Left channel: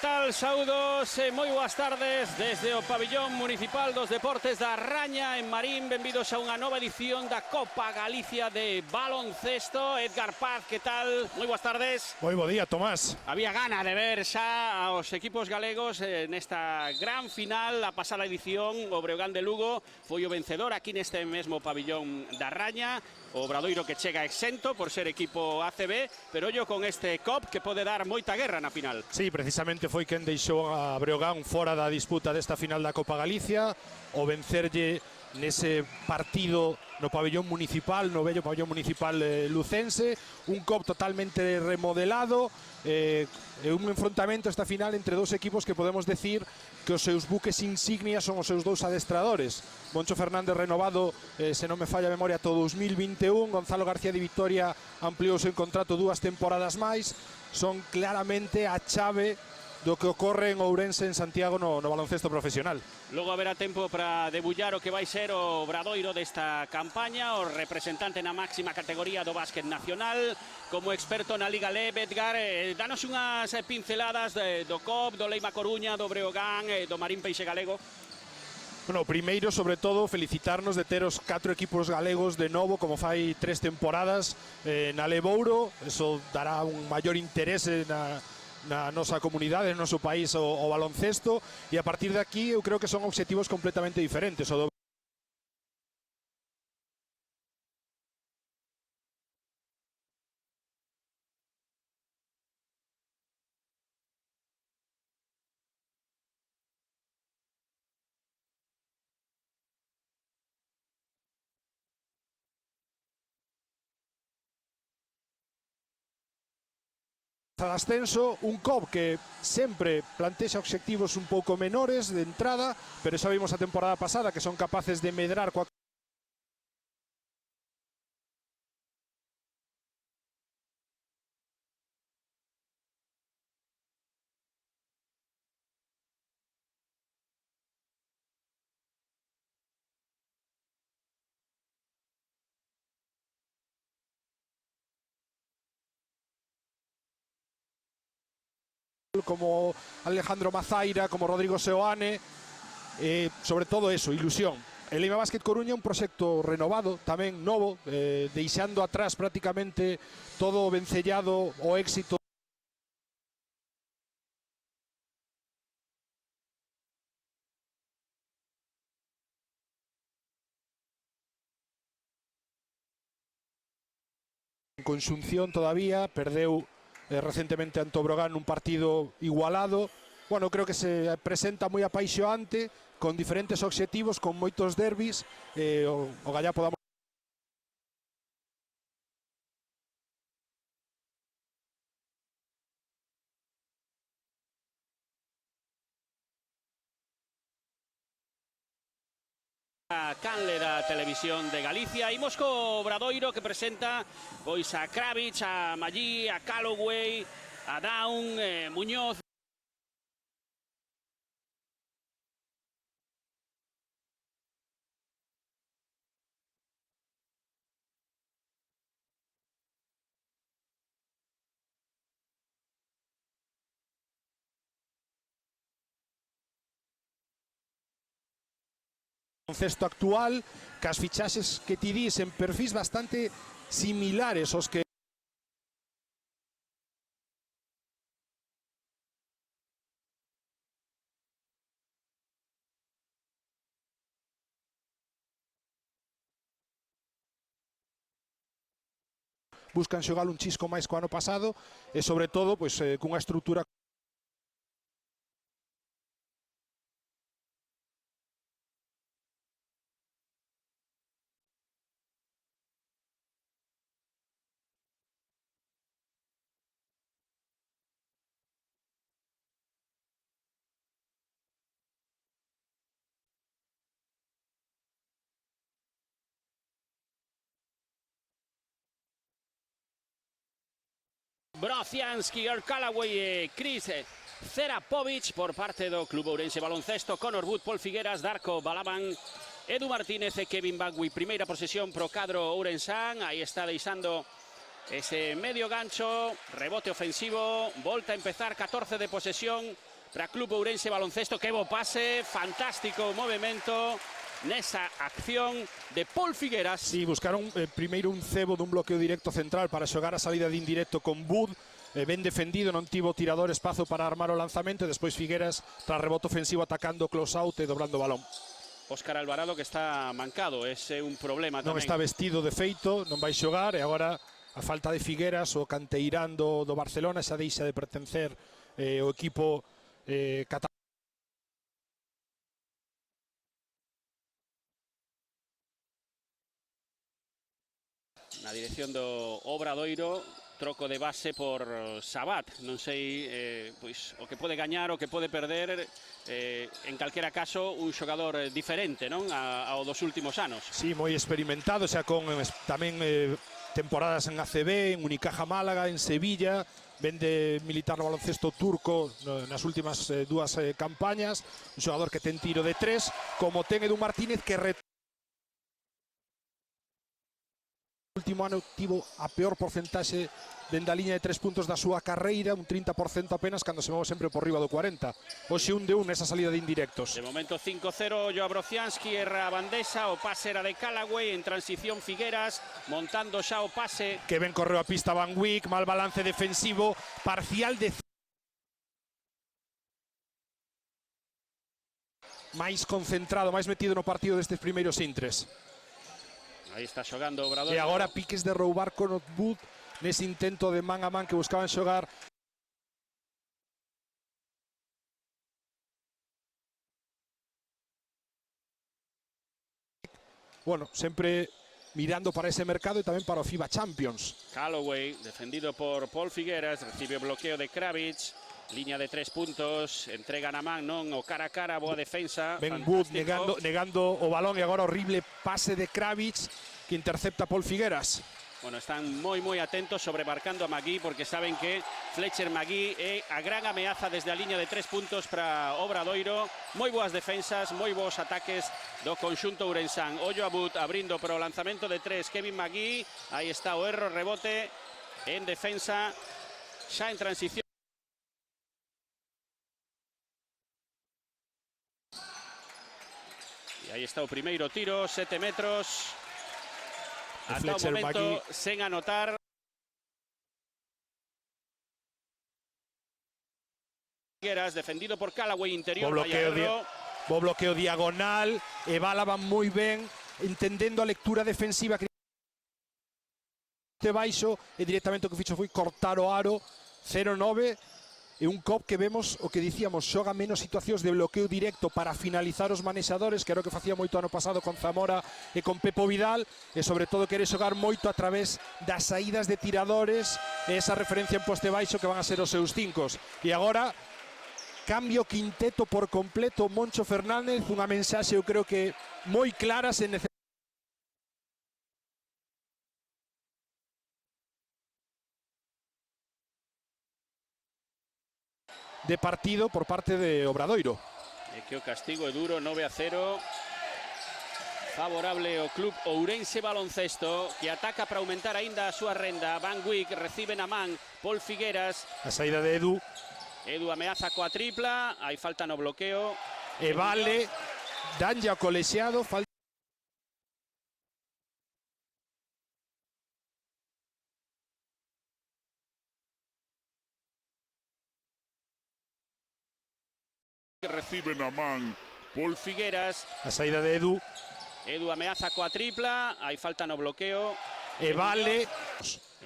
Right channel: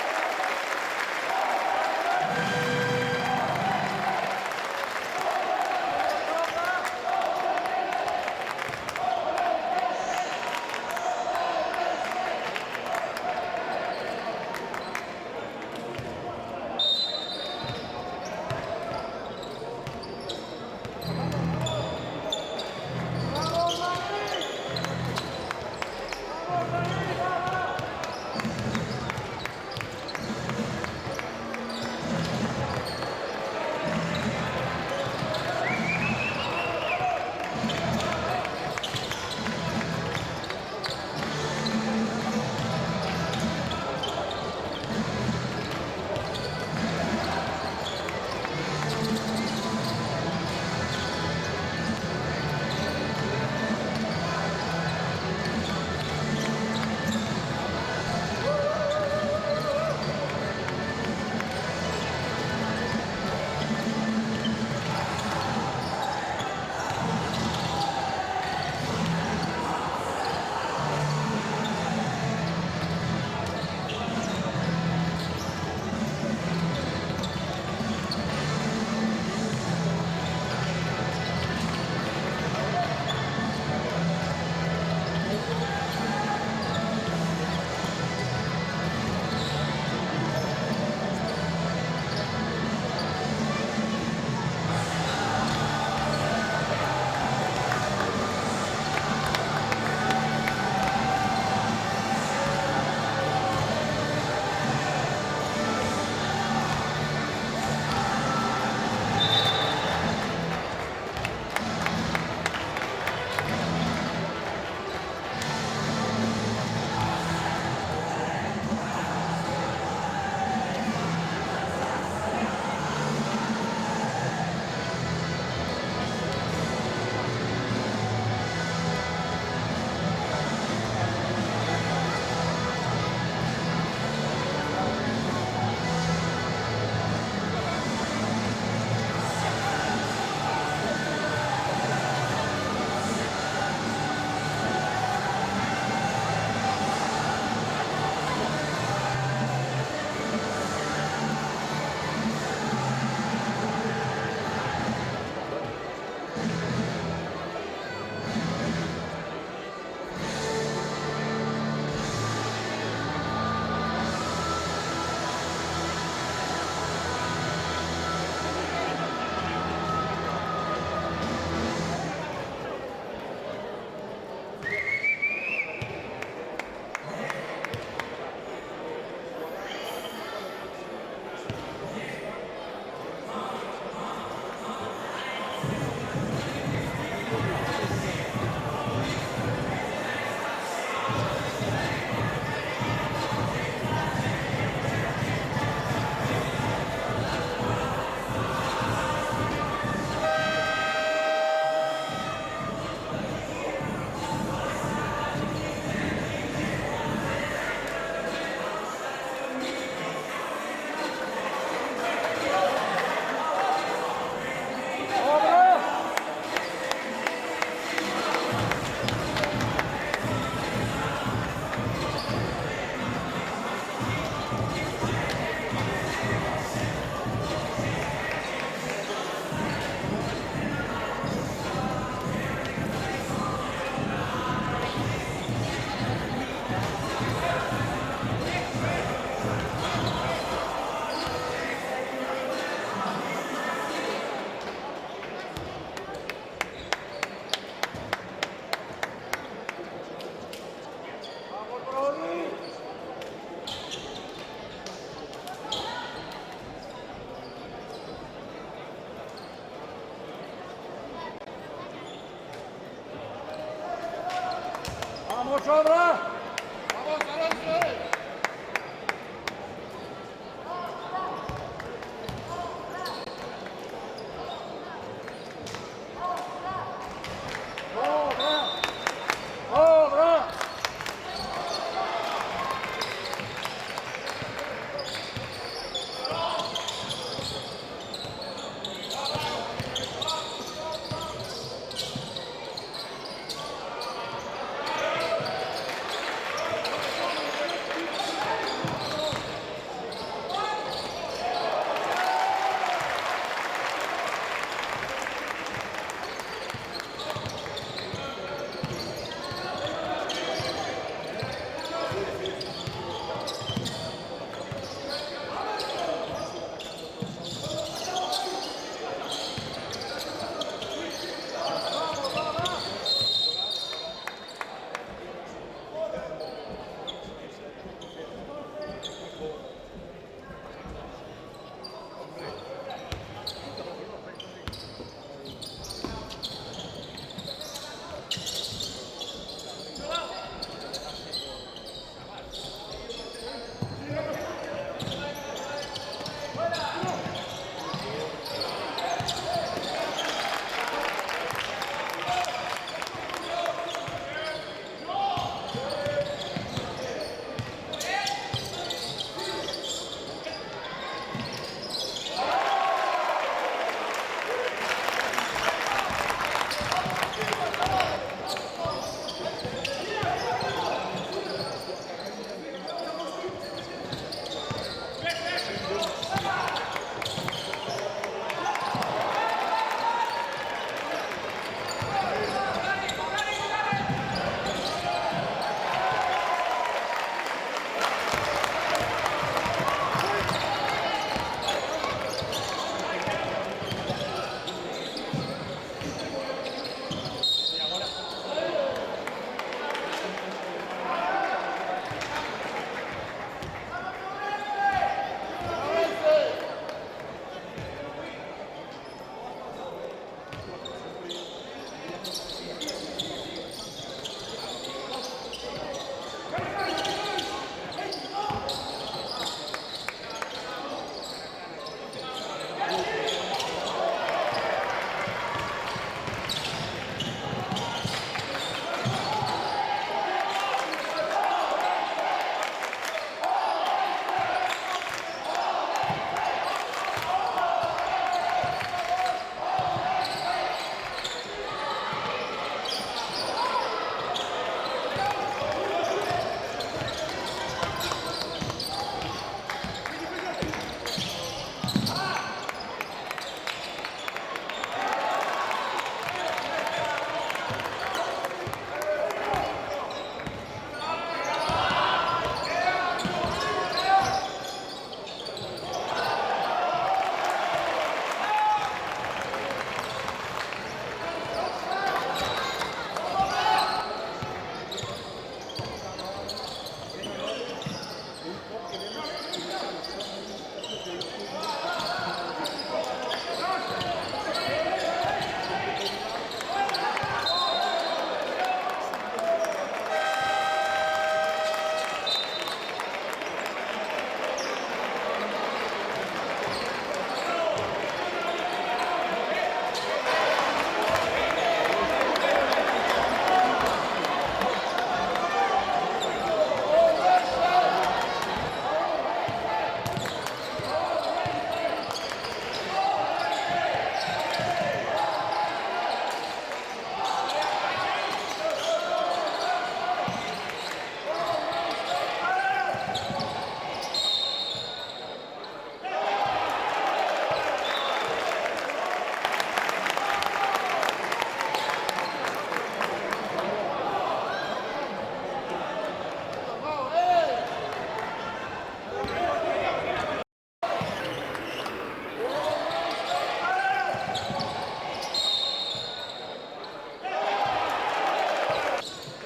tal? Saúdos, moi boas tardes desde o pabillón municipal dos deportes da Raña en Marín. Benvidos a unha nova edición da Copa Galicia de baloncesto. Edgar Paz, que tal? Moi boas tardes. Moi bo día, Tomás. Había gana de ver xa aos equipos galegos nesta gran final. A pasada edición, o Breogán de Lugo foi o vencedor aquí neste mesmo pabillón da Raña. O Obradoiro que chega exento por ser equipo ACB, pero ollo con este COP que pode dar moita guerra na final. Sí, precisamente foi quen deixou a Breogán fora da disputa desta final da Copa Galicia, o vencerlle nese partido no pabillón municipal, no pabillón municipal lucense, un COP totalmente remodelado, un enfrentamento esta final entre dos equipos que podemos decir que os seus buques insignias son os seus dous adestradores. Moncho Fernández renovado, se non me falla a memoria, todo 2021, Gonzalo García de Victoria ampliou o seu contrato 2 temporadas máis, son claramente a chave do que ocorre en Ourense en Santiago no baloncesto profesional. Non haberá tempo para debullar o que vai ser o Obradoiro desta campaña, o representante na máxima categoría do básquet nacional, como experto na Liga LEM, Edgar, danos unhas pinceladas do COP, do Leima Coruña, do Breogán, do Marín Peixe Galego. Bueno, primeiro, sobre todo, felicitarnos de ter os 4 equipos galegos de novo, como fai 3 temporadas na Lemouro. Eso dará un maior interese na nosa comunidade, no noso país ao baloncesto, e a partir de aquí eu creo que son objetivos completamente diferentes. Ascenso, un COP que sempre plantexa objetivos un pouco menores de entrada, pero xa vimos a temporada pasada que son capaces de medrar como Alejandro Mazaira, como Rodrigo Seoane, sobre todo eso, ilusión. El Leima Básquet Coruña, un proxecto renovado, tamén novo, deixando atrás prácticamente todo o vencellado o éxito. Consunción todavía, perdeu recentemente ante o Breogán un partido igualado. Bueno, creo que se presenta moi apaixoante, con diferentes obxectivos, con moitos derbis, vaya por Televisión de Galicia. Imos co Obradoiro que presenta pois a Kravitz, a Mallí, a Calloway, a Down, Muñoz. Cesto actual, que as fichaxes que tirís en perfis bastante similares aos que buscan xogar un chisco máis co ano pasado e sobre todo pois, cunha estrutura. ¡Vamos, Obra! ¡Vamos, Alonso! Brociansky, Calloway, Chris Cerapovic por parte do Club Ourense Baloncesto, Conor Wood, Paul Figueras, Darko Balaban, Edu Martínez e Kevin Bagui. Primeira posesión pro cadro ourensán, aí está deixando ese medio gancho, rebote ofensivo, volta a empezar 14 de posesión baloncesto, que bo pase, fantástico movimento nesa acción de Paul Figueras. Sí, buscaron primeiro un cebo dun bloqueo directo central para xogar a saída de indirecto con Bur, ben defendido, non tivo tirador espazo para armar o lanzamento, despois Figueras para rebote ofensivo atacando close out e dobrando o balón. Óscar Alvarado, que está marcado, é un problema. Non está vestido de feito, non vai xogar, e agora a falta de Figueras, o canteirán do Barcelona, esa deixa de pertencer ao equipo catalán. Obradoiro, troco de base por Sabat. Non sei o que pode gañar o que pode perder, en calquera caso un xogador diferente, non, ao dos últimos anos. Sí, moi experimentado, xa con tamén temporadas en ACB, en Unicaja Málaga, en Sevilla, vende militar no baloncesto turco nas últimas dúas campañas, un xogador que ten tiro de tres, como ten Edu Martínez, que último ano tivo a peor porcentaxe dentro da liña de 3 puntos da súa carreira, un 30% apenas, cando se levou sempre por riba do 40. Hoxe un de un esa salida de indirectos. Momento 5-0, Joao Brocianski, erra a bandesa, o pase era de Callaway, en transición Figueras, montando xa o pase. Que ben correu a pista Van Wyk, mal balance defensivo, parcial de... máis concentrado, máis metido no partido destes primeiros intres. E agora piques de roubar con o Buk nese intento de man a man que buscaban xogar. Bueno, sempre mirando para ese mercado e tamén para o FIBA Champions. Callaway, defendido por Paul Figueras, recibe o bloqueo de Kravitz, liña de 3 puntos, entrega na man, non, o cara a cara, boa defensa. Ben Buk negando o balón e agora horrible pase de Kravitz, intercepta Paul Figueras. Están moi atentos sobre marcando a Magui, porque saben que Fletcher Magui é a gran ameaza desde a liña de 3 puntos para Obradoiro. Moi boas defensas, moi bons ataques do conxunto ourensán. Ollo a Bud abrindo para o lanzamento de 3, Kevin Magui, aí está o erro, rebote en defensa, xa en transición. Aí está o primeiro tiro, 7 metros. Fletcher Magui sen anotar. Figueras defendido por Callaway, interior. O bloqueo diagonal, e Bala van moi ben, entendendo a lectura defensiva de baixo, e directamente o que fixo foi cortar o aro, 0-9, e un COP que vemos, o que dicíamos, xoga menos situacións de bloqueo directo para finalizar os manexadores, que era o que facía moito ano pasado con Zamora e con Pepo Vidal, e sobre todo quere xogar moito a través das saídas de tiradores, e esa referencia en poste baixo que van a ser os seus cincos. E agora cambio quinteto por completo Poncho Fernández, unha mensaxe eu creo que moi clara se de partido por parte de Obradoiro. El castigo é duro, 9-0. Favorable ao club Ourense Baloncesto, e ataca para aumentar ainda a súa renda. Van Wyk recibe na man Paul Figueras. A saída de Edu. Edu ameaza coa tripla, hai falta no bloqueo. E vale, danlle ao colexiado, Paul Figueras. a saída de Edu. Edu ameaza coa tripla, hai falta no bloqueo. E vale.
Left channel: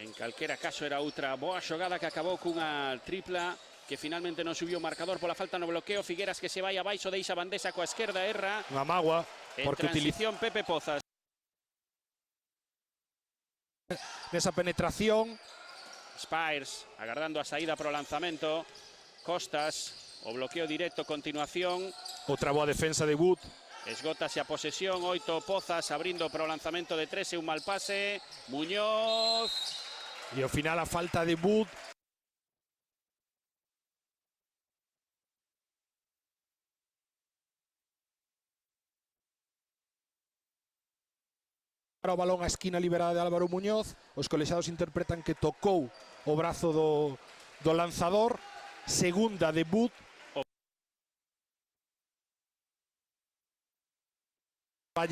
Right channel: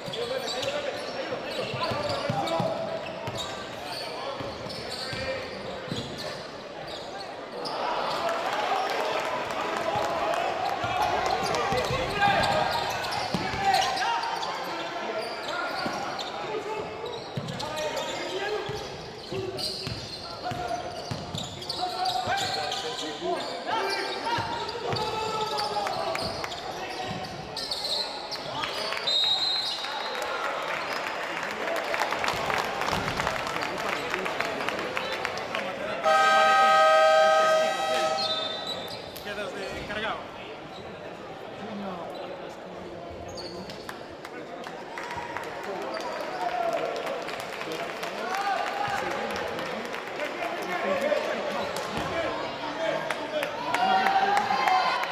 En calquera caso era outra boa xogada que acabou cunha tripla que finalmente non subiu o marcador pola falta no bloqueo. Figueras que se vai abaixo, deixa bandesa coa esquerda, erra. La Magua, porque Utilización Pepe Pozas. esa penetración. Spires agardando a saída pro lanzamento. Costas, o bloqueo directo a continuación. Outra boa defensa de Buk. Esgotase a posesión, 8 Pozas abrindo pro lanzamento de 3 e un mal pase. Muñoz. E ao final a falta de Buk. Para o balón a esquina liberada de Álvaro Muñoz, os colexiados interpretan que tocou o brazo do lanzador, segunda de Buk.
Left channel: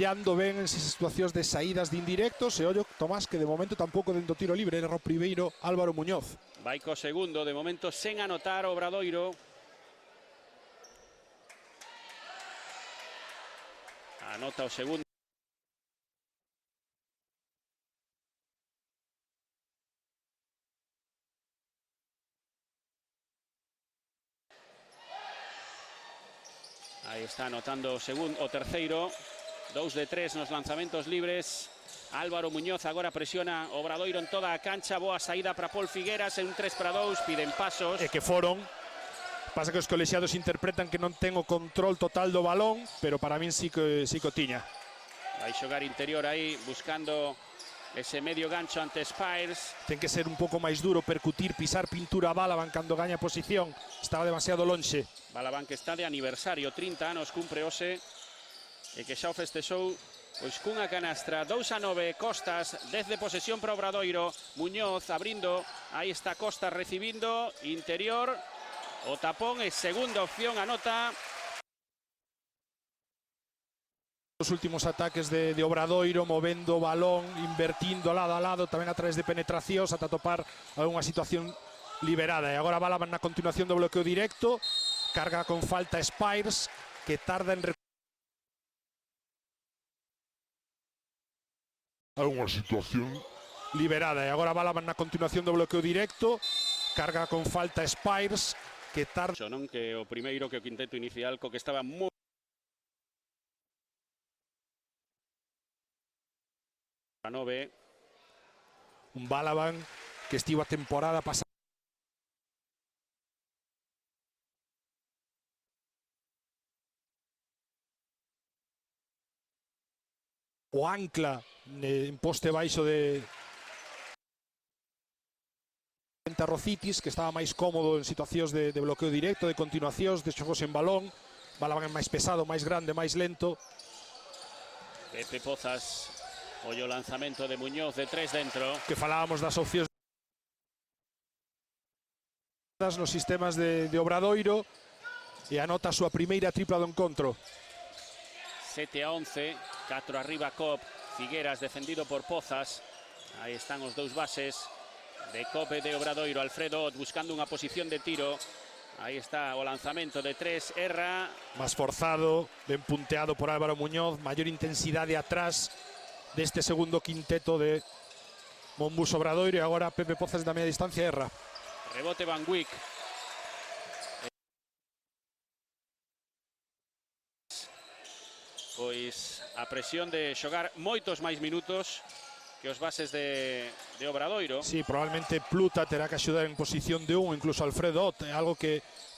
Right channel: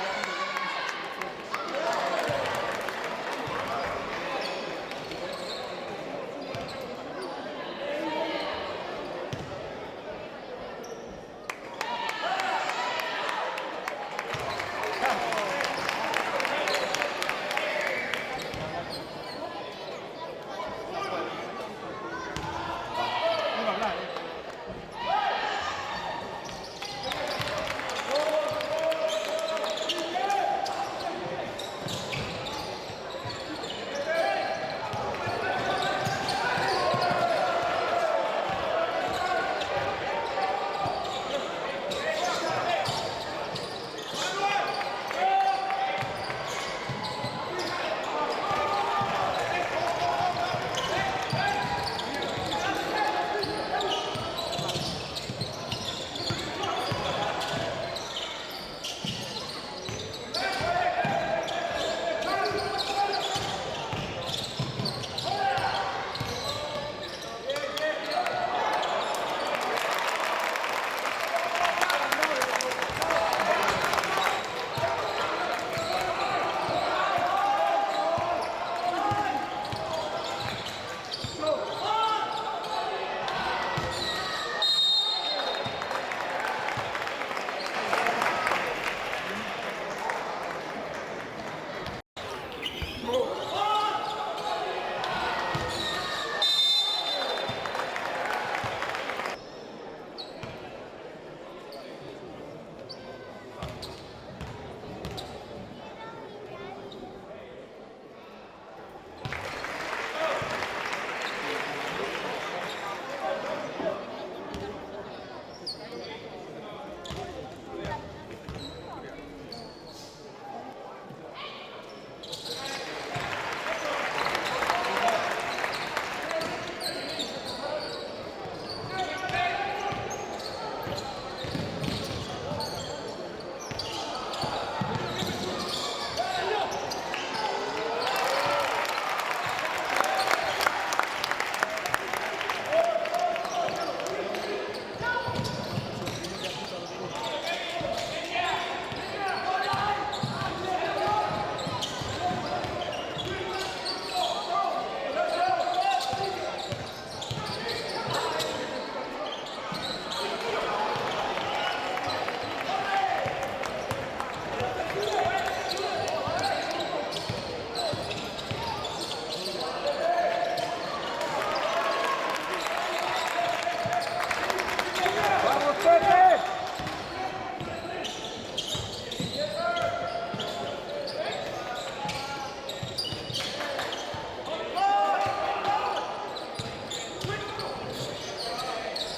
traballando ben esas situacións de saídas de indirectos e ollo, Tomás, que de momento tampouco de un tiro libre, era no primeiro Álvaro Muñoz. Vai co segundo, de momento sen anotar Obradoiro. Anota o segundo. Anotando o segundo, o terceiro. 2 de 3 nos lanzamentos libres. Álvaro Muñoz agora presiona Obradoiro en toda a cancha. Boa saída para Raúl Figueras en 3-2. Piden pasos. E que foron, pasa que os colexiados interpretan que non ten o control total do balón, pero para min sí que o tiña. Vai xogar interior aí, buscando ese medio gancho ante Spires. Ten que ser un pouco máis duro, percutir, pisar pintura a bala cando gaña posición. Estaba demasiado lonxe. Alaban que está de aniversario, 30 anos cumple hoxe, e que xa o festexou pois cunha canastra. 2-9, Costas, 10 de posesión para Obradoiro. Muñoz abrindo, aí está Costas recibindo, interior, o tapón e segunda opción, anota. Os últimos ataques de Obradoiro, movendo o balón, invertindo lado a lado, tamén a través de penetracións, ata topar algunha situación liberada. E agora Balaban na continuación do bloqueo directo, carga con falta Spires, que tarda en alguna situación liberada. E agora Balaban na continuación do bloqueo directo, carga con falta Spires, que tarda... Non que o primeiro que o quinteto inicial, co que estaba moi... A 9. Balaban, que estivo a temporada pasada. O ancla en poste baixo de Rocitis, que estaba máis cómodo en situacións de bloqueo directo, de continuacións, de xogos en balón. Balaban é máis pesado, máis grande, máis lento. Entre Costas, o lanzamento de Muñoz de 3 dentro. Que falábamos das opcións nos sistemas de Obradoiro, e anota a súa primeira tripla do encontro. 7-11, dentro arriba Cop, Figueras defendido por Pozas. Ahí están os dous bases de Cope de Obradoiro. Alfredo buscando unha posición de tiro. Aí está o lanzamento de 3, Erra. Esforzado, ben punteado por Álvaro Muñoz, maior intensidade atrás deste segundo quinteto de Bus Obradoiro, e agora Pepe Pozas da media distancia, Erra. Rebote Van Buik. ¡Vamos, Pepe! Pois a presión de xogar moitos máis minutos que os bases de Obradoiro. Sí, probablemente Pluta terá que axudar en posición de 1, incluso Alfredo Ott, algo que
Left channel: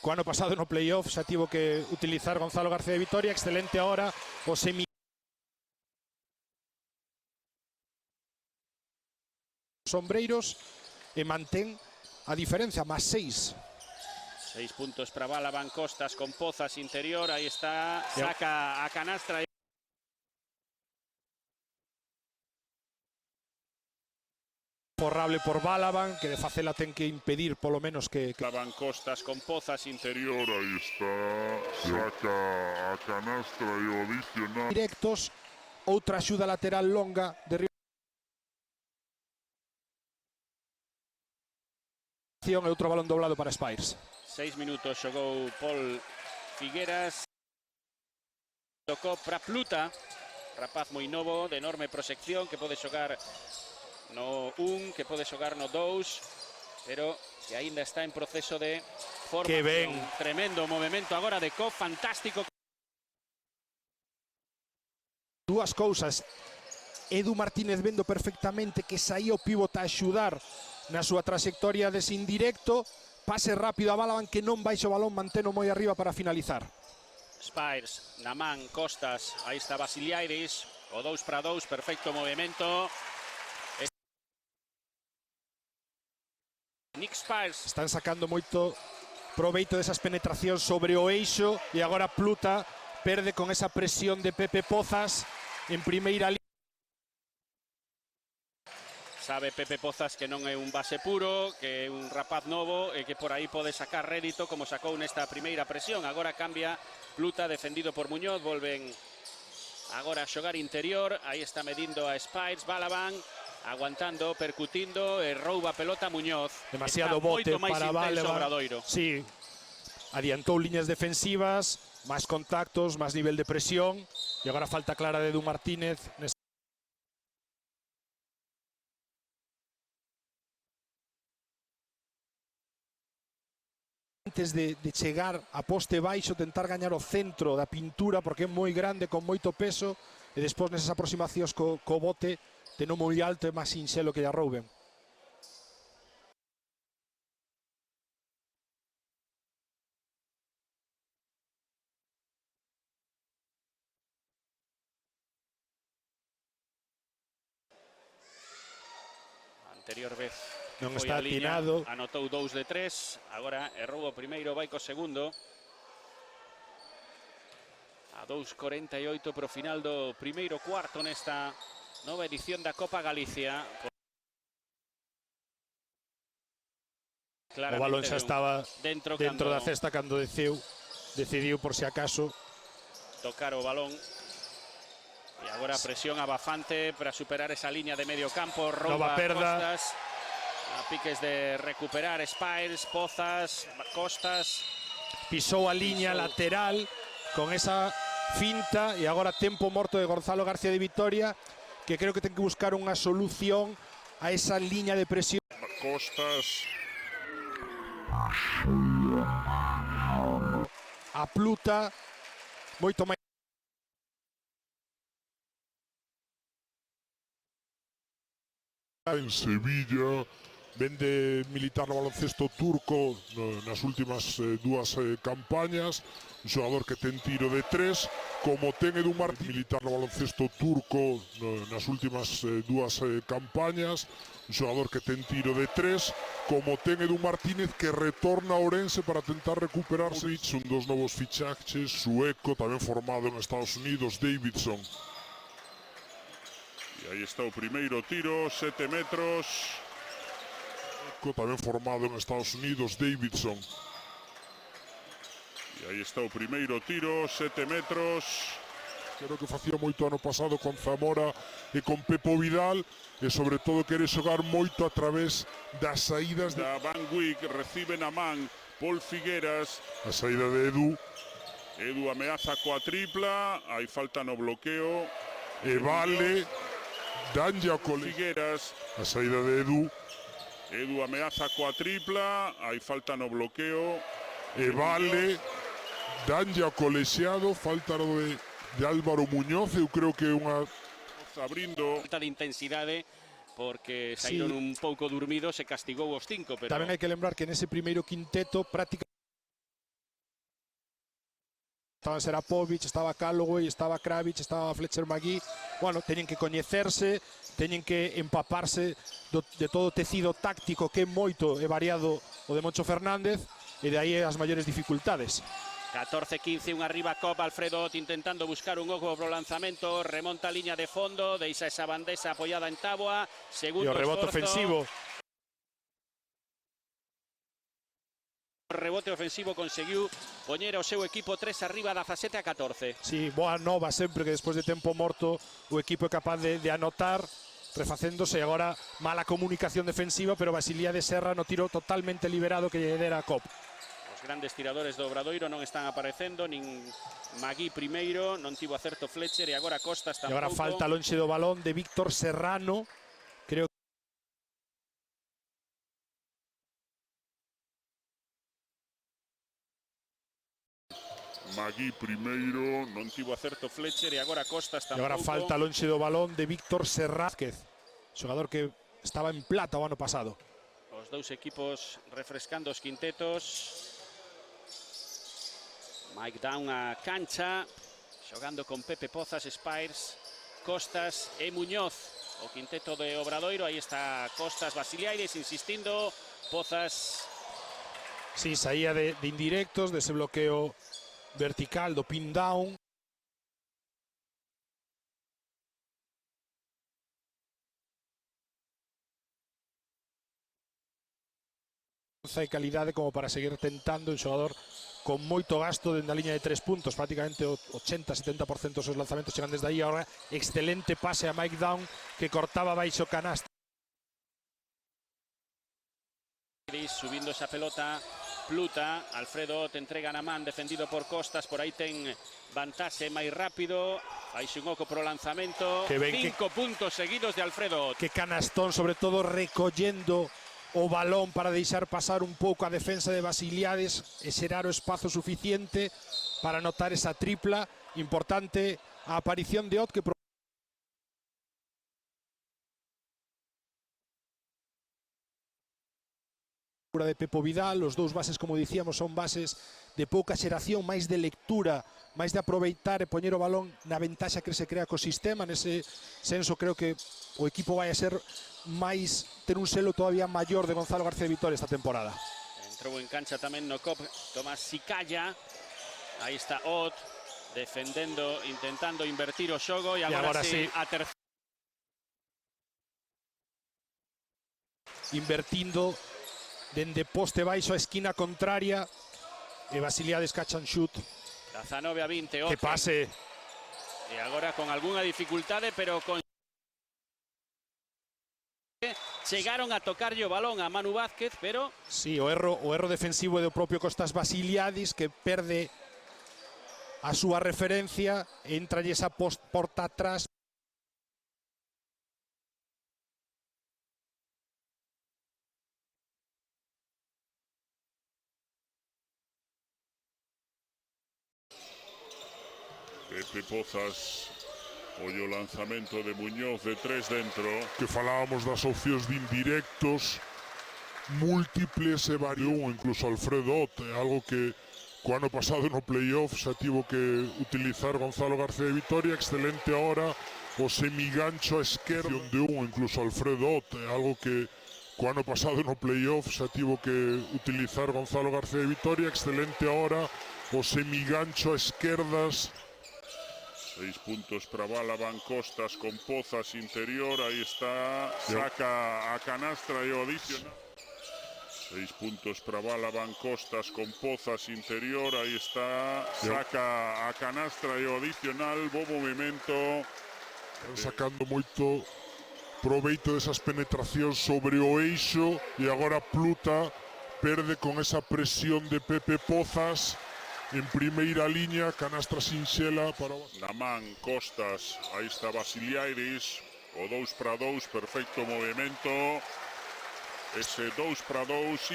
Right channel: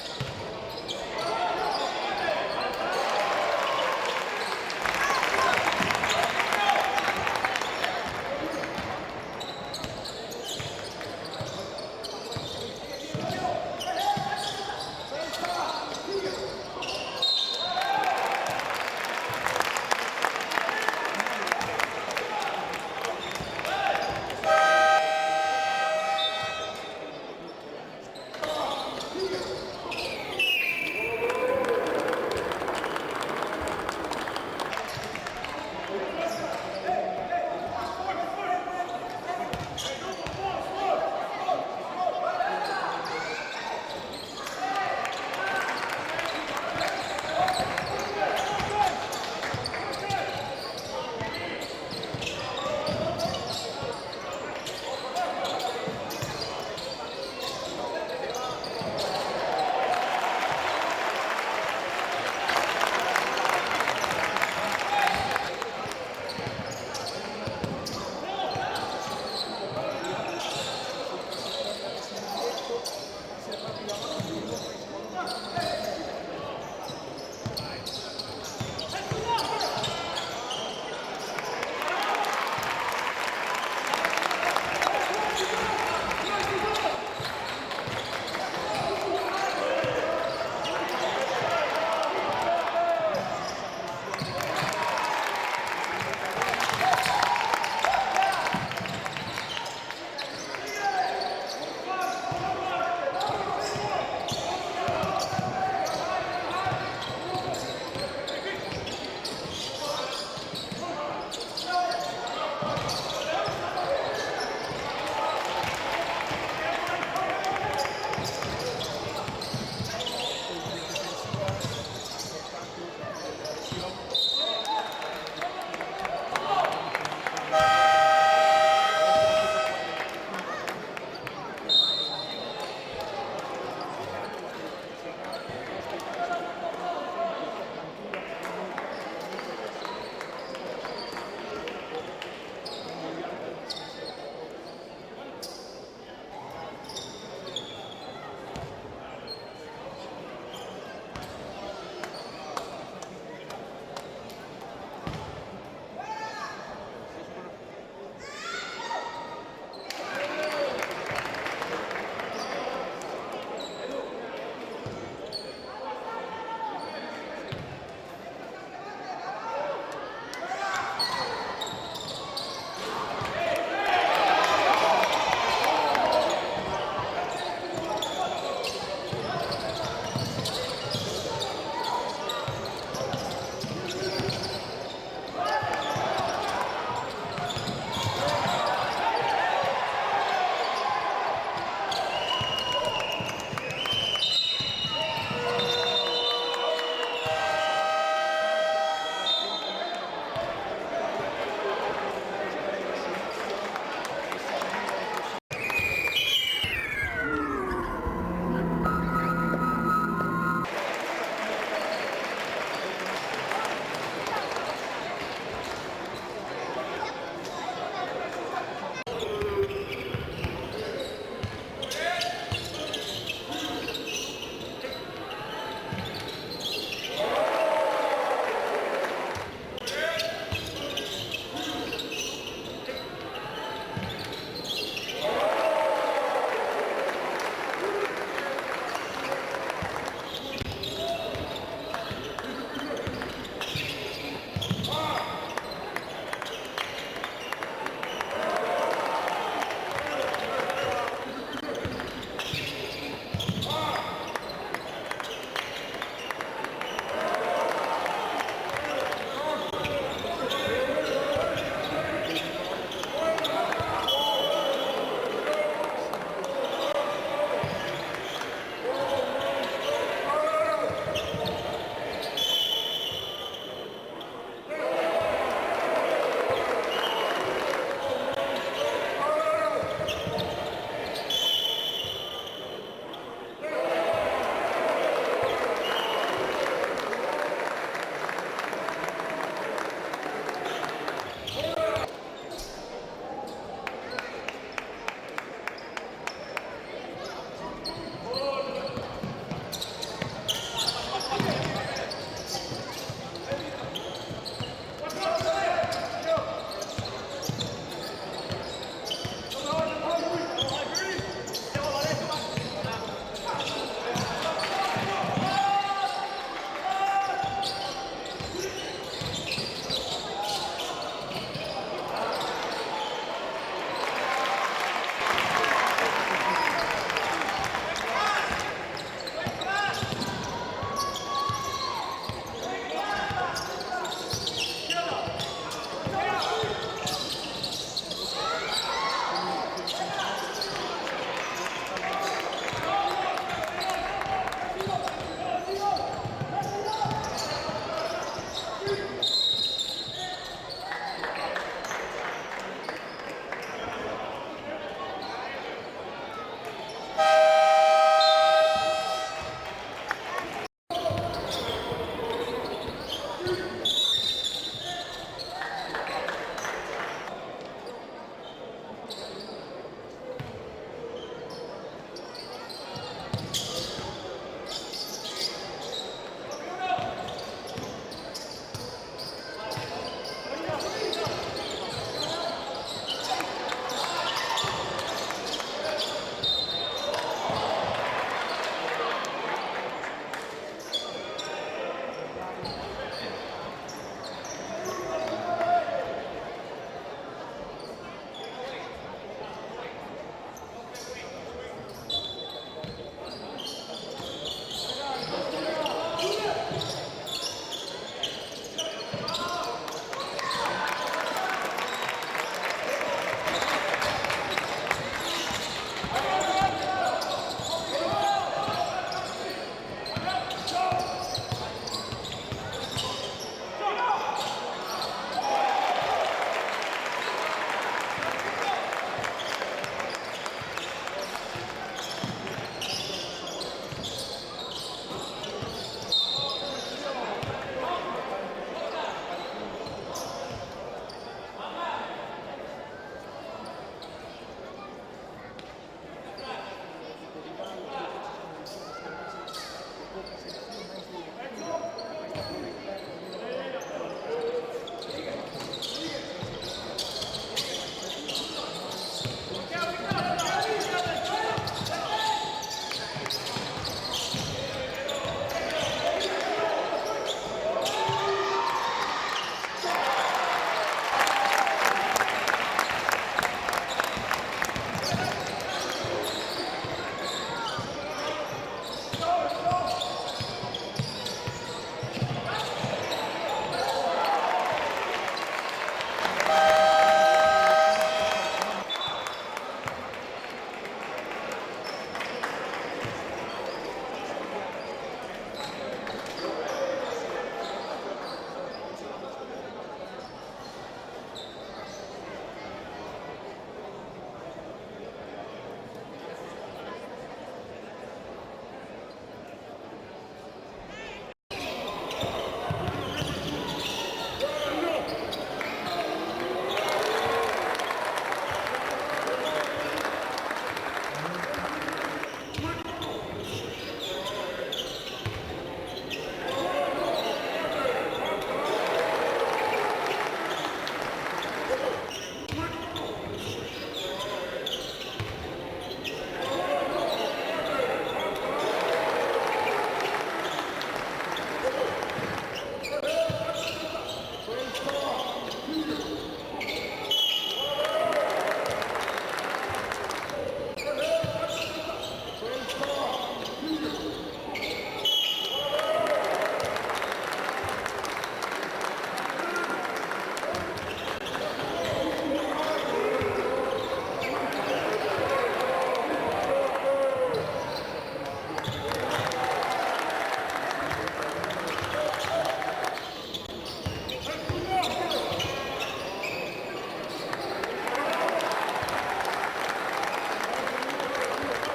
o ano pasado no playoff xa tivo que utilizar Gonzalo García Vitoria. Excelente ahora o semi. Sombreiros e mantén a diferencia, más 6. 6 puntos trabada Van Costas con Pozas interior. Aí está, saca a canastra. Forrable por Balaban, que de facela ten que impedir polo menos que... Costas con Pozas interior. ahí está canastra de David. directos, outra axuda lateral longa de outro balón doblado para Spires. 6 minutos xogou Paul Figueras. Tocou para Pluta, rapaz moi novo, de enorme proxección, que pode xogar no 1, que pode xogar no 2, pero que ainda está en proceso de... Que ben. Tremendo movimento agora de Cof, fantástico. Dúas cousas. Edu Martínez vendo perfectamente que saía o pivo para axudar na súa trayectoria dese indirecto. Pase rápido a Balaban, que non baixa o balón, manteno moi arriba para finalizar. Spires, Namán, Costas, aí está Vasiliairis, de 2-2, perfecto movimento. Nick Spires. Están sacando moito proveito desas penetracións sobre o eixo, e agora Pluta verde con esa presión de Pepe Pozas en primeira línea. Sabe Pepe Pozas que non é un base puro, que é un rapaz novo e que por aí pode sacar rédito como sacou nesta primeira presión. Agora cambia Pluta, defendido por Muñoz, volve agora a xogar interior. importante máis para Val. intenso Obradoiro. Sí, adiantou líneas defensivas, máis contactos, máis nivel de presión, e agora falta clara de Edu Martínez. Antes de chegar a poste baixo, tentar gañar o centro da pintura, porque é moi grande, con moito peso, e despois nesas aproximacións co bote, que non moi alto, é máis sinxelo que a rouben. Está atinado. Anotou 2 de 3. Agora errou o primeiro, vai co segundo. 2:48 pro final do primeiro cuarto nesta nova edición da Copa Galicia. O balón xa estaba dentro da cesta cando decidiu por si acaso Tocar o balón. Presión bastante para superar esa línea de medio campo. nova perda. Piques de recuperar Spiles, Bozas, Costas. Pisou a liña lateral con esa finta, e agora tempo morto de Gonzalo García de Vitoria, que creo que ten que buscar unha solución a esa liña de presión. Costas. A Pluta moito máis. En Sevilla. Vende militando ao baloncesto turco nas últimas dúas campañas, un xogador que ten tiro de 3, como ten Edu Martínez militando ao baloncesto turco nas últimas dúas campañas, un xogador que ten tiro de 3, como ten Edu Martínez, que retorna a Ourense para tentar recuperarse. Son dos novos fichajes, sueco, tamén formado en Estados Unidos, Davidson. Aí está o primeiro tiro, 7 metros. Tamén formado en Estados Unidos, Davidson. Aí está o primeiro tiro, 7 metros. Creo que facía moito ano pasado con Zamora e con Pepo Vidal, e sobre todo quere xogar moito a través das saídas de Rangui que recibe na man Paul Figueras. a saída de Edu, Edu ameaza coa tripla, hai falta no bloqueo. e Vale, danlle a Figueras, a saída de Edu, Edu ameaza coa tripla, hai falta no bloqueo. e Vale, danlle a colexiado, falta de Álvaro Muñoz, e creo que é unha Falta de intensidade porque saíron un pouco dormidos e castigou os 5, pero Tamén hai que lembrar que nese primeiro quinteto estaba Serapovic, estaba Calloway, estaba Kravic, estaba Fletcher Magui. Bueno, teñen que coñecerse, teñen que empaparse de todo o tecido táctico que é moito e variado o de Moncho Fernández, e de aí as maiores dificultades. 14-15, un arriba Copa, Alfredo Ott intentando buscar un pouco pro lanzamento, remonta a liña de fondo, deixa esa bandesa apoiada en Cagua, E segundo o rebote ofensivo. Rebote ofensivo conseguiu poñer ao seu equipo 3 arriba da faceta 14. Sí, boa nova sempre que despois de tempo morto o equipo é capaz de anotar, refacéndose. Agora mala comunicación defensiva, pero Basilia de Serra no tiro totalmente liberado que le ordena a Top. Grandes tiradores do Obradoiro non están aparecendo, nin aquí primeiro, non tivo acerto Fletcher e agora Costas E tamén. agora falta lonxe do balón de Víctor Serrano. Creo que Aquí primeiro, Non tivo acerto Fletcher e agora Costas E tamén. agora falta lonxe do balón de Víctor Serrázquez, xogador que estaba en plata o ano pasado. Os dous equipos refrescando os quintetos. Aí está unha cancha, xogando con Pepe Pozas, Spiles, Costas e Muñoz. Quinteto de Obradoiro, aí está Costas, Basiliaris insistindo, Pozas. Sí, saía de indirectos, dese bloqueo vertical do pin down. E calidade como para seguir tentando el xogador con moito gasto na liña de 3 puntos, prácticamente o 80-70% dos seus lanzamentos serán desde aí. Ahora excelente pase a Mike Dunn, que cortaba baixo canasta. Subíndose rápido. Shimoku por el lanzamiento. Que ven 5 puntos seguidos de Alfredo. Que canastón, sobre todo recollendo o balón para deixar pasar un pouco a defensa de Basiliades e xerar o espazo suficiente para anotar esa tripla. Importante a aparición de Ott, que de Pepo Vidal. Os dous bases, como dicíamos, son bases de pouca xeración, máis de lectura, máis de aproveitar e poñer o balón na ventaxa que se crea co sistema. Nese senso creo que o equipo vai a ser máis, ter un selo todavía maior de Gonzalo García Vitoria esta temporada. Con el cancha tamén no top, así calla. Está Ott defendendo, intentando invertir o xogo. E agora sí, invertindo dende poste baixo a esquina contraria, que Basiliades cacha un chut 19 a 20. que pase. Ahora con alguna dificultad, pero con... Llegaron a tocarlle o balón a Manu Vázquez, pero... Sí, o erro defensivo do propio Costas Basiliades, que perde a súa referencia, entra esa porta atrás. Das opcións de indirectos múltiples e variou incluso Alfredo Ott, algo que o ano pasado no playoff xa tivo que utilizar Gonzalo García Vitoria. Excelente ahora o semigancho a esquerda onde incluso Alfredo Ott, algo que o ano pasado no playoff xa tivo que utilizar Gonzalo García Vitoria. Excelente ahora o semigancho a esquerdas. 6 puntos trabada con Costas, con Pozas interior, ahí está, saca a canastra Jovic. 6 puntos trabada con Costas, con Pozas interior, ahí está, saca a canastra Jovic, buen movimiento. Sacando moito proveito desas penetracións sobre o eixo e agora Pluta perde con esa presión de Pepe Pozas en primeira línea, canasta sinxela. Namán, Costas, aí está Basiliades, 2-2, perfecto movimento. Ese 2-2,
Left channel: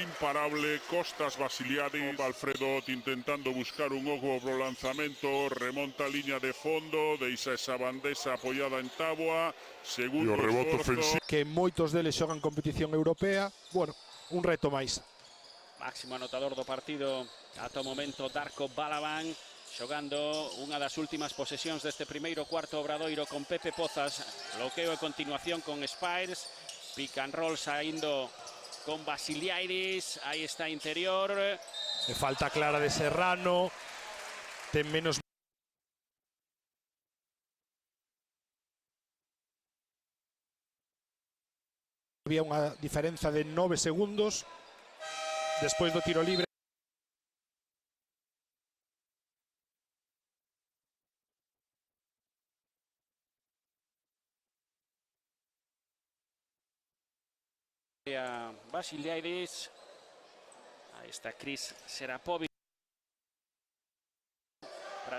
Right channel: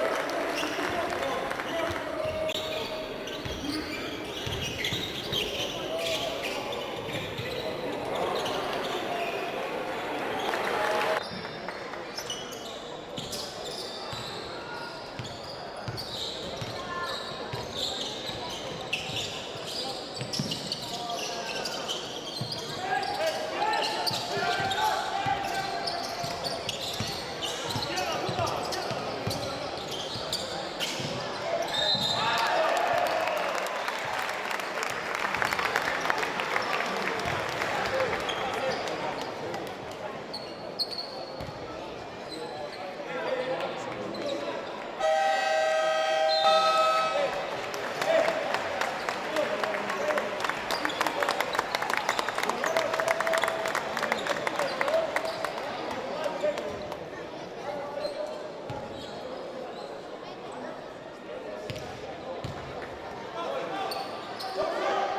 imparable, Costas, Basiliades, Alfredo intentando buscar un pouco o lanzamento, remonta a línea de fondo, deixa esa bandeja apoiada en agua, segundo rebote ofensivo. Que moitos deles xogan competición europea. Bueno, un reto máis. Máximo anotador do partido ata o momento, Darko Balaban, xogando unha das últimas posesións deste primeiro cuarto Obradoiro con Pepe Pozas. Bloqueo a continuación con Spires, pick and roll saindo con Basiliades, aí está interior. Falta clara de Serrano, ten menos. Había unha diferenza de 9 segundos despois do tiro libre. Basiliades, está Chris Serapovic.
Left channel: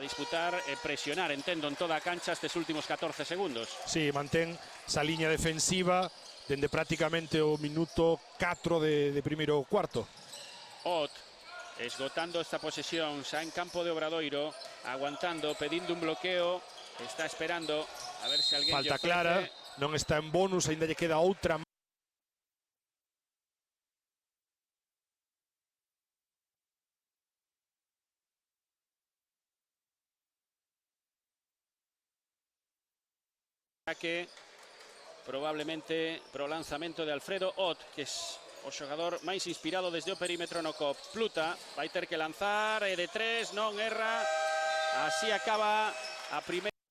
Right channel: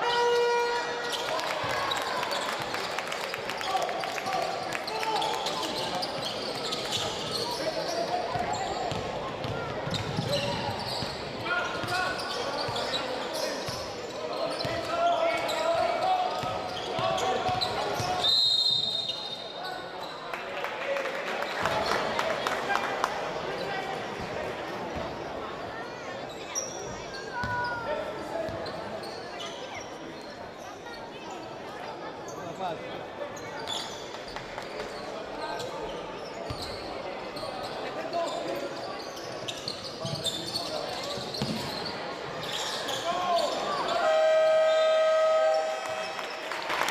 Disputar e presionar, entendo, en toda a cancha estes últimos 14 segundos. Sí, mantén esa liña defensiva dende prácticamente o minuto 4 de primeiro cuarto. Ott, explotando esta posesión, xa en campo de Obradoiro, aguantando, pedindo un bloqueo, está esperando a ver se alguén... Falta clara, non está en bonus, ainda lle queda outra. Que probablemente pro lanzamento de Alfredo Ott, es o xogador máis inspirado desde o perímetro no COP. Pluta vai ter que lanzar, e de 3, non erra. Así acaba a primeira.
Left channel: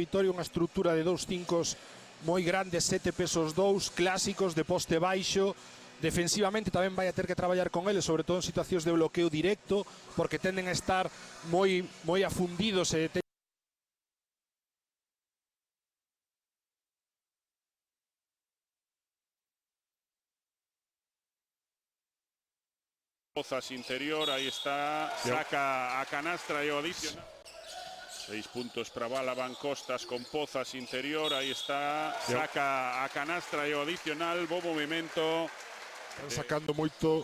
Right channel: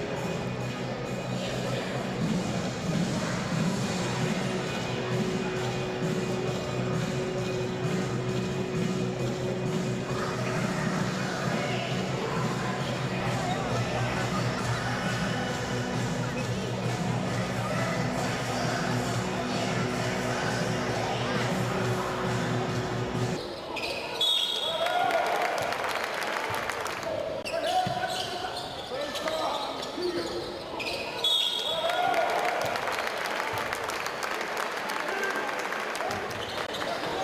Vitoria unha estrutura de 2-5 moi grandes, 7 pesos 2, clásicos de poste baixo. Defensivamente tamén vai a ter que traballar con eles, sobre todo en situacións de bloqueo directo, porque tenden a estar moi afundidos e interior, ahí está, saca a canastra Jovic, 6 puntos trabada con Costas con Pozas interior, ahí está, saca a canastra Jovic, buen movimiento, sacando moito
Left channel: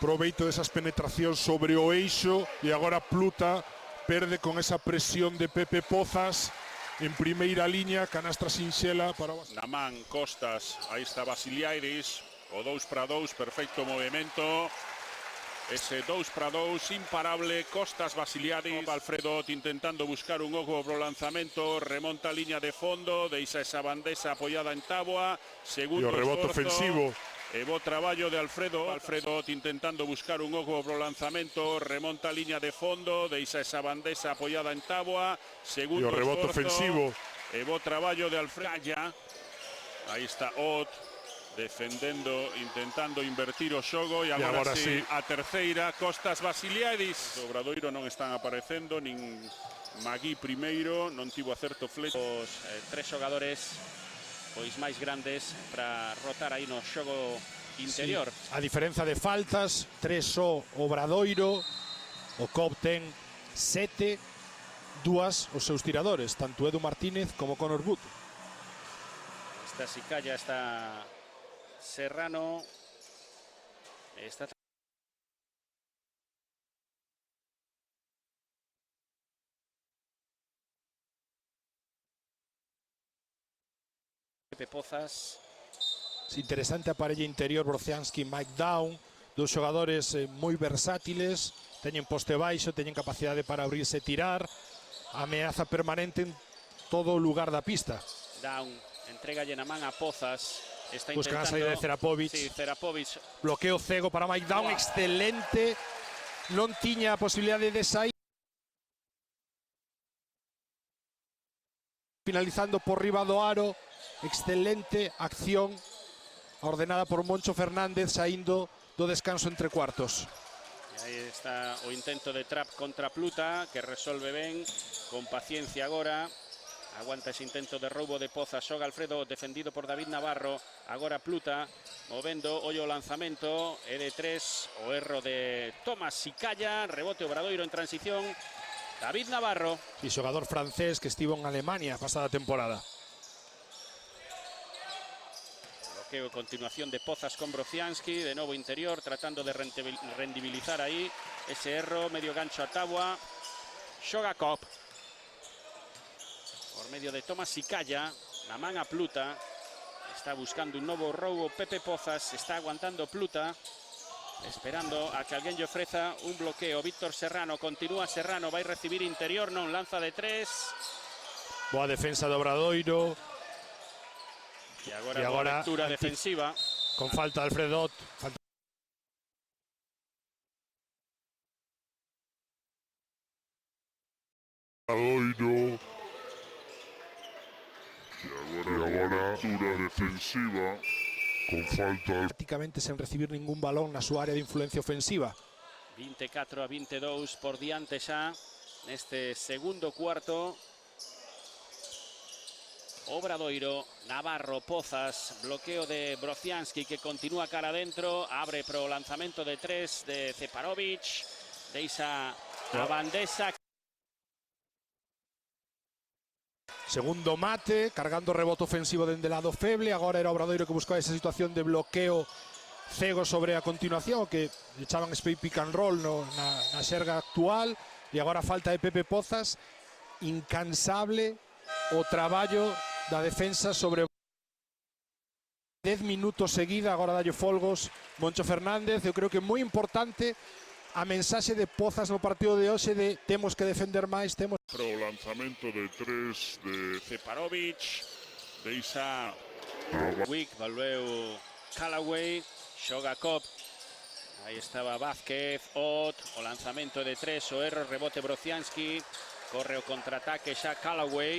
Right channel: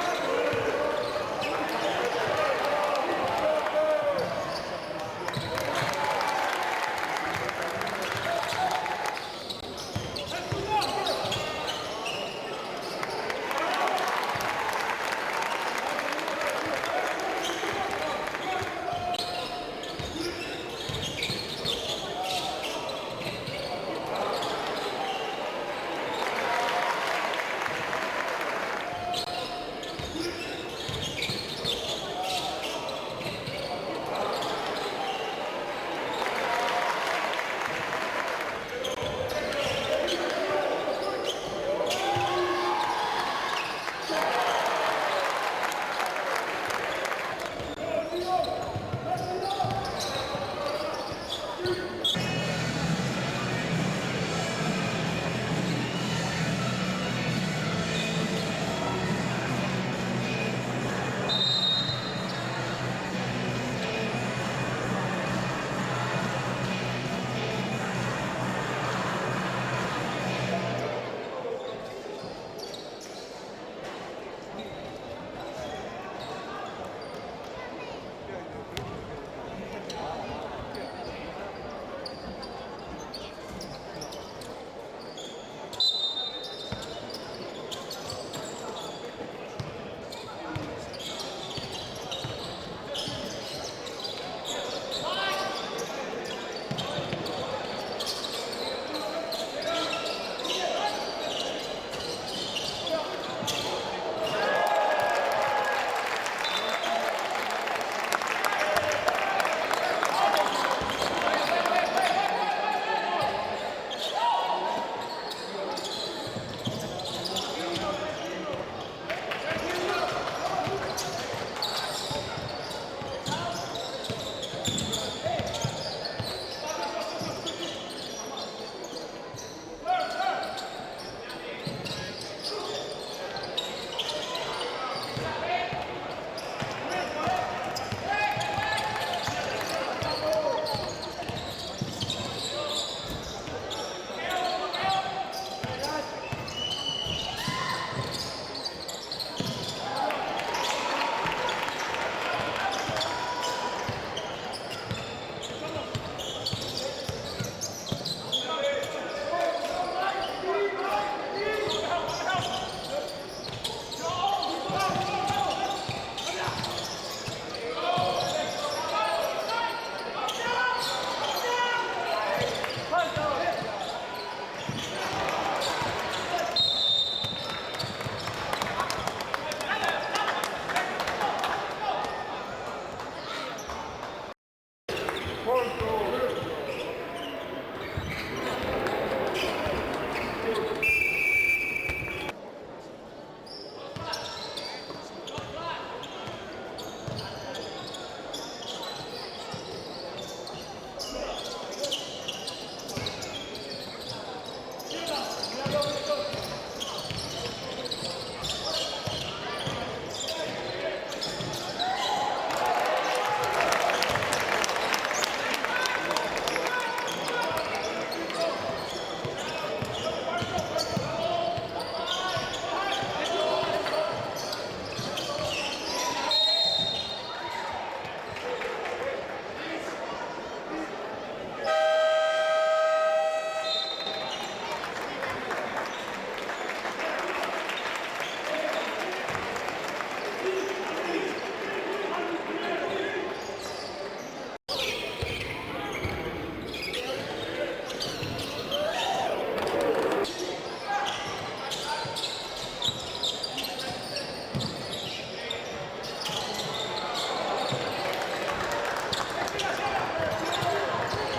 proveito desas penetracións sobre o eixo, e agora Pluta perde con esa presión de Pepe Pozas en primeira liña, canasta sinxela para Namán, Costas, ahí está Vasiliadis, 2-2, perfecto movimiento. Ese 2-2, imparable, Costas, Vasiliani, Alfredo intentando buscar un pouco o lanzamento, remonta a línea de fondo, deixa esa bandesa apoyada en táboa, segundo rebote ofensivo. El buen traballo de Alfredo intentando buscar un pouco o lanzamento, remonta a línea de fondo, deixa esa bandesa apoyada en táboa, segundo rebote ofensivo. El buen traballo de Alfredo, defendendo, intentando invertir o xogo, e agora sí, a terceira, Costas, Vasiliadis. Obradoiro non está aparecendo, nin aquí primeiro, non tivo acerto flecho. Tres xogadores máis grandes para botar aí no xogo interior. a diferenza de faltas, 3 só Obradoiro, o COP ten 7, 2 os seus tiradores, tanto Edu Martínez como Conor Cruz. Está sin caña, está Serrano. Ahí está. De Pozas. Es interesante a parella interior Brociansky e Mike Down, dos xogadores moi versátiles, teñen poste baixo, teñen capacidade para abrirse e tirar, ameaza permanente en todo o lugar da pista. Buscan a salida de Cerapovic. Cerapovic. Bloqueo cego para Mike Down, excelente. Non tiña a posibilidade de sair. Finalizando por riba do aro. Excelente acción ordenada por Moncho Fernández saindo do descanso entre cuartos. Está o intento de trap contra Pluta, que resolve ben, con paciencia agora. Aguanta ese intento de roubo de Pozas, xoga Alfredo, defendido por David Navarro. Agora Pluta, movendo o lanzamento, L3, o erro de Tomás Sicalla, rebote Obradoiro en transición. David Navarro. El xogador francés que estivo en Alemania a pasada temporada. Continuación de Pozas con Brociansky, de nuevo interior, tratando de rendibilizar ahí. Ese erro, no llegamos a táboa. Xoga Koch. Medio de Tomás Sicalla, van a Pluta. Está buscando un nuevo robo. Pepe Pozas está aguantando Pluta. Esperando a que aquello aprieta un bloqueo. Víctor Serrano, continúa Serrano, va a recibir interior, no lanza de 3. Boa defensa de Obradoiro. Pura defensiva. Con falta de Alfredo. Prácticamente sen recibir ningún balón na súa área de influencia ofensiva. 24-22 por diante xa este segundo cuarto. Obradoiro, Navarro, Pozas, bloqueo de Brociansky que continúa cara adentro, abre pro lanzamento de 3 de Cerapovic, deixa a bandesa. Segundo mate, cargando rebote ofensivo dende lado feble. Agora era Obradoiro que buscaba esa situación de bloqueo cego sobre a continuación, que echaban este pick and roll na serga actual. E agora falta de Pepe Pozas, incansable o traballo da defensa sobre 10 minutos seguida. Agora varios folgos Moncho Fernández. Eu creo que é moi importante a mensaxe de Pozas no partido de hoxe de temos que defender máis, temos Estaba Vázquez, Pot, lanzamiento de 3, o R, rebote Brociansky, contraataque, saca Callaway.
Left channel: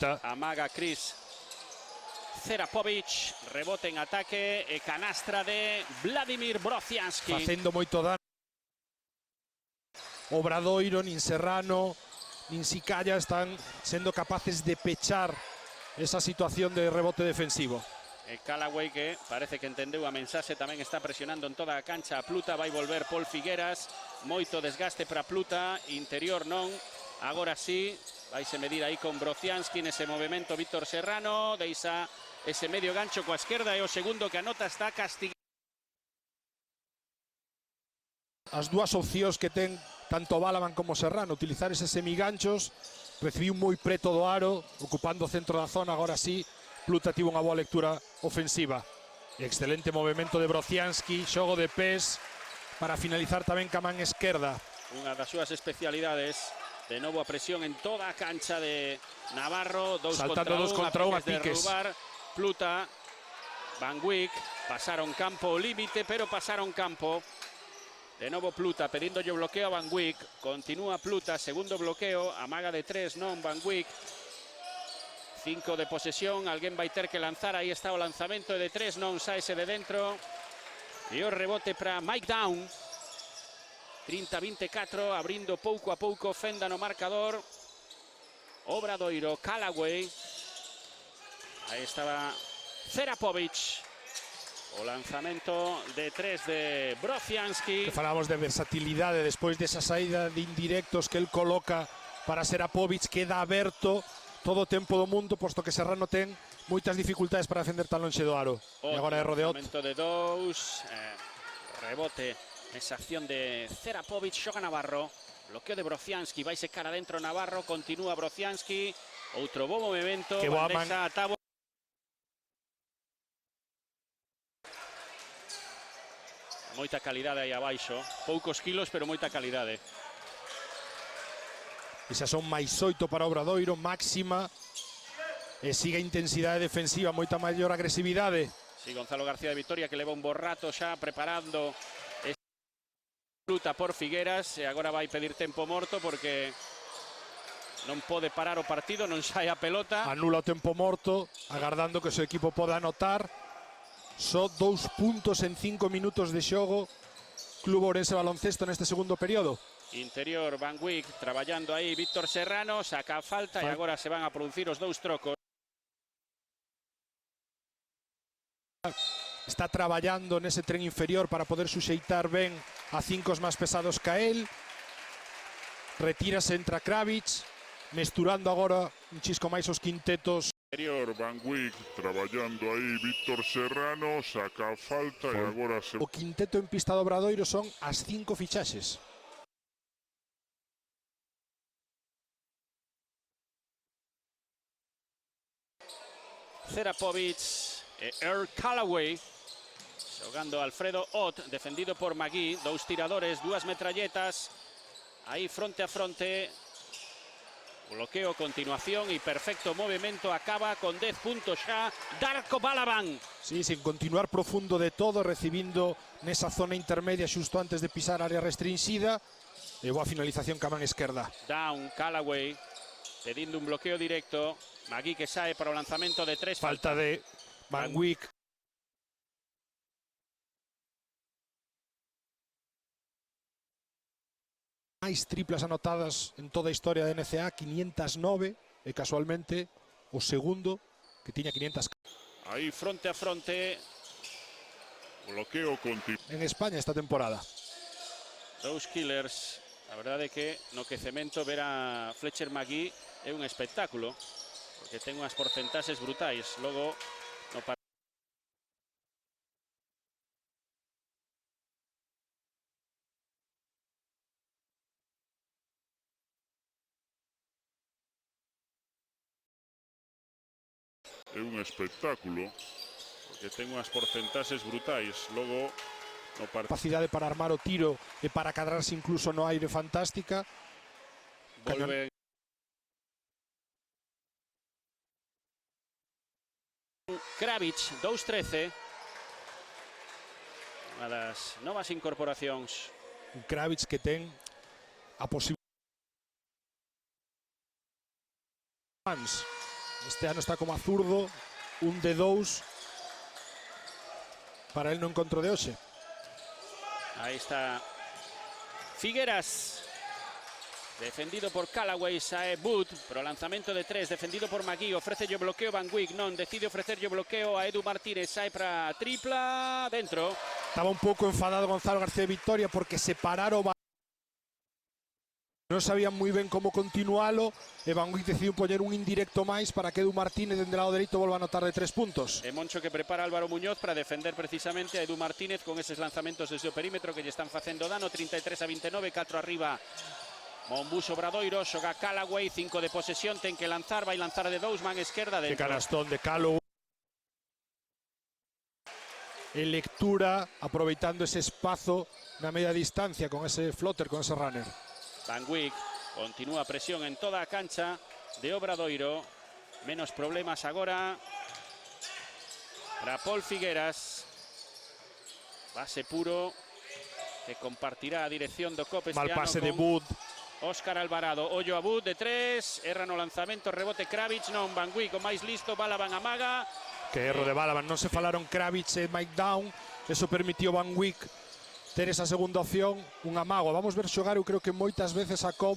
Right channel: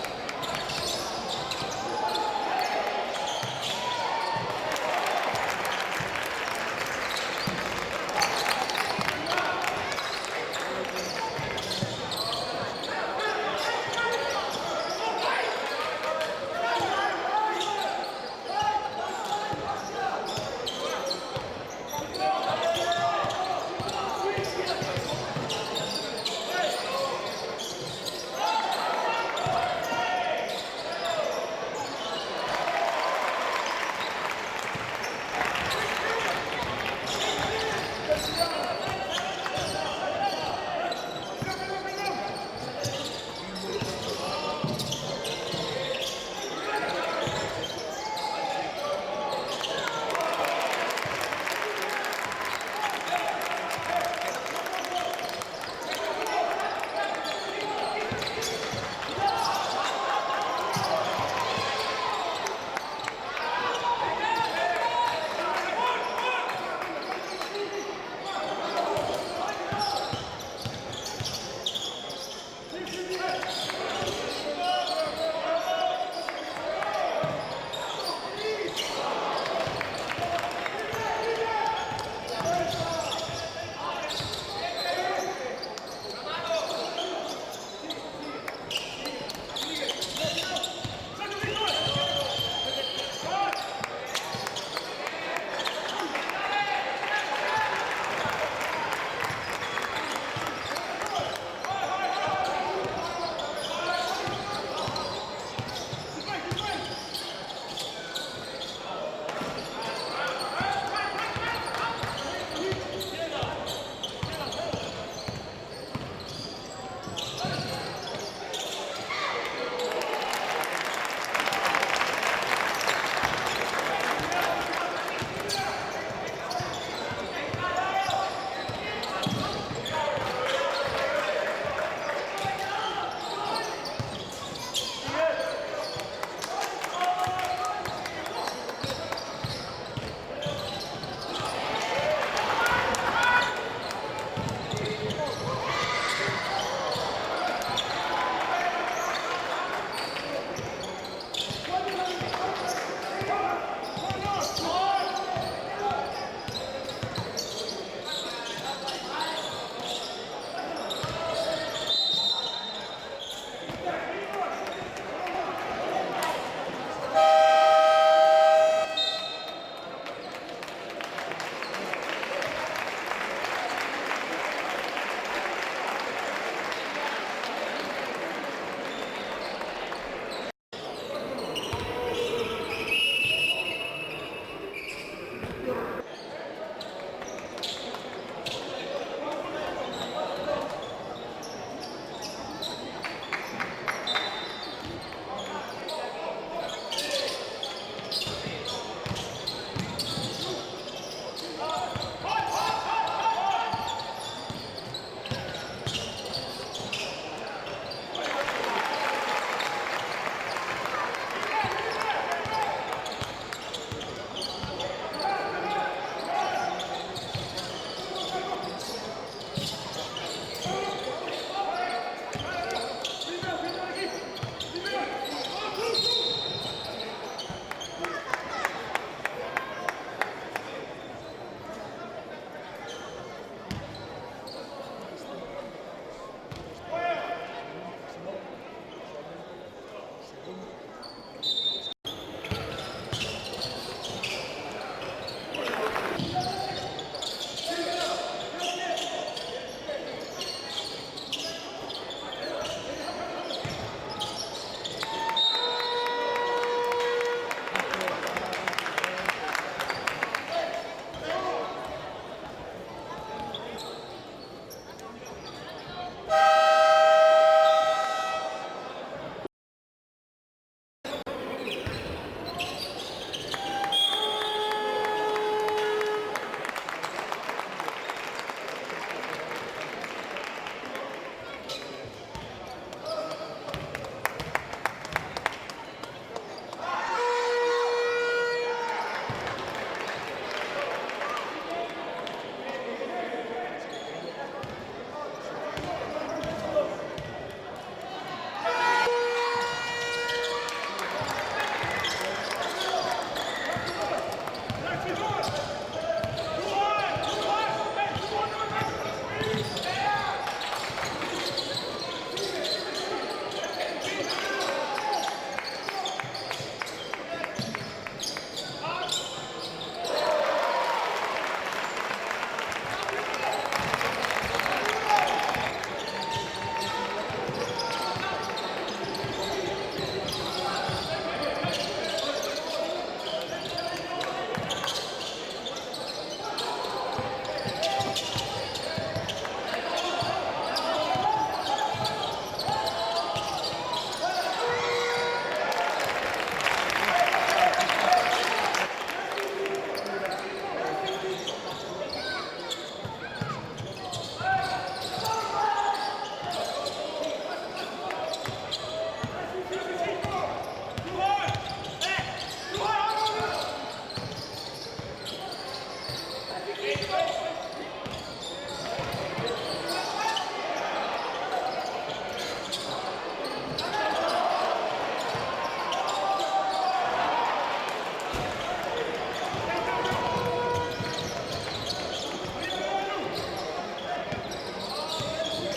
falta. Amaga Chris Serakovic, rebote en ataque, e canastra de Vladimir Brocianski. Feito moito dano. Obradoiro, nin Serrano, nin Sicalla están sendo capaces de pechar esa situación de rebote defensivo. Callaway, que parece que entendeu a mensaxe, tamén está presionando en toda a cancha. Pluta vai volver por Figueras, moito desgaste para Pluta, interior non, agora sí, vai se medir aí con Brocianski nese movimento. Víctor Serrano deixa ese medio gancho coa esquerda e o segundo que anota está castigado. As dúas opcións que ten tanto Balaban como Serrano, utilizar eses semiganchos, recibiu moi preto do aro, ocupando o centro da zona. Agora sí, Pluta tivo unha boa lectura ofensiva. Un excelente movimento de Brocianski, xogo de pés para finalizar tamén ca man esquerda. As súas especialidades, de novo presión en toda a cancha de Navarro, Saltando 2 contra 1 a piques. Pluta, Van Wyk, pasaron campo límite, pero pasaron campo. De novo Pluta, perito yo bloqueo a Van Wyk, continúa Pluta, segundo bloqueo, amaga de 3, non Van Wyk. 5 de posesión, alguén vai ter que lanzar, aí está o lanzamento de 3, non usa ese de dentro. E o rebote para Mike Down. 30-24, abrindo pouco a pouco fenda no marcador. Obradoiro, Callaway. Estaba Serakovic. Lanzamento de 3 de Brocianski. Falamos de versatilidade despois desa saída de indirectos que el coloca para Serakovic, queda aberto todo o tempo do mundo, posto que Serrano ten moitas dificultades para defender tan lonxe do aro. Agora é Rodeot. Despois de 2. Sanción de Serakovic, xoga Navarro. Bloqueo de Brocianski, vai secar adentro Navarro, continúa Brocianski. Outro bo movimento, Que boa deja a Tabo. Moita calidade aí abaixo, poucos kilos, pero moita calidade. Esas son máis 8 para Obradoiro, máxima. E sigue a intensidade defensiva, moita maior agresividade. Gonzalo García de Vitoria, que leva un borrato xa preparando Pluta por Figueras, e agora vai pedir tempo morto porque non pode parar o partido, non sai a pelota. Anula o tempo morto, agardando que o seu equipo poda anotar. Son 2 puntos en 5 minutos de xogo. Club Ourense Baloncesto neste segundo período. Interior, Van Wyk, traballando aí Víctor Serrano, saca a falta e agora se van a producir os 2 trocos. Está traballando nese tren inferior para poder suxeitar ben a 5 máis pesados que a él. Retírase, entra Kravic, mesturando agora un chisco máis os quintetos. Interior, Van Wyk, traballando aí Víctor Serrano, saca a falta e agora se... O quinteto en pista do Obradoiro son as 5 fichaxes. Serakovic, Earl Callaway, jugando Alfredo Ott, defendido por Magui, 2 tiradores, 2 metralletas, ahí fronte a fronte. Bloqueo a continuación, imperfecto movimiento, acaba con 10 puntos ya Darko Balaban. Sí, sin continuar profundo de todo, recibindo nesa zona intermedia xusto antes de pisar a área restringida. E boa finalización ca man esquerda. Down, Callaway, pedindo un bloqueo directo, aquí que sae para o lanzamento de 3. Falta de Van Wyk. Máis triplas anotadas en toda a historia da NCAA, 509, e casualmente o segundo que tiña 500 Ahí fronte a fronte, en España esta temporada. 2 killers. La verdade que o que Cemento ver a Fletcher Magui é un espectáculo. Ten unhas porcentaxes brutais. Logo, capacidade para armar o tiro e para cargarse incluso no aire fantástica. Kravic, 2-13. As novas incorporacións. O Kravic que ten a posibilidade este ano está como a zurdo, un de 2 para ir no encontro de hoxe. Figueras. Defendido por Callaway, sae Wood. Lanzamento de 3, defendido por Magui. Ofrece yo bloqueo Van Wyk, non. Decide ofrecer yo bloqueo a Edu Martínez. Sae para tripla. Dentro. Estaba un pouco enfadado Gonzalo García Victoria porque se pararon. Non sabían moi ben como continualo e Van Wyk decidiu poner un indirecto máis para que Edu Martínez desde o lado dereito volva a anotar de 3 puntos. Mucho que prepara Álvaro Muñoz para defender precisamente a Edu Martínez con esos lanzamientos desde el perímetro que le están haciendo dano. 33-29, canto arriba. Augusto Obradoiro, xoga Callaway, 5 de posesión, ten que lanzar, vai lanzar de 2, man izquierda de Canastón de Calo. En lectura, aproveitando ese espazo na media distancia con ese flotter, con ese runner. Wyk. Continúa presión en toda a cancha de Obradoiro. Menos problemas agora para Paul Figueras. Pase puro que compartirá a dirección do Cobres. Mal pase de Wood. Óscar Alvarado, ollo a Wood de 3, erra no lanzamento, rebote Kravitz, Laura Van Wyk, o máis listo, bala Mara. Que erro de Balaban, non se falaron Kravitz e Mike Down, eso permitió Van Wyk ter esa segunda opción con Amago. Vamos ver xogar, eu creo que moitas veces sacou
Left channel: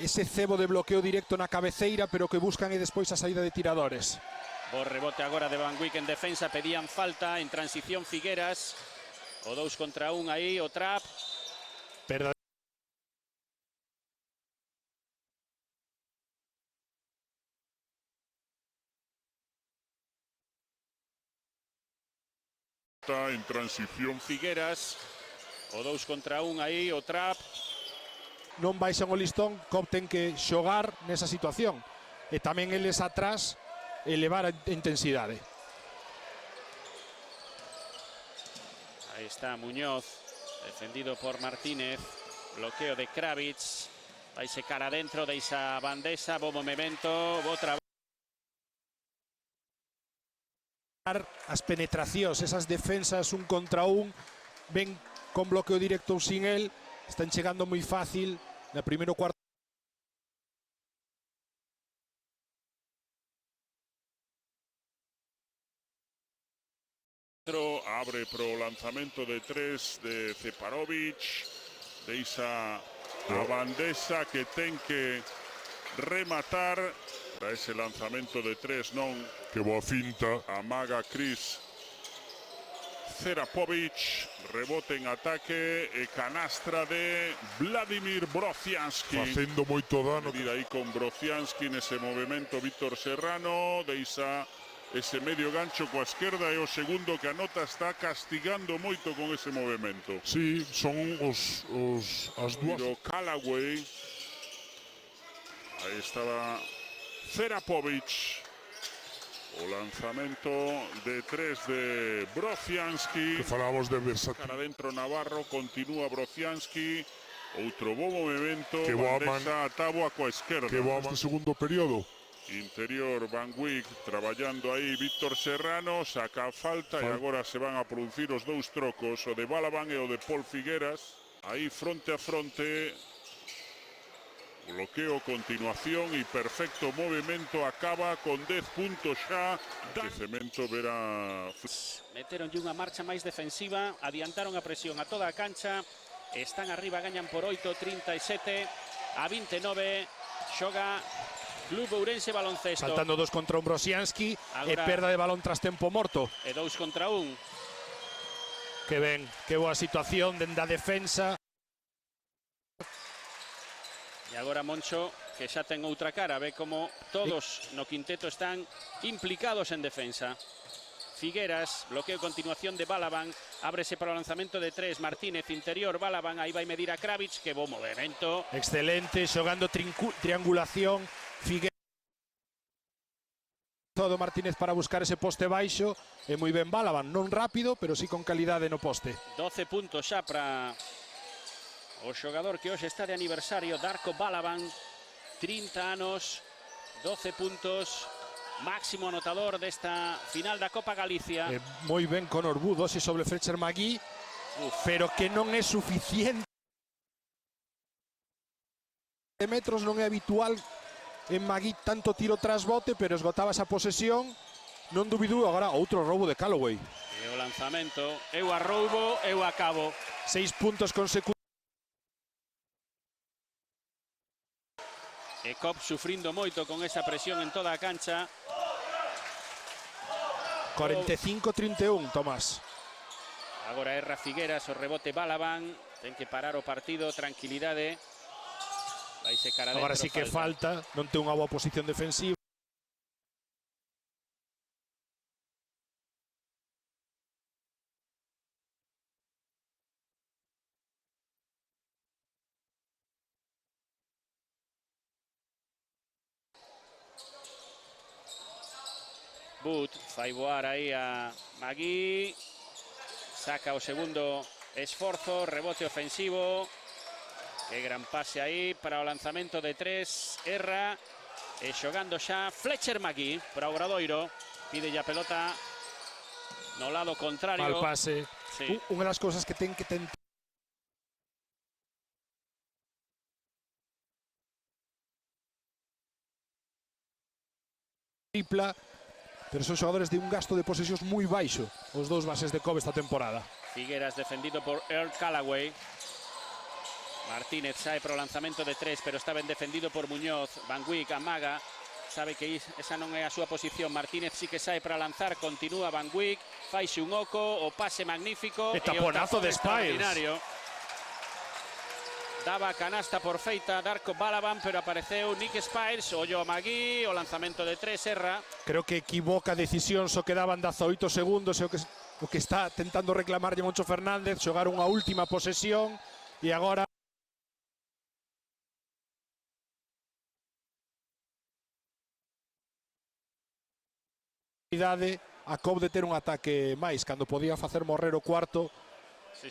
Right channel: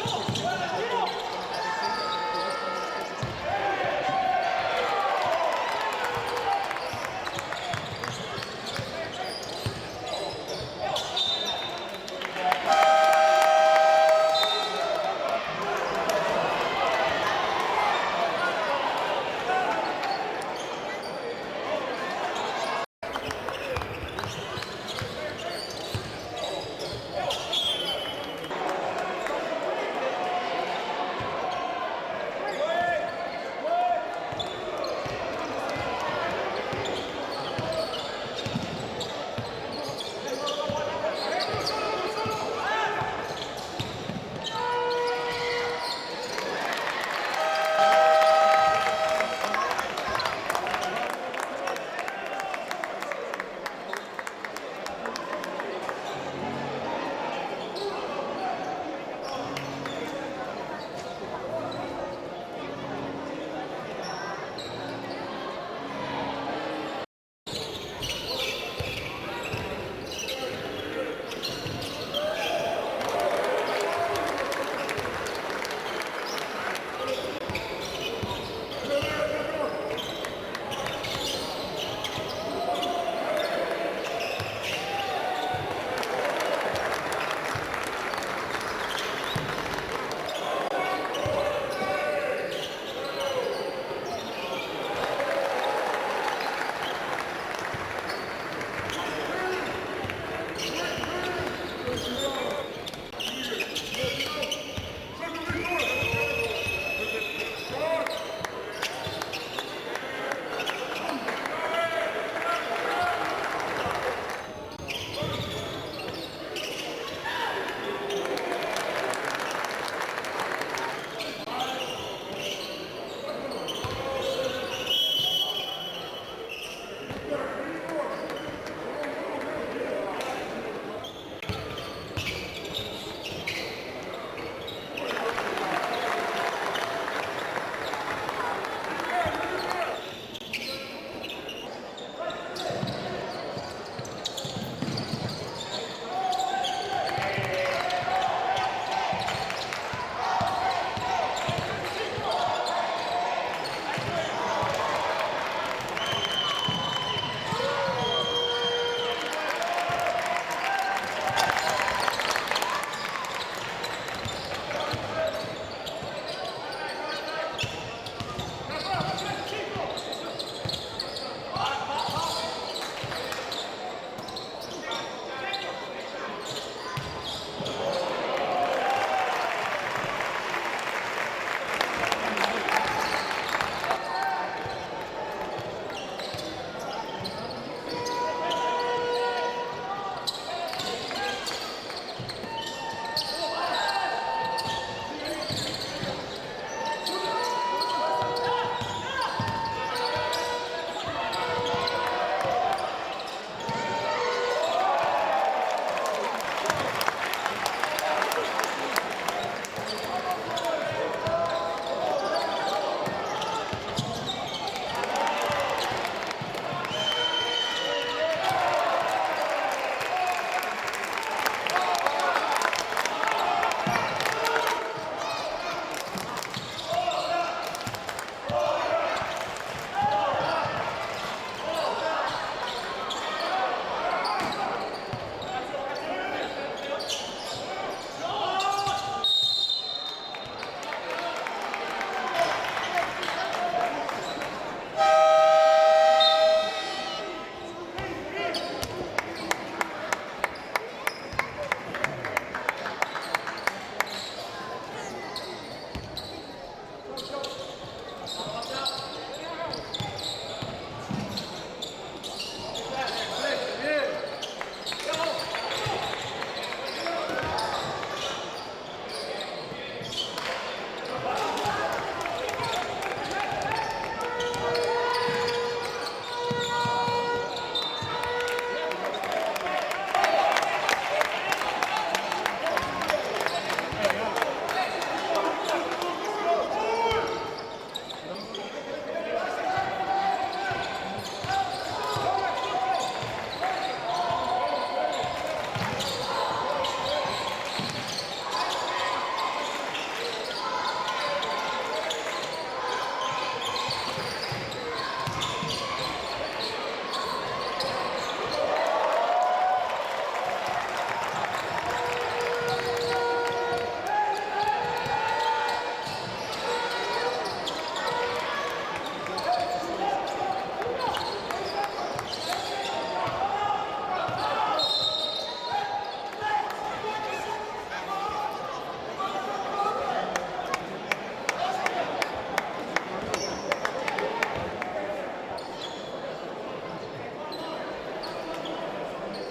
ese cebo de bloqueo directo na cabeceira, pero que buscan e despois a saída de tiradores. El rebote agora de Van Wyk en defensa, pedían falta, en transición Figueras, o 2 contra 1 aí, o trap. Pero En transición. Figueras, o 2 contra 1 aí, o trap. non vai ser molistón, corten que xogar nesa situación. E tamén eles atrás elevar a intensidade. Ahí está Muñoz, defendido por Martínez, bloqueo de Kravitz, aí se cara dentro de esa bandesa, bo movimento, outra vez. As penetracións, esas defensas un contra un, ven con bloqueo directo sin él, están chegando moi fácil no primeiro cuarto. Abre pro lanzamento de 3 de Stefanovic. Deixa a bandesa que ten que rematar. Ese lanzamento de 3, non? Que boa finta. Amaga Chris Serakovic. Rebote en ataque. E canastra de Vladimir Brocianski. Feito moito dano. E aí con Brocianski nese movimento Víctor Serrano. Deixa ese medio gancho coa esquerda e o segundo que anota está castigando moito con ese movimento. Sí, son as dúas. Callaway. Estaba Serakovic. Lanzamento del 3 de Brocianski. E falamos do Versailles. Adentro Navarro, continúa Brocianski. Outro bom movimento. Que boa Deja a tábua coa esquerda. Que vamos no segundo período. Interior, Van Wyk traballando aí, Víctor Serrano, saca a falta e agora se van a producir os 2 trocos, o de Balaban e o de Paul Figueras, aí fronte a fronte, bloqueo a continuación e perfecto movimento, acaba con 10 puntos a crecemento verá. Metieron de una marcha máis defensiva, adiantaron a presión a toda a cancha, están arriba teñen por 37 a 29, xoga Lugo Urense Baloncesto. Saltando 2 contra un Brocianski e perda de balón tras tempo morto. De 2 contra 1. Que ben, que boa situación dende a defensa. Agora Moncho, que xa ten outra cara, ve como todos no quinteto están implicados en defensa. Figueras, bloqueo a continuación de Balaban, ábrese para o lanzamento de 3, Martínez, interior, Balaban, aí vai medir a Kravitz, que bom movimento. Excelente, xogando triangulación. Todo Martínez para buscar ese poste baixo. E moi ben Balaban, non rápido, pero sí con calidade no poste. 12 puntos xa para o xogador que hoxe está de aniversario, Darko Balaban, 30 anos, 12 puntos, máximo anotador desta final da Copa Galicia. Moi ben con orgulloso sobre Fletcher Magui, pero que non é suficiente. De metros non é habitual de Magui tanto tiro tras bote, pero esgotada esa posesión, non dubidou. Agora outro roubo de Calloway. Lanzamento, eu a roubo, eu acabo. 6 puntos consecutivos. E Cobb sufrindo moito con esa presión en toda a cancha. 45-31, Tomás. Agora Erra Figueras, o rebote Balaban. Ten que parar o partido, tranquilidade. Aí se cara Agora sí que falta, non ten unha boa posición defensiva. Vai voar aí a Magui. Saca o segundo esforzo, rebote ofensivo. Gran pase aí para o lanzamento de 3. Erra. E xogando xa Fletcher Magui para o Obradoiro. Pide a pelota ao lado contrario. Al pase. Unha das cousas que ten que tripla, pero son xogadores de un gasto de posesión moi baixo, os dous bases de Cobb esta temporada. Figueras defendido por Earl Callaway. Martínez sae pro lanzamento de 3, pero está ben defendido por Muñoz. Van amaga, sabe que esa non é a súa posición. Martínez sí que sae para lanzar, continúa Van Wick, faixe un oco, o pase magnífico. E taponazo de Spies. Daba canasta por feita Darko Balaban, pero apareceu Nick Spies, ollo a Magui, o lanzamento de 3, Erra. Creo que equivoca a decisión, só quedaban 18 segundos, o que está tentando reclamar de Moncho Fernández, xogar unha última posesión, e agora a Cobb de ter un ataque máis, cando podía facer morrer o cuarto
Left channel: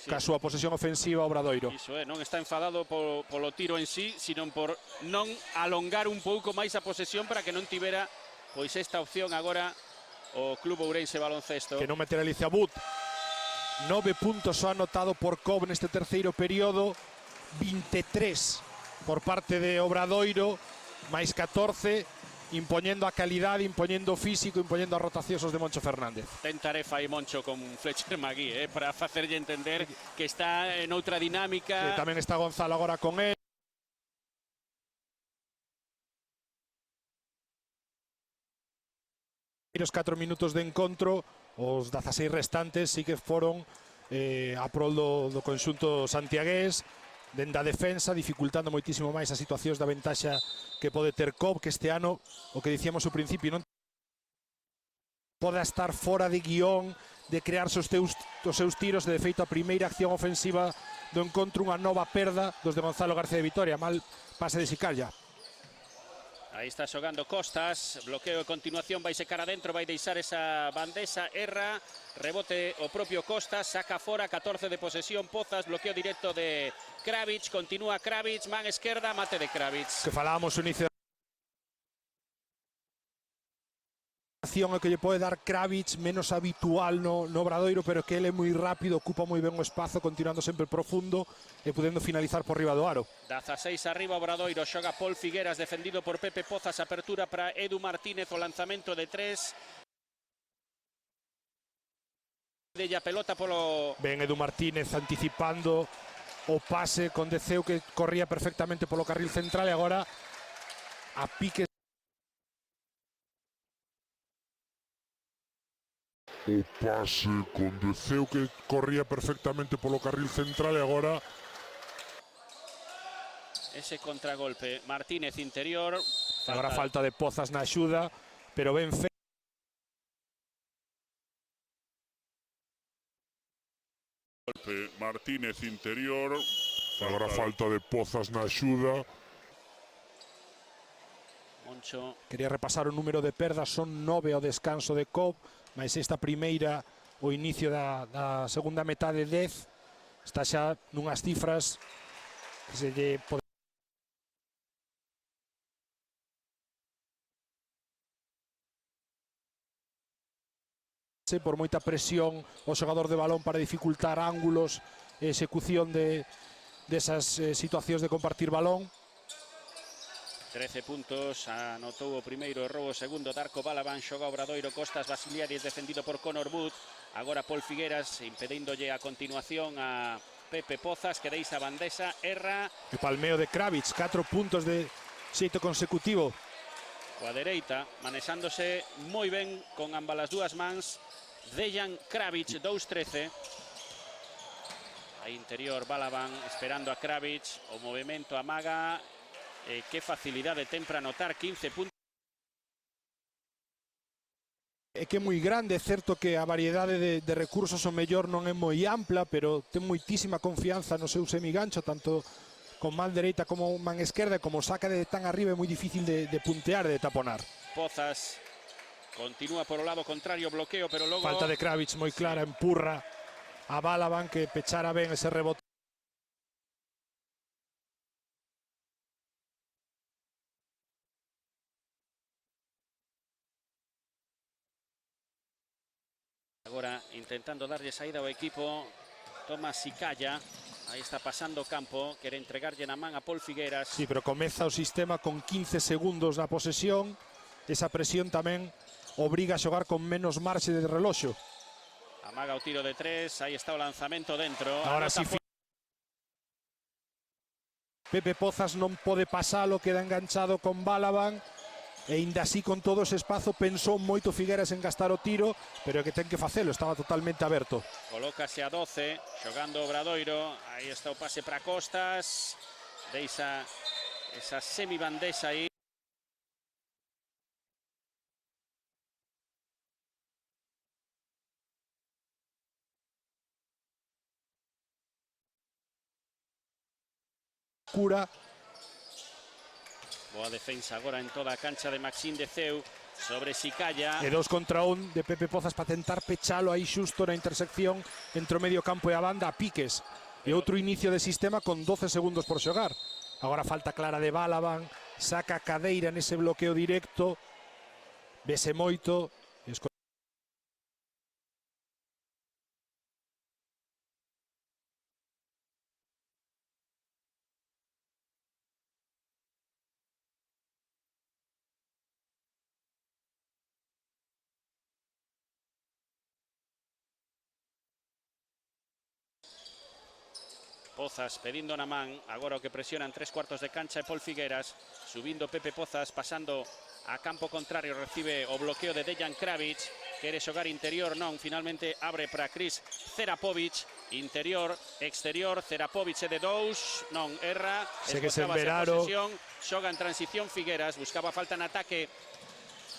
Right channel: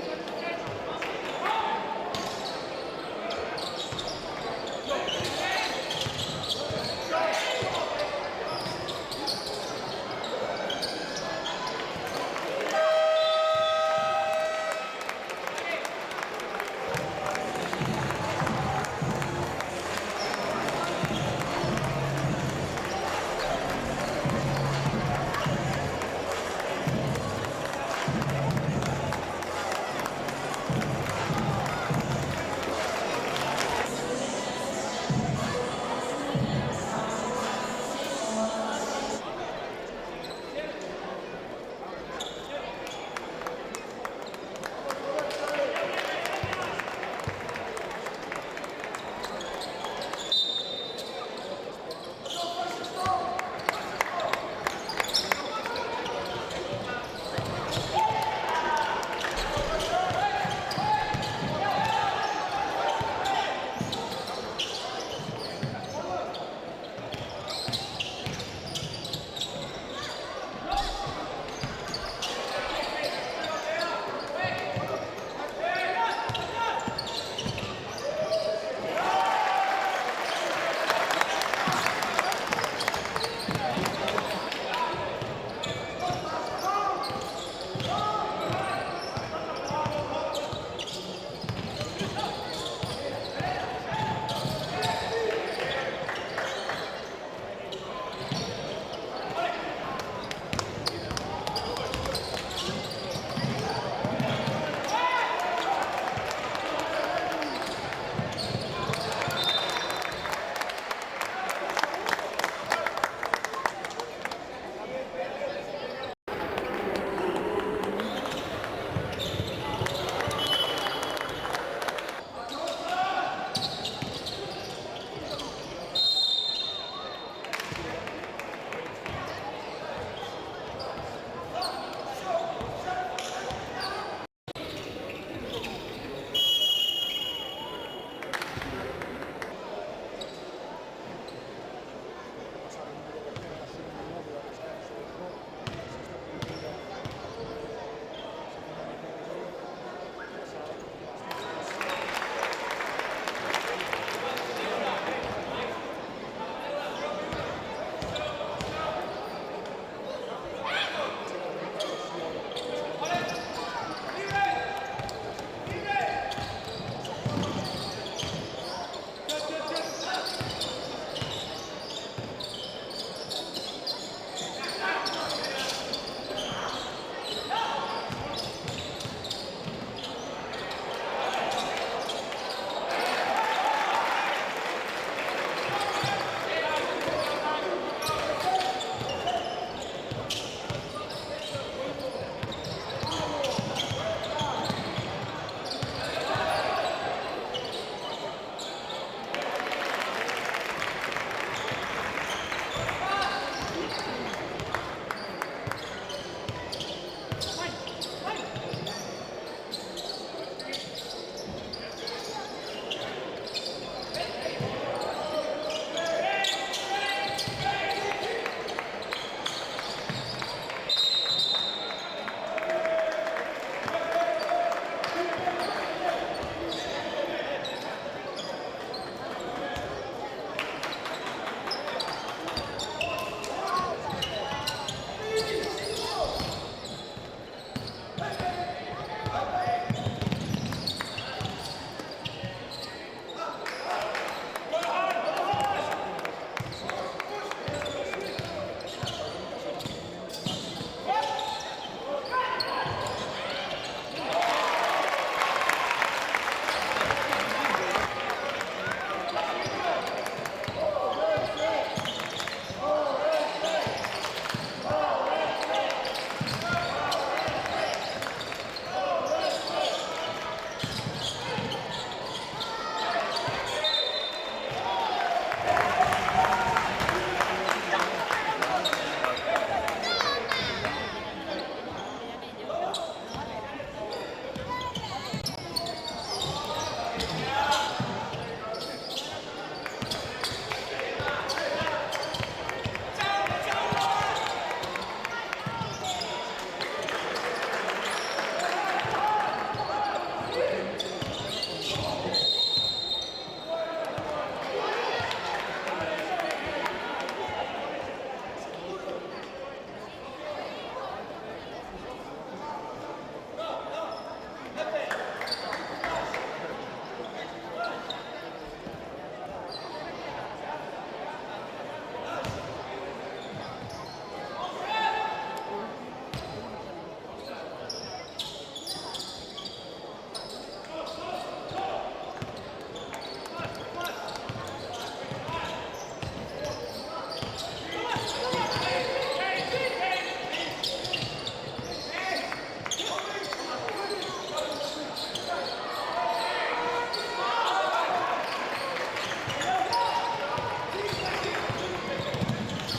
ca súa posesión ofensiva ao Obradoiro. Non está enfadado polo tiro en sí, sino por non alongar un pouco máis a posesión para que non tivera pois esta opción agora o Club Ourense Baloncesto. Que non mete a Lizabut. 9 puntos só anotado por Cobb neste terceiro período, 23 por parte de Obradoiro, máis 14, impoñendo a calidade, impoñendo o físico, impoñendo a rotacións de Moncho Fernández. Tentaré fai Moncho con Fletcher Magui para facerlle entender que está en outra dinámica. Tamén está Gonzalo agora con él. E nos 4 minutos de encontro, os 16 restantes sí que foron a prol do conxunto santiagués, dende a defensa, dificultando moitísimo máis as situacións da ventaxa que pode ter Cobb, que este ano, o que dicíamos ao principio, non pode estar fora de guión, de crear os seus tiros. De feito, a primeira acción ofensiva do encontro, unha nova perda desde Gonzalo García de Vitoria, mal pase de Sicalla. Aí está xogando Costas, bloqueo a continuación, vai secar adentro, vai deixar esa bandeja, Erra, rebote o propio Costas, saca fora, 14 de posesión, Pozas, bloqueo directo de Kravitz, continúa Kravitz, van esquerda, bate de Kravitz. Que falábamos en ese o que lle pode dar Kravitz, menos habitual no Obradoiro, pero que ele é moi rápido, ocupa moi ben o espazo, continuando sempre profundo e podendo finalizar por riba do aro. 16 arriba Obradoiro, xoga Paul Figueras, defendido por Pepe Pozas, apertura para Edu Martínez, o lanzamento de 3. Della pelota polo... Ben Edu Martínez anticipando o pase con Deceu, que corría perfectamente polo carril central, e agora a pique. O pase con Deceu, que corría perfectamente polo carril central, e agora ese contragolpe, Martínez interior. Agora falta de Pozas na axuda, pero ben Martínez interior, agora falta de Pozas na axuda. Quería repasar o número de perdas, son 9 ao descanso de Cobb, mas esta primeira, o inicio da segunda metade, 10, está xa nunhas cifras por moita presión o xogador de balón para dificultar ángulos de execución desas situacións de compartir balón. 13 puntos a 7 consecutivo. Dereita, desándose moi ben con ambas as dúas mans. Dejan Kravic, 2-13. Interior, Balaban, esperando a Kravic. Movimento amaga. Que facilidade ten para anotar 15 puntos. É que é moi grande, é certo que a variedade de recursos o mellor non é moi ampla, pero ten moitísima confianza no seu semigancho, tanto con man dereita como man esquerda, como saca de tan arriba é moi difícil de pintear e de taponar. Pozas continúa por o lado contrario, bloqueo, pero logo Falta de Kravic moi clara, empurra a Balaban que pechara ben ese rebote. agora intentando darlle saída ao equipo. Tomás Sicalla, aí está pasando o campo, quere entregarlle na man a Pol Figueras. Sí, pero comeza o sistema con 15 segundos na posesión. Esa presión tamén obriga a xogar con menos marxe de reloxo. Ahora o tiro de tres, aí está o lanzamento dentro. Ahora sí, Pepe Pozas non pode pasalo, queda enganchado con Balaban e ainda así con todo ese espacio pensou moito Figueras en gastar o tiro, pero que ten que facelo, estaba totalmente aberto. Colócase a 12, jugando o Obradoiro, está o pase para Costas, esa semibandesa aí. Cura, Defensa agora en toda a cancha de Maxim de Ceu, sobre Sicalla. e 2 contra 1 de Pepe Pozas para tentar pechalo aí xusto na intersección entre o medio campo e a banda a piques. E outro inicio de sistema con 12 segundos por xogar. Agora falta clara de Balaban, saca a cadeira nese bloqueo directo, vese moito. Pozas pedindo na man, agora o que presiona en 3/4 de cancha Pol Figueras, subindo Pepe Pozas, pasando a campo contrario, recibe o bloqueo de Dejan Kravic, quere xogar interior, non, finalmente abre para Chris Cerapovic, interior, exterior, Cerapovic é de 2, non, erra, Segue sen Veraro. xoga en transición Figueras, buscaba falta en ataque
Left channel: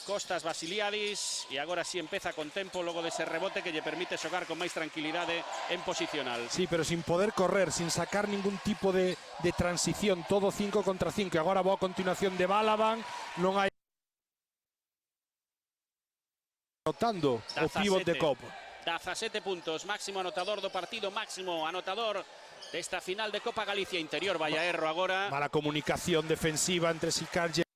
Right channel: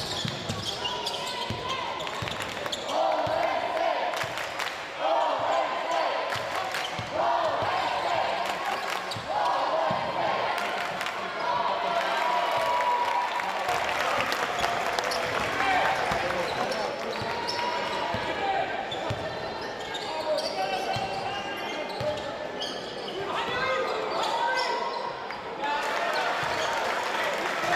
Costas Basiliadis, e agora sí empeza con tempo logo ese rebote que lle permite xogar con máis tranquilidade en posicional. Sí, pero sin poder correr, sin sacar ningún tipo de transición, todo 5 contra 5. Agora va a continuación de Balaban, non hai... Tocando o pívot de Cobb. 17 puntos, máximo anotador do partido, máximo anotador desta final de Copa Galicia interior. Vaya erro agora. Mala comunicación defensiva entre Sicalla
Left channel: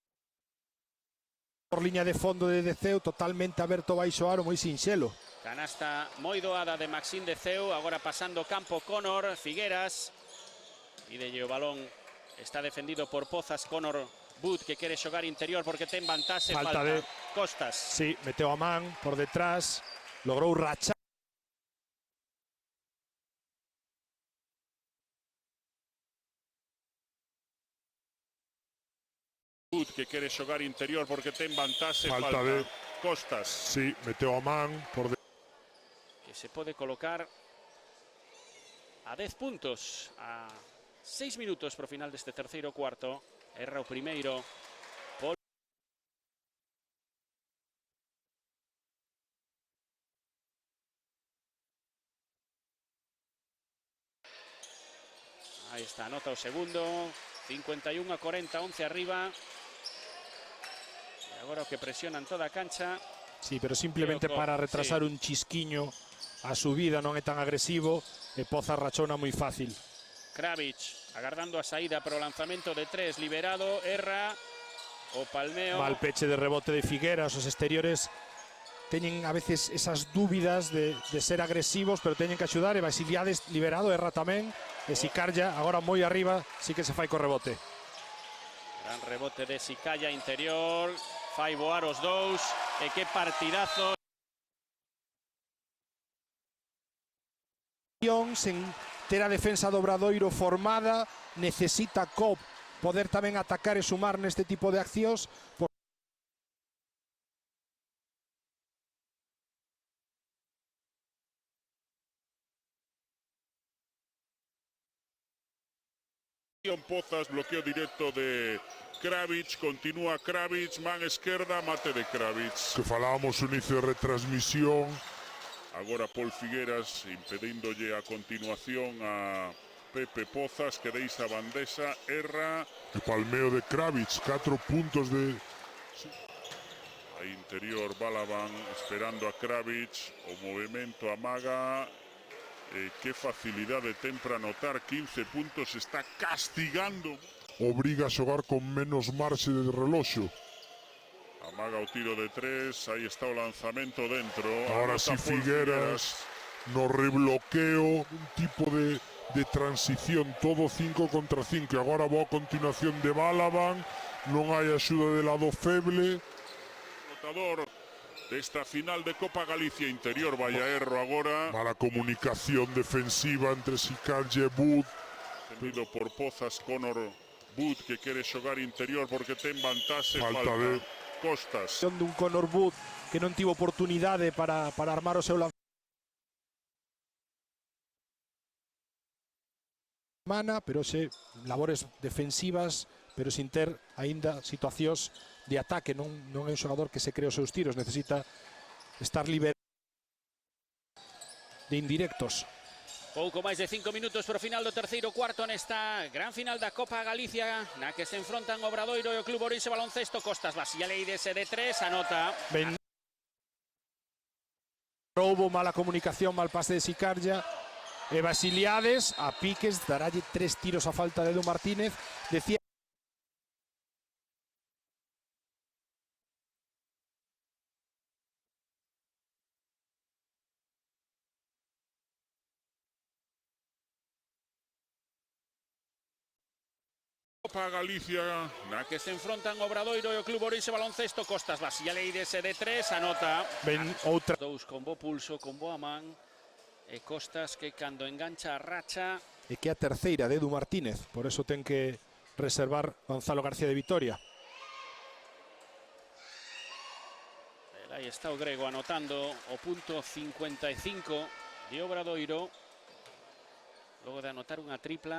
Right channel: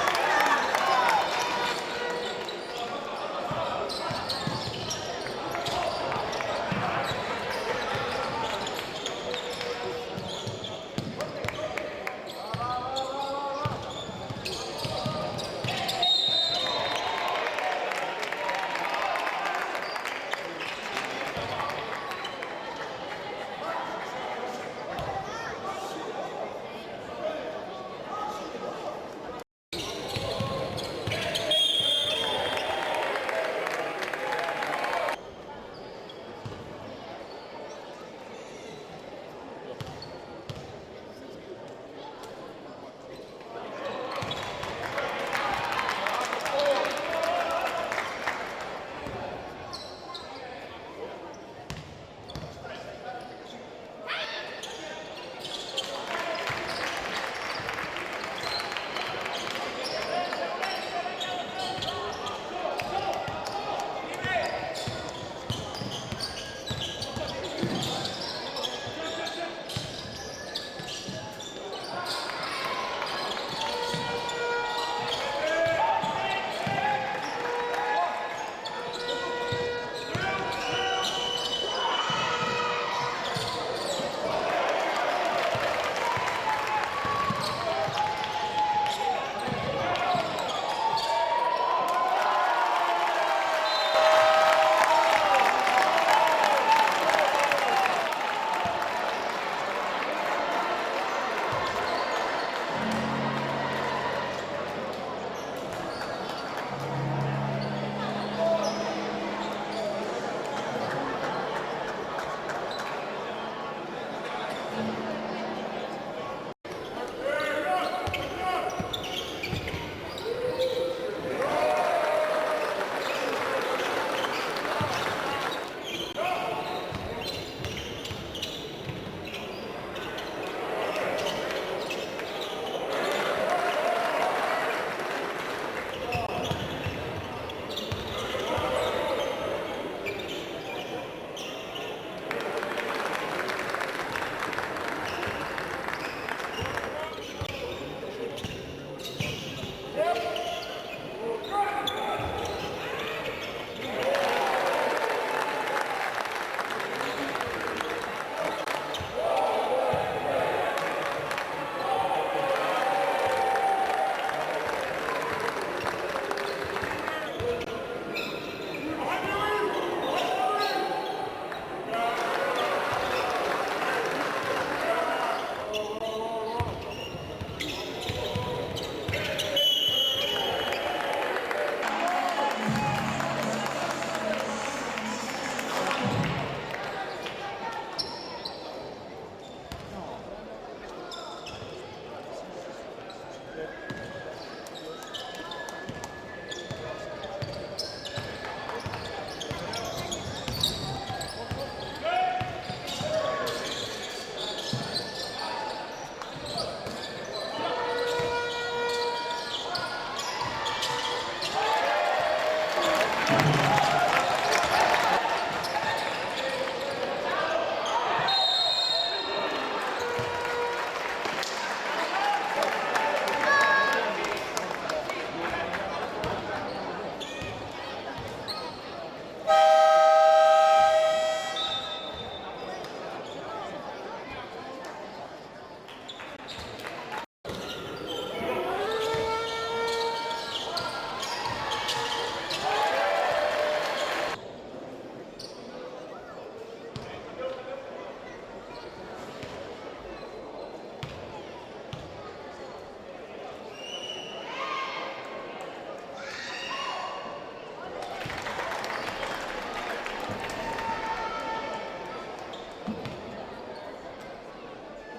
por liña de fondo de Ceu, totalmente aberto baixo aro, moi sinxelo. Moi doada de Maxim de Ceu, agora pasando o campo Conor Figueras. Pide o balón, está defendido por Pozas. Conor Hood que quere xogar interior porque ten vantaxe. Falta de Costas. Sí, meteu a man por detrás, logrou racha. Que quere xogar interior porque ten vantaxe. Falta de Costas. Sí, meteu a man. Que se pode colocar a 10 puntos, a 6 minutos pro final deste terceiro cuarto. Erra o primeiro. Segundo, 51-40, 11 arriba. Agora que presiona toda a cancha. Sí, pero simplemente para retrasar un chisquiño a subida, non é tan agresivo, e Pozas rachona moi fácil. Kravic agardando a saída pro lanzamento de 3, liberado, erra. O faldeo. Va al peche de rebote de Figueras, os exteriores teñen a veces esas dúbidas de ser agresivos, pero teñen que axudar, e Basiliades liberado, erra tamén, e Sicalla, agora moi arriba, sí que se fai co rebote. Rebote de Sicalla interior, fai voar os dous, e que partidazo. Sen ter a defensa do Obradoiro formada, necesita Cobb poder tamén atacar e sumar neste tipo de accións. Botas, bloqueo directo de Kravic, continúa Kravic, va a izquierda, mate de Kravic. Que falábamos inicio de retransmisión. Ahora Paul Figueras impediéndole a continuación a Pepe Pozas, que pisa Bandesa, erra. Palmeo de Kravic, 4 puntos de... Interior Málaga, Kravic, movimiento amaga. Qué facilidad de centra anotar, 15 puntos, está castigando. Obriga a xogar con menos marxe de reloxo. Ahora el tiro de 3, ahí está el lanzamiento dentro. Ahora sí Figueras, no rebloqueo, tipo de transición, todo 5 contra 5. Agora boa continuación de Balaban, non hai axuda de lado feble. Esta final de Copa Galicia Interior, Vallaerro agora. Para comunicación defensiva entre Sicalle e Bud. Tudo por Pozas, Conor Bud, que quere xogar interior porque ten vantaxe. Falta de Costas. Sendo un Conor Bud que non tivo oportunidade para armar o seu mana, pero ese labores defensivas, pero sin ter aínda situacións de ataque. Non é un xogador que se cree os seus tiros, necesita estar libre de indirectos. Pouco máis de 5 minutos para o final do terceiro cuarto nesta gran final da Copa Galicia, a que se enfrontan o Obradoiro e o Club Orense Baloncesto. Costas Basileides de 3, anota. Non houve mala comunicación, mal pase de Sicarlle, de Basiliades a Piques, dará de 3 tiros a falta de Leo Martínez. Decía Copa Galicia. A que se enfrontan o Obradoiro e o Club Orense Baloncesto. Costas Basileides de 3, anota. ben outra. Dous con bo pulso, con boa man. E Costas que cando engancha a racha. E que a terceira de Edu Martínez, por eso ten que reservar Gonzalo García de Vitoria. Aí está o grego anotando punto 55 de Obradoiro. Acabo de anotar unha tripla.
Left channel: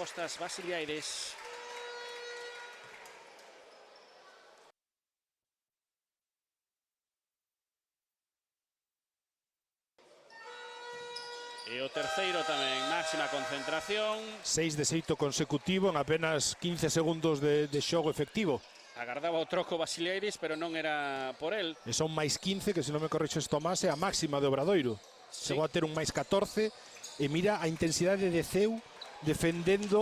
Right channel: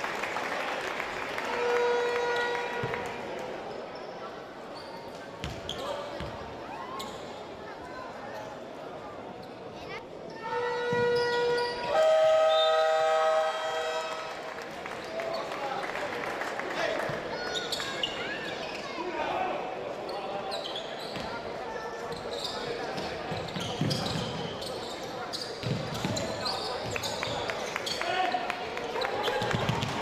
Costas Basileides. E o terceiro tamén, máxima concentración. 6 de xeito consecutivo en apenas 15 segundos de xogo efectivo. O troco Basileides, pero non era por el. E son máis 15, que se non me correxes Tomás, é a máxima de Obradoiro. Chegou a ter un máis 14 e mira a intensidade de Ceu defendendo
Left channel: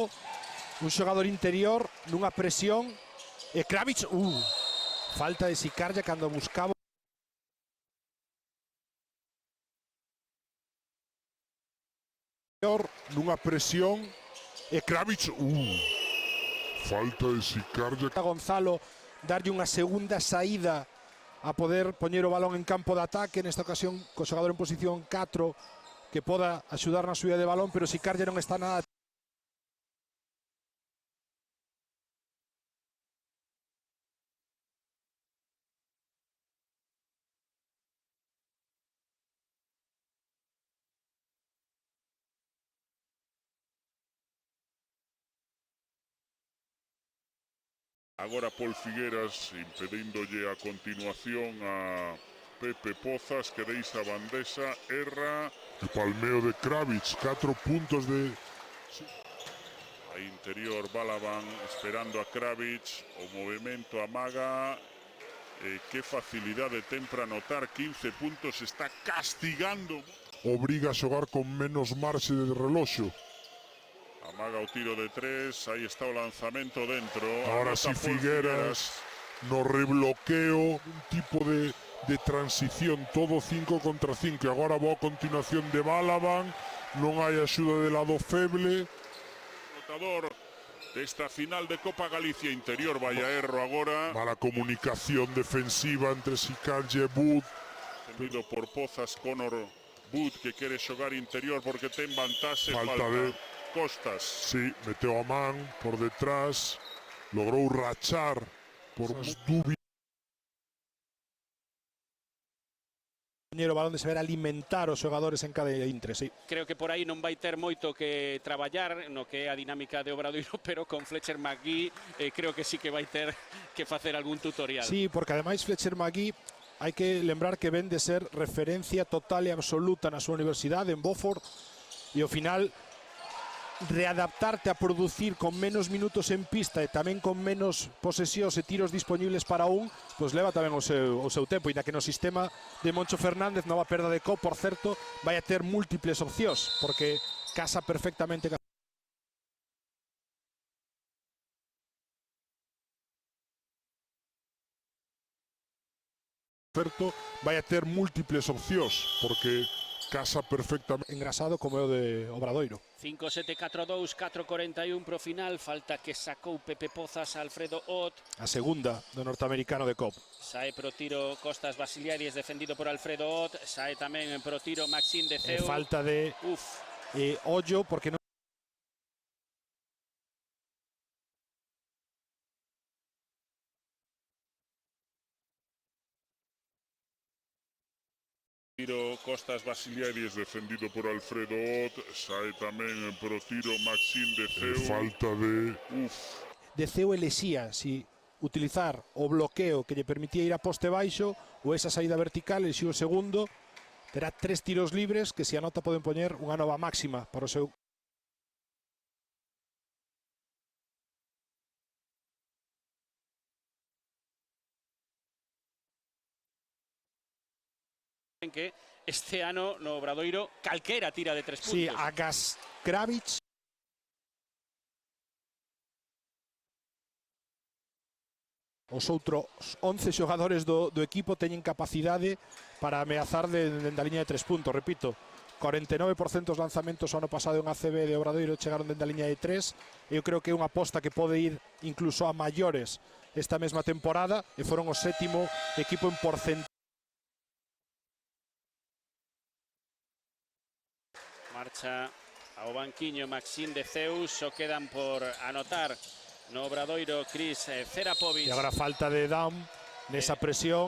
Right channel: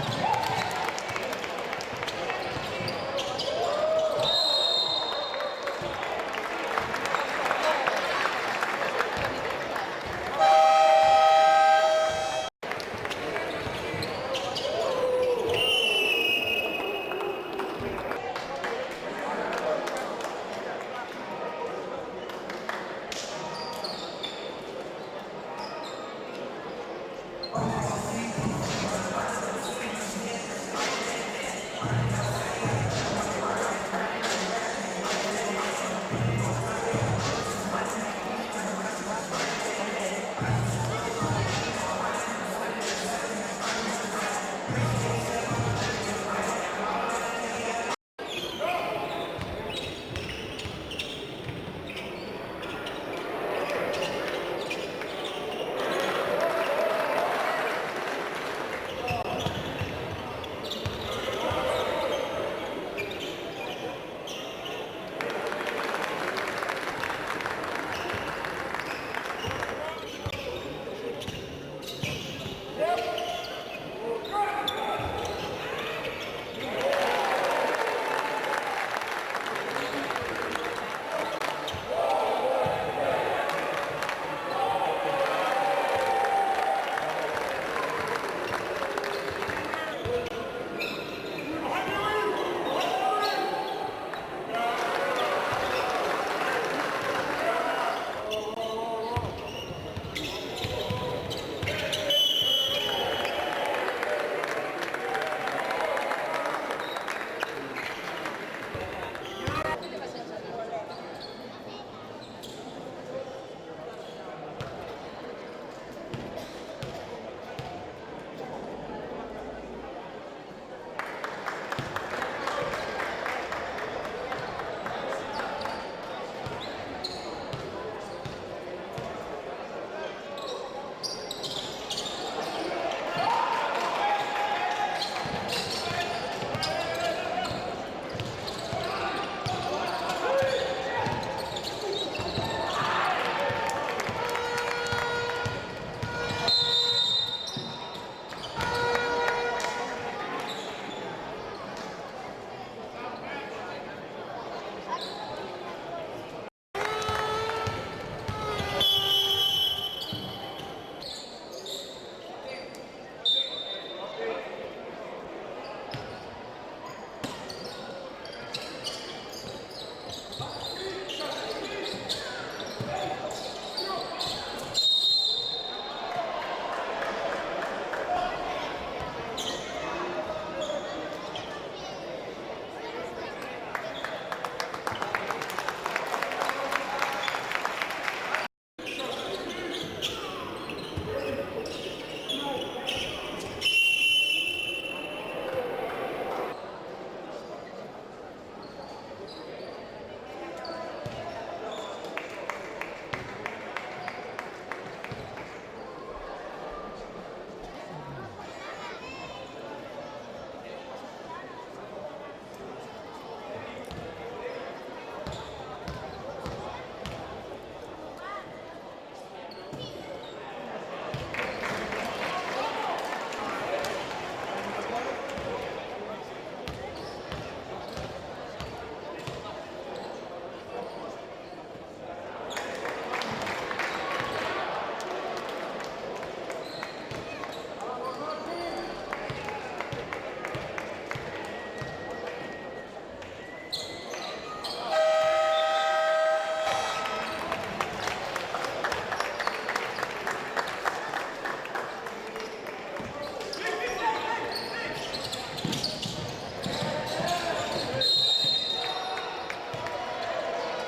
un xogador interior nunha presión. E Kravic, falta de Sicarlle cando buscaba. Nunha presión. E Kravic, falta de Sicarlle. A Gonzalo darlle unha segunda saída a poder poñer o balón en campo de ataque, nesta ocasión co xogador en posición 4 que poda axudar na subida de balón, pero Sicarlle non está nada. Ahora Paul Figueras impediéndole a continuación a Pepe Pozas, que pisa Bandesa, erra. Palmeo de Kravic, 4 puntos de... Interior Málaga, Kravic, movimiento amaga. Qué facilidad de centra anotar, 15 puntos, está castigando. Obriga a xogar con menos marxe de reloxo. Ahora el tiro de 3, ahí está el lanzamiento dentro. Ahora sí Figueras, no rebloqueo, tipo de transición, todo 5 contra 5. Agora boa continuación de Balaban, non hai axuda de lado feble. Esta final de Copa Galicia Interior, Vallaerro agora. Para comunicación defensiva entre Sicalle e Bud. Tudo por Conor Wood que quere xogar interior porque ten vantaxe Falta de Costas. sí, meteu a man por detrás, logrou rachar por uns O balón de saber alimentar os xogadores en cada intre, sí. Creo que por aí non vai ter moito que traballar no que é a dinámica de Obradoiro, pero con Fletcher McGee creo que sí que vai ter que facer algún tutorial. Sí, porque ademais Fletcher McGee hai que lembrar que ven de ser referencia total e absoluta na súa universidade en Beaufort e ao final readaptarte a producir con menos minutos en pista e tamén con menos posesións e tiros disponibles para un, pues leva tamén o seu tempo, e que no sistema de Moncho Fernández, nova perna de Copa, por certo, vai a ter múltiples opcións, porque casa perfectamente con... vai a ter múltiples opcións, porque casa perfectamente engrasado como é o de Obradoiro. 5-7-4-2, 4-41 pro final, falta que sacou Pepe Pozas, Alfredo Ott. A segunda do norteamericano de COP. Sae pro tiro Costas Basiliaris, defendido por Alfredo Ott. Sae tamén pro tiro Maxime de Ceo. Falta de Ollo, porque no... Costas Basiliaris defendido por Alfredo Ott. Sae tamén pro tiro Maxime de Ceo. falta de Ceo elexía si utilizar o bloqueo que lle permitía ir a poste baixo ou esa saída vertical, e si o segundo era 3 tiros libres que se anota poden poñer unha nova máxima para o seu... En que este ano no Obradoiro calquera tira de 3. Sí, a Kravitz. Os outros 11 xogadores do equipo teñen capacidade para ameazar da liña de 3 puntos, repito. 49% dos lanzamentos ano pasado en ACB de Obradoiro chegaron da liña de 3. Eu creo que é unha aposta que pode ir incluso a maiores esta mesma temporada, e foron o 7º equipo en porcentaje. O banquiño Maxime de Zeus, o quedan por anotar no Obradoiro Cris Ferapovic. E agora falta de Down, desa presión.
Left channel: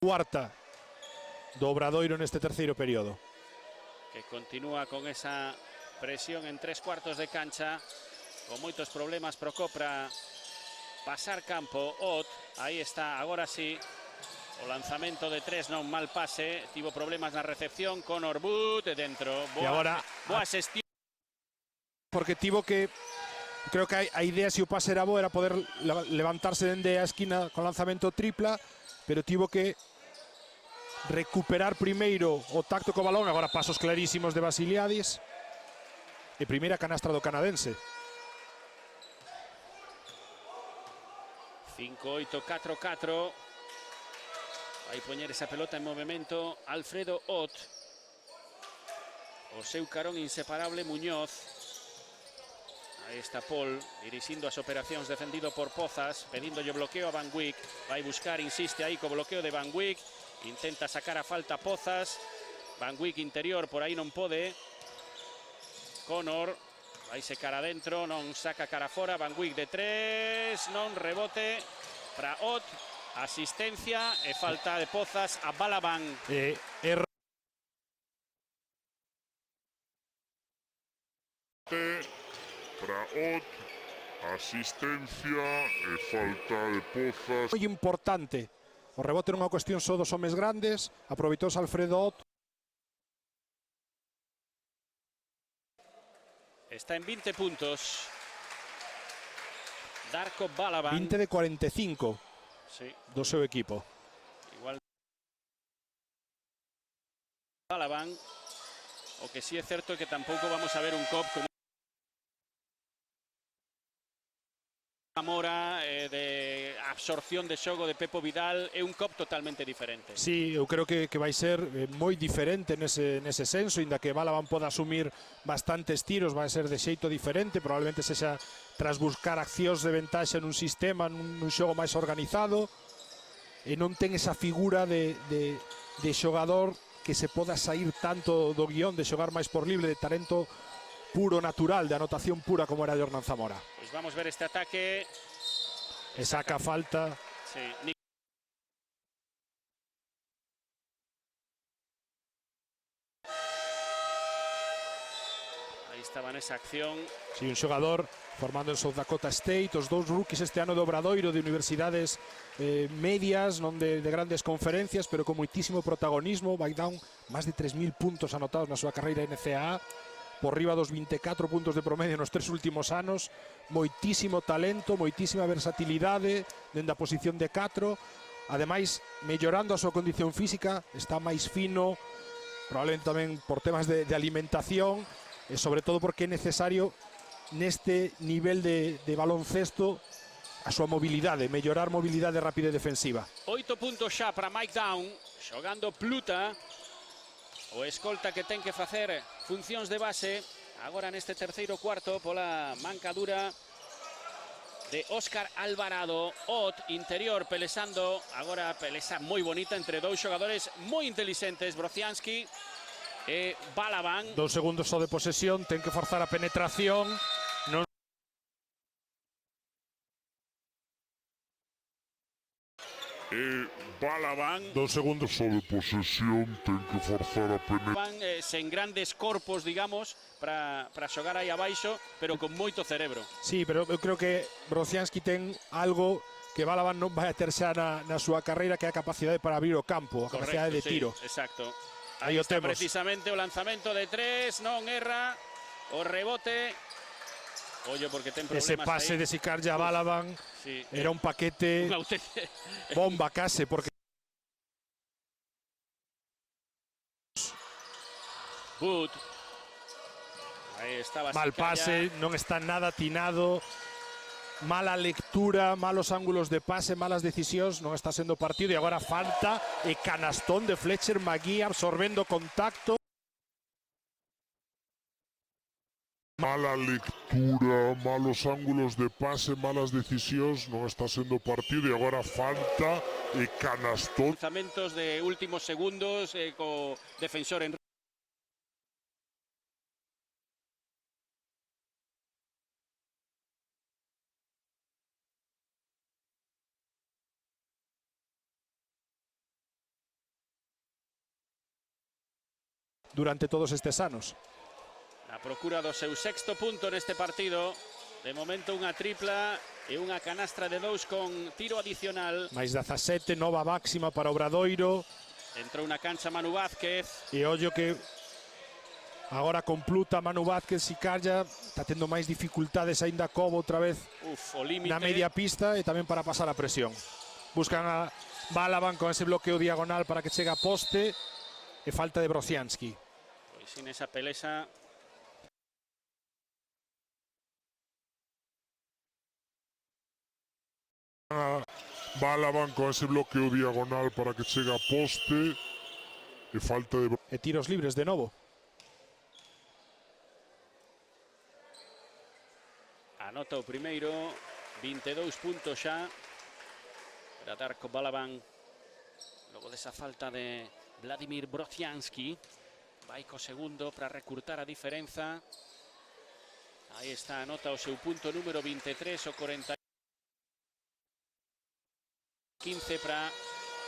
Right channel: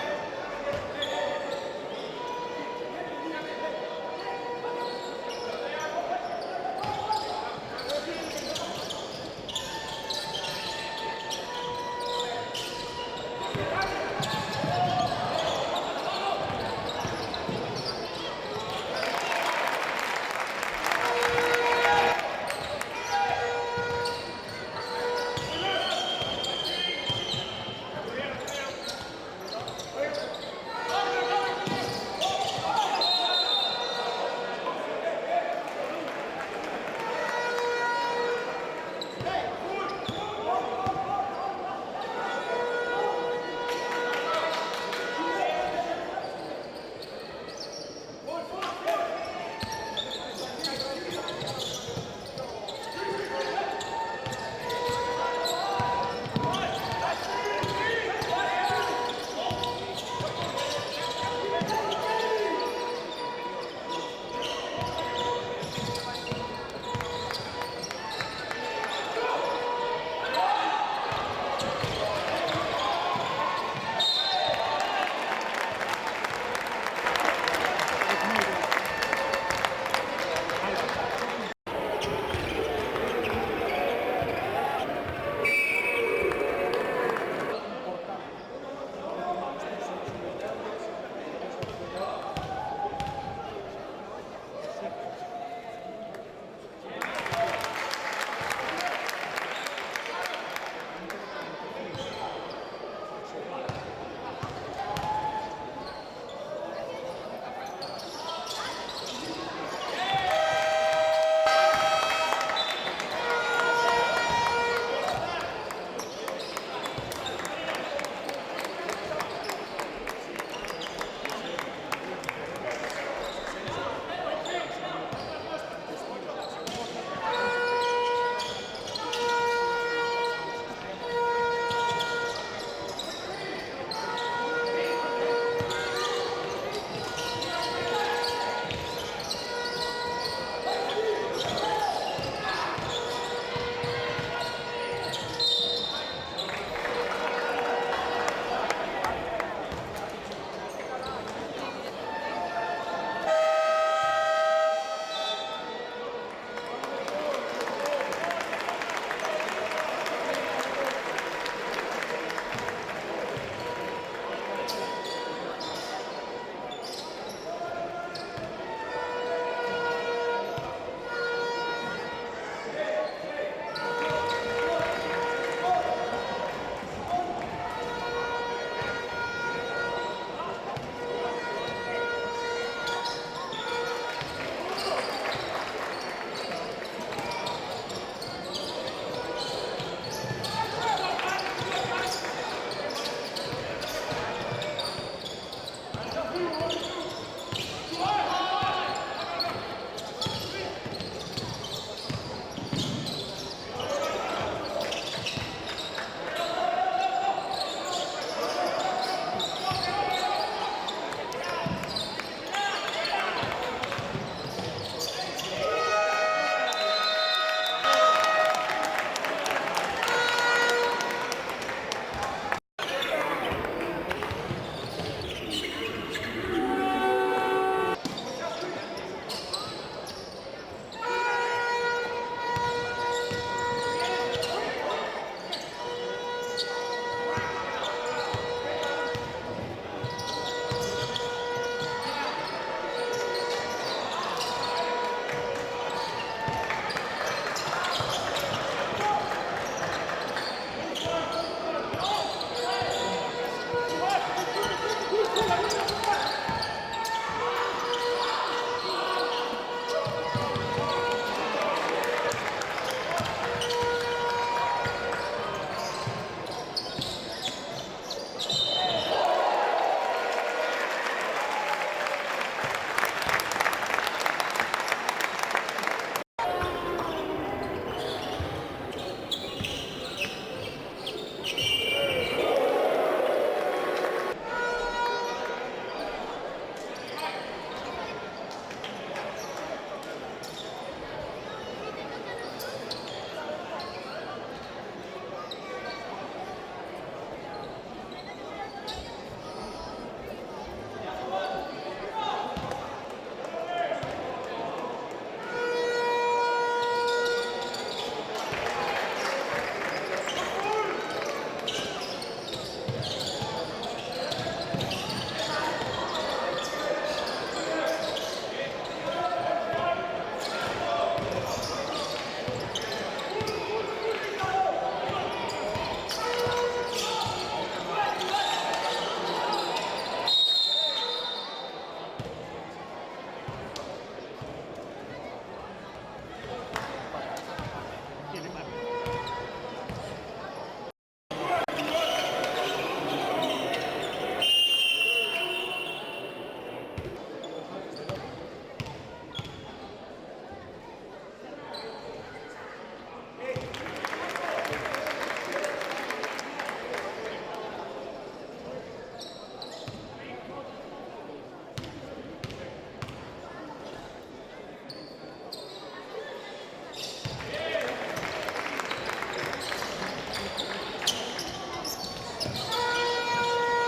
Cuarta do Obradoiro neste terceiro período. Continúa con esa presión en 3 cuartos de cancha. Muchos problemas pro Copra pasar campo. Ahí está, agora sí. Lanzamento de 3, normal pase. Tivo problemas na recepción con Wood de dentro. E agora, porque tivo que... Creo que a idea, se o pase era boa, era poder levantarse dende a esquina con lanzamento tripla, pero tivo que recuperar primeiro o tacto co balón. Agora pasos clarísimos de Basiliadis. E primeira canasta do canadense. 5-8-4-4. Venir esa pelota en movimento. Alfredo Ott. Seu carón inseparable Muñoz. Dirigiendo las operaciones defendido por Pozas, pedido el bloqueo a Van Wyk. Va a buscar, insiste ahí con bloqueo de Van Wyk. Intenta sacar a falta Pozas. Van Wyk interior, por ahí no puede. Conor, ahí se cara adentro, no saca cara afuera. Van Wyk de 3, no rebote. Asistencia y falta de Pozas a Balaban. Moi importante. O rebote nunha cuestión só dos homes grandes. Aproveitou Alfredo Ott. Está en 20 puntos. Darko Balaban. 20 de 45 do seu equipo. Balaban. Que sí es cierto que tampoco vamos a ver un top con Zamora, de absorción de xogo de Pepo Vidal, é un top totalmente diferente. Sí, eu creo que vai ser moi diferente nese senso, inda que Balaban pode asumir bastantes tiros, vai ser de xeito diferente, probablemente sexa tras buscar accións de ventaxe nun sistema, nun xogo máis organizado, e non ten esa figura de xogador que se poda sair tanto do guión, de xogar máis por libre, de talento puro, natural, de anotación pura como era Jordan Zamora. Vamos a ver este ataque. E saca falta. O xogador formándose en Dakota State, os dous buques este ano de Obradoiro, de universidades medias, non de grandes conferencias, pero con moitísimo protagonismo. Vai dar máis de 3.000 puntos anotados na súa carreira NCAA, por riba dos 24 puntos de promedio nos 3 últimos anos, moitísimo talento, moitísima versatilidade dentro da posición de 4, ademais mellorando a súa condición física, está máis fino, probablemente tamén por temas de alimentación, e sobre todo porque é necesario neste nivel de baloncesto a súa mobilidade, mellorar mobilidade e rapidez defensiva. 8 puntos xa para Mike Down, xogando Pluta, o escolta que ten que facer funcións de base, agora neste terceiro cuarto, pola mancadura de Óscar Alvarado, o interior pelesando, agora pelesa moi bonita entre dous xogadores moi inteligentes, Brociansky e Balaban. 2 segundos só de posesión, ten que forzar a penetración. Non... Balaban, 2 segundos só de posesión, ten que forzar a penetración. Sen grandes corpos, digamos, para xogar aí abaixo, pero con moito cerebro. Sí, pero eu creo que Brociansky ten algo que Balaban non vai a ter xa na súa carreira, que é a capacidade para abrir o campo, a capacidade de tiro. Exacto. Aí o temos. Precisamente o lanzamento de 3, non erra, o rebote. Ese pase de Sicarja a Balaban, era un paquete bomba case, porque... Mal pase, non está nada atinado, mala lectura, malos ángulos de pase, malas decisións, non está sendo partido, e agora falta e canastón de Fletcher Magui absorbendo contacto. Mala lectura, malos ángulos de pase, malas decisións, non está sendo partido, e agora falta e canastón. Lanzamentos de últimos segundos co defensor en... Durante todos estes anos. Procura do seu sexto punto neste partido. De momento unha tripla e unha canastra de 2 con tiro adicional. Mais 17, nova máxima para Obradoiro. Na cancha Manu Vázquez. E ollo que agora con Pluta, Manu Vázquez e Calla está tendo máis dificultades aínda Cobo outra vez na media pista e tamén para pasar a presión. Buscan a Balaban con ese bloqueo diagonal para que chegue a poste e falta de Brociansky. Esa pelesa. Balaban con ese bloqueo diagonal para que chegue a poste e falta de... E tiros libres de novo. Anota o primeiro, 22 puntos xa. A dar con Balaban. Esa falta de Vladimir Brociansky. Hai o segundo para recurtar a diferenza. Aí está o seu punto número 23. 15 para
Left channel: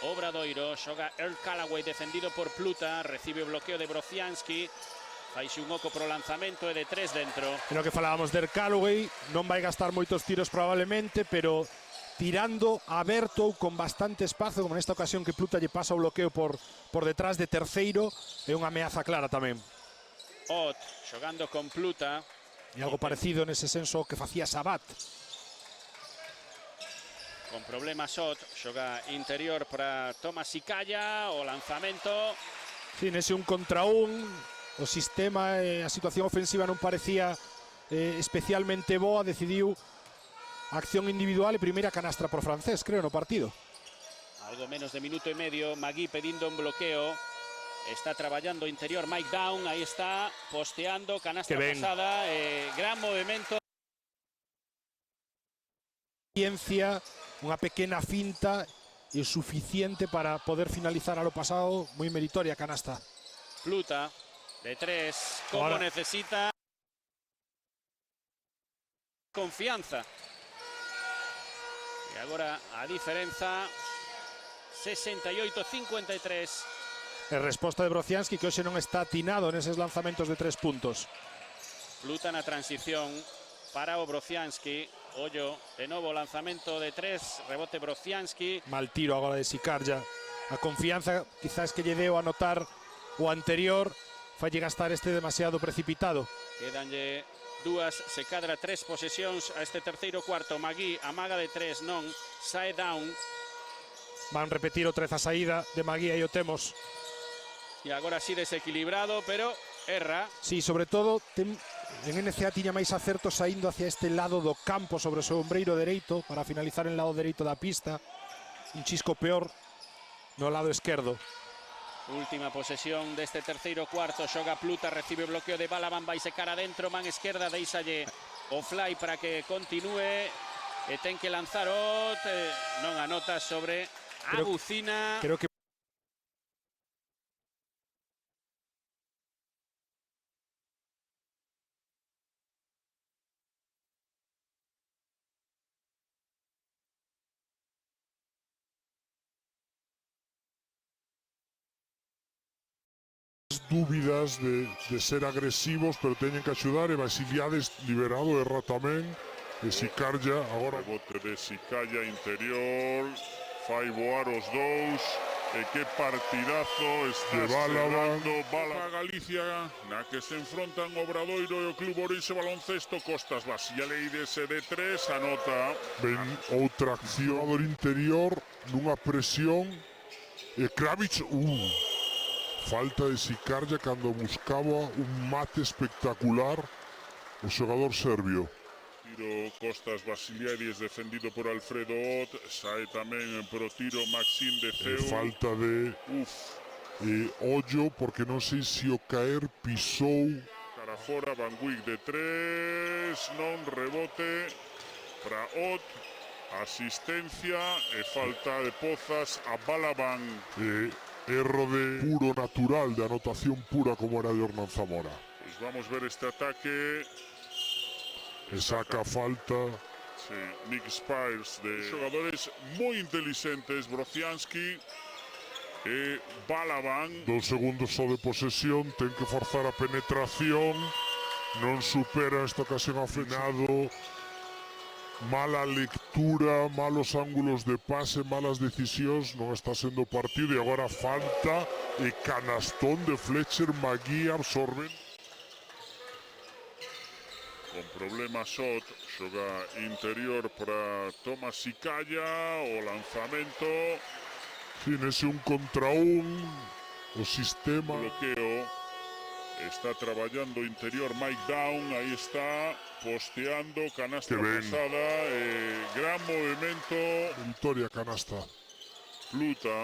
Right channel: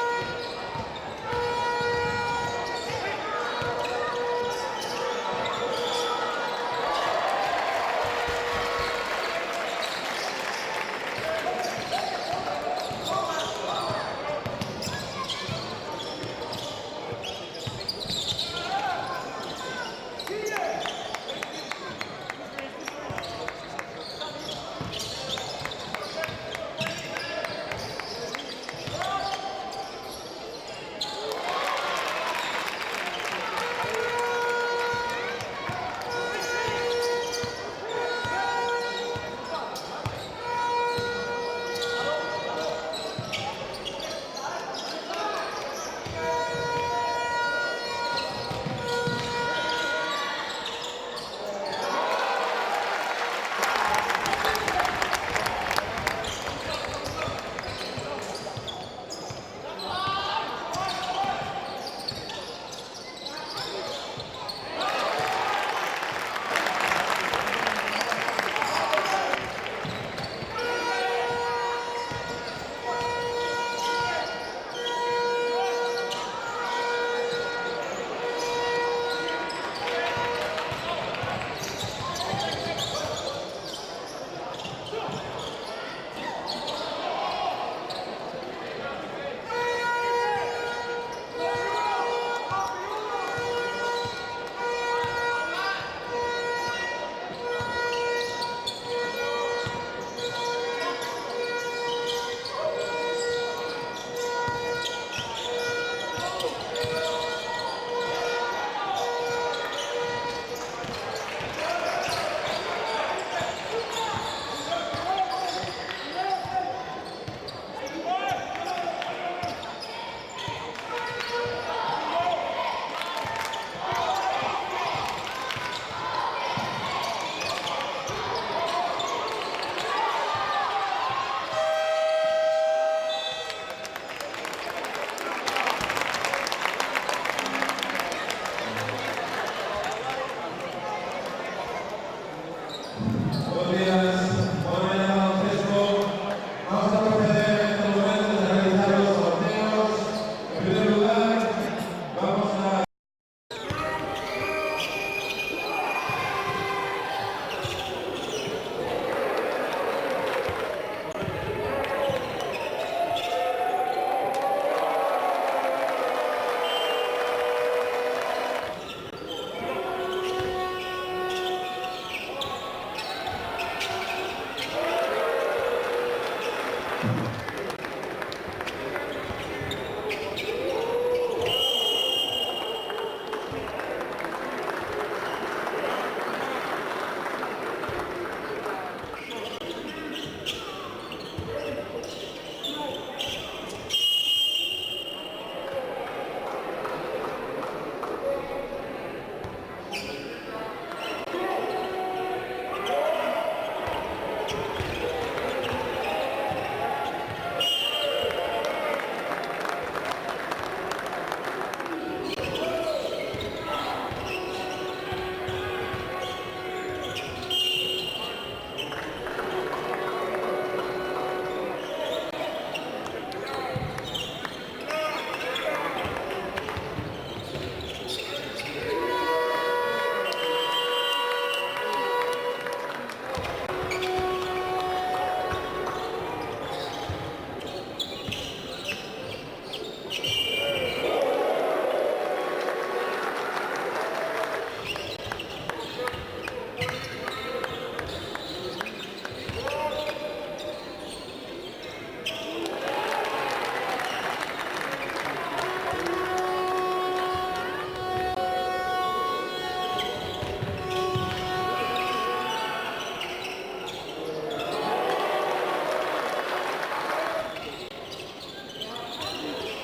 Obradoiro, xoga Earl Callaway, defendido por Pluta, recibe o bloqueo de Brociansky, e subo con o lanzamento de 3 dentro. Creo que falábamos de Callaway, non vai gastar moitos tiros probablemente, pero tirando aberto con bastante espazo, con esta ocasión que Pluta lle pasa o bloqueo por detrás de terceiro, é unha ameaza clara tamén. Xogando con Pluta. E algo parecido nese senso que facía Sabat. Problema Sot, xoga interior para Tomás Icalla, o lanzamento. Tienes un contra un, o sistema e a situación ofensiva non parecía especialmente boa, decidiu acción individual e primeira canastra por francés, creo, no partido. Menos de minuto e medio, Magui pedindo Galicia, unha pequena finta e o suficiente para poder finalizar o pasado. Moi meritoria canasta. Luta de 3, que no necesita confianza. Ahora a diferencia 68-53. A resposta de Brociansky, que hoxe non está atinado neses lanzamentos de 3 puntos. Luta na transición para o Brociansky. Ollo, de novo lanzamento de 3, rebote Brociansky. Mal tiro agora de Sicarja. A confianza quizás que lle deu a notar o anterior, falle gastar este demasiado precipitado. Dúas, se cadra 3 posesións a este terceiro cuarto. Magui, amaga de 3, non, sae down. Van repetir outra vez a saída de Magui e Otegos. E agora sí desequilibrado, pero erra. Sí, sobre todo, que o MCA tiña máis acerto saindo hacia este lado do campo sobre o seu ombreiro dereito para finalizar en lado dereito da pista. Un chisco peor do lado esquerdo. Última posesión deste terceiro cuarto. Xoga Pluta, recibe o bloqueo de Balaban, vai secar adentro, man izquierda, deixalle o fly para que continúe. E ten que lanzar Ot, non anota sobre Agucina. Creo que de ser agresivos, pero tienen que ayudar y las ideales liberado de Rotamel, de Sicarja. Sicarja interior, fai voar os dous, e que partidazo este Balaban. Galicia, a que se enfrontan o Obradoiro e o Club Orense Baloncesto, Costas Vacialeides e de 3, anota. En outra acción por interior, unha presión, e Kravic, falta de Sicarja cando buscaba un mate espectacular o xogador serbio. Costas Vacialeides defendido por Alfredo Ot, sae tamén pro tiro Maxim de Ceu. Falta de Ollo, porque non sei se o caer pisou. Fora do Wing de 3, non rebote, asistencia e falta de Pozas a Balaban. Erro de puro natural, de anotación pura como era el González. Vamos ver este ataque. Le saca falta. Nick Spice, jugadores muy inteligentes, Brociansky e Balaban. 2 segundos só de posesión, ten que forzar a penetración, non supera esta ocasión afinado. Mala lectura, malos ángulos de pase, malas decisións, non está sendo partido e agora falta e canastón de Fletcher Magui a sorbe. Problema son, xoga interior para Tomás Sicarja, o lanzamento, Tienes un contra un, o sistema. bloqueo, está traballando interior Mike Down, aí está, posteando, canasta Que ben. cruzada, gran movimento, Victoria canasta. luta,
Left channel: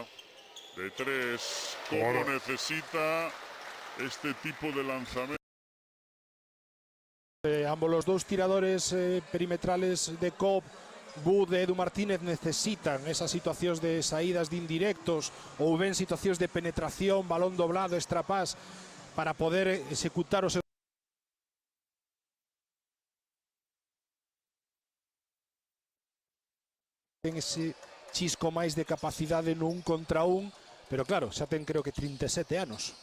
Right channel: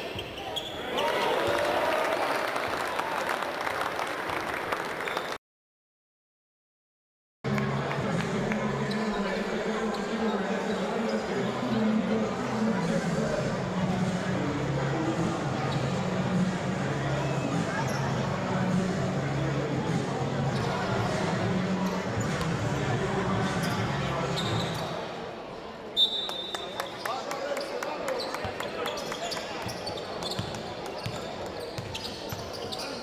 de 3, ahora necesita este tipo de lanzamiento. ambos los dos tiradores perimetrales de Com, Bud e Edu Martínez, necesitan esas situacións de saídas de indirectos ou ben situacións de penetración, balón doblado, extrapás, para poder executar os... Ten ese chisco máis de capacidade nun contra un, pero claro, xa ten creo que 37 anos.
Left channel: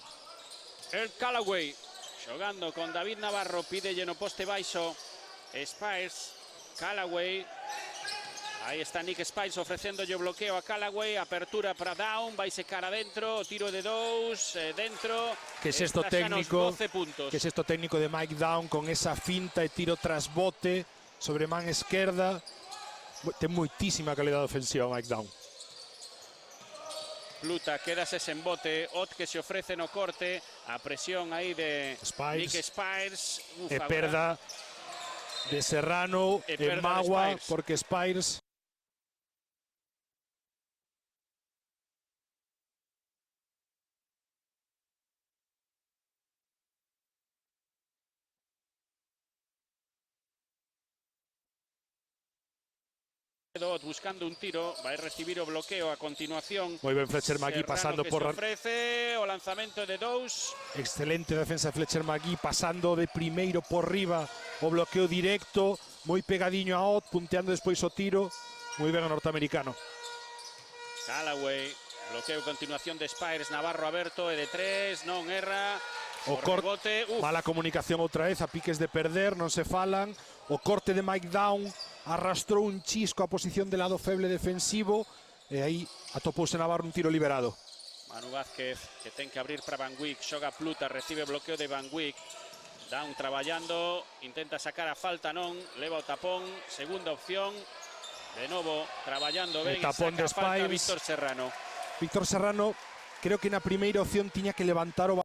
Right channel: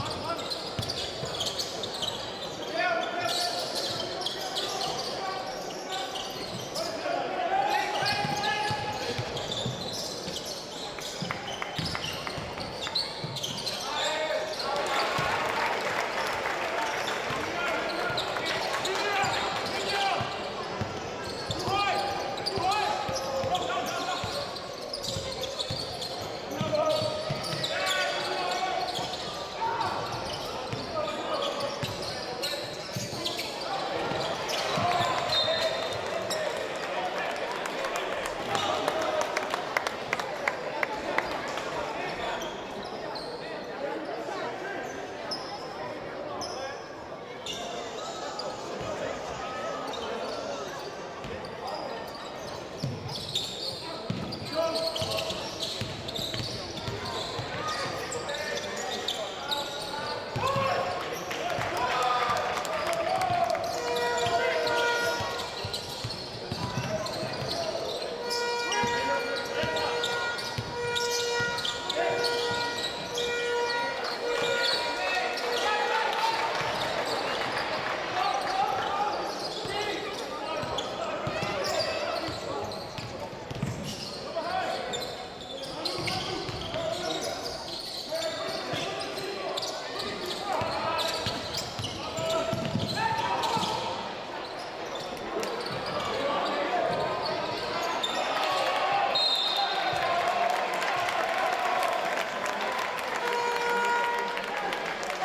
Ed Callaway jugando con David Navarro, pide lleno poste baixo. Spies, Callaway. Ahí está Nick Spies ofreciéndolle bloqueo a Callaway. Apertura para Down, vai secar adentro. Tiro de 2, dentro. Que es esto técnico, 11 puntos. que es esto técnico de Mike Down con esa finta e tiro tras bote sobre man esquerda. Ten moitísima calidad ofensiva Mike Down. Luta, quedase sen bote. Ot que se ofrece no corte. A presión aí de Nick Spies. De perda de Serrano, de Magua, porque Spies Fletcher Magui pasando por... 13, o lanzamento de Dous. Excelente defensa de Fletcher Magui, pasando de primeiro por riba o bloqueo directo, moi pegadiño a Ott, punteando despois o tiro, moi ben o norteamericano. Callaway, bloqueo a continuación de Spires, Navarro aberto, de 3, non guerra. O corte, mala comunicación outra vez, a piques de perder, non se falan. O corte de Mike Down arrastrou un chisco a posición de lado feble defensivo e aí atopouse Navarro un tiro liberado. De cabeza Van Wyck, xoga fruta, recibe bloqueo de Van Wyck. Están traballando, intenta sacar a falta, non? Leva o tapón, segunda opción. Todo traballando ben. El tapón de Spires. Víctor Serrano. Víctor Serrano, creo que na primeira opción tiña que levantar o...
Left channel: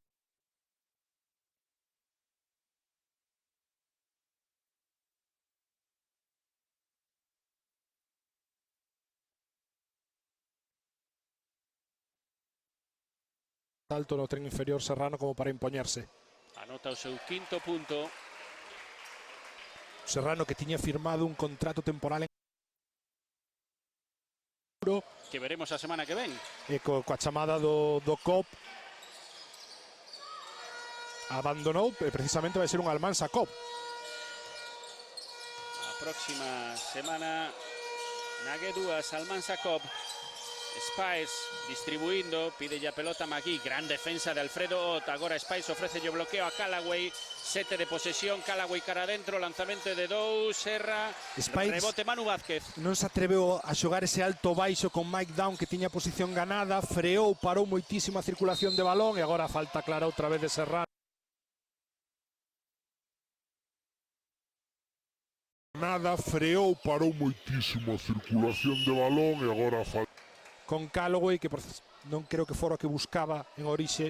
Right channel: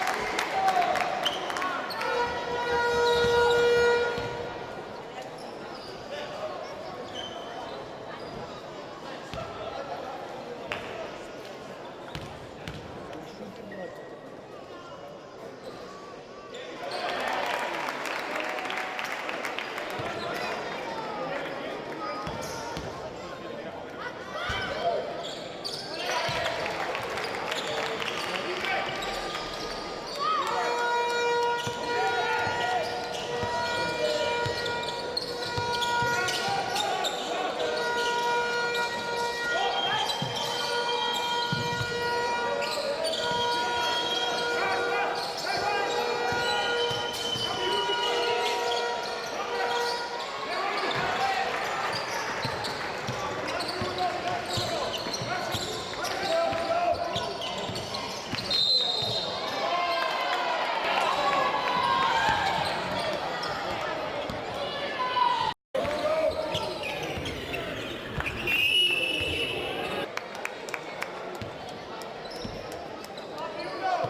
alto no tren inferior Serrano como para impoñerse. Serrano que tiña firmado un contrato temporal Que veremos a semana que vem. e coa chamada do COP abandonou e precisamente vai ser un Almansa COP. Non se atreveu a xogar ese alto baixo con Mike Down que tiña posición ganada, freou, parou moitísima circulación de balón e agora falta clara outra vez de Serrano. Nada, freou, parou moitísimo circulación de balón e agora falta. Con Callaway que non creo que fora que buscaba unha orixe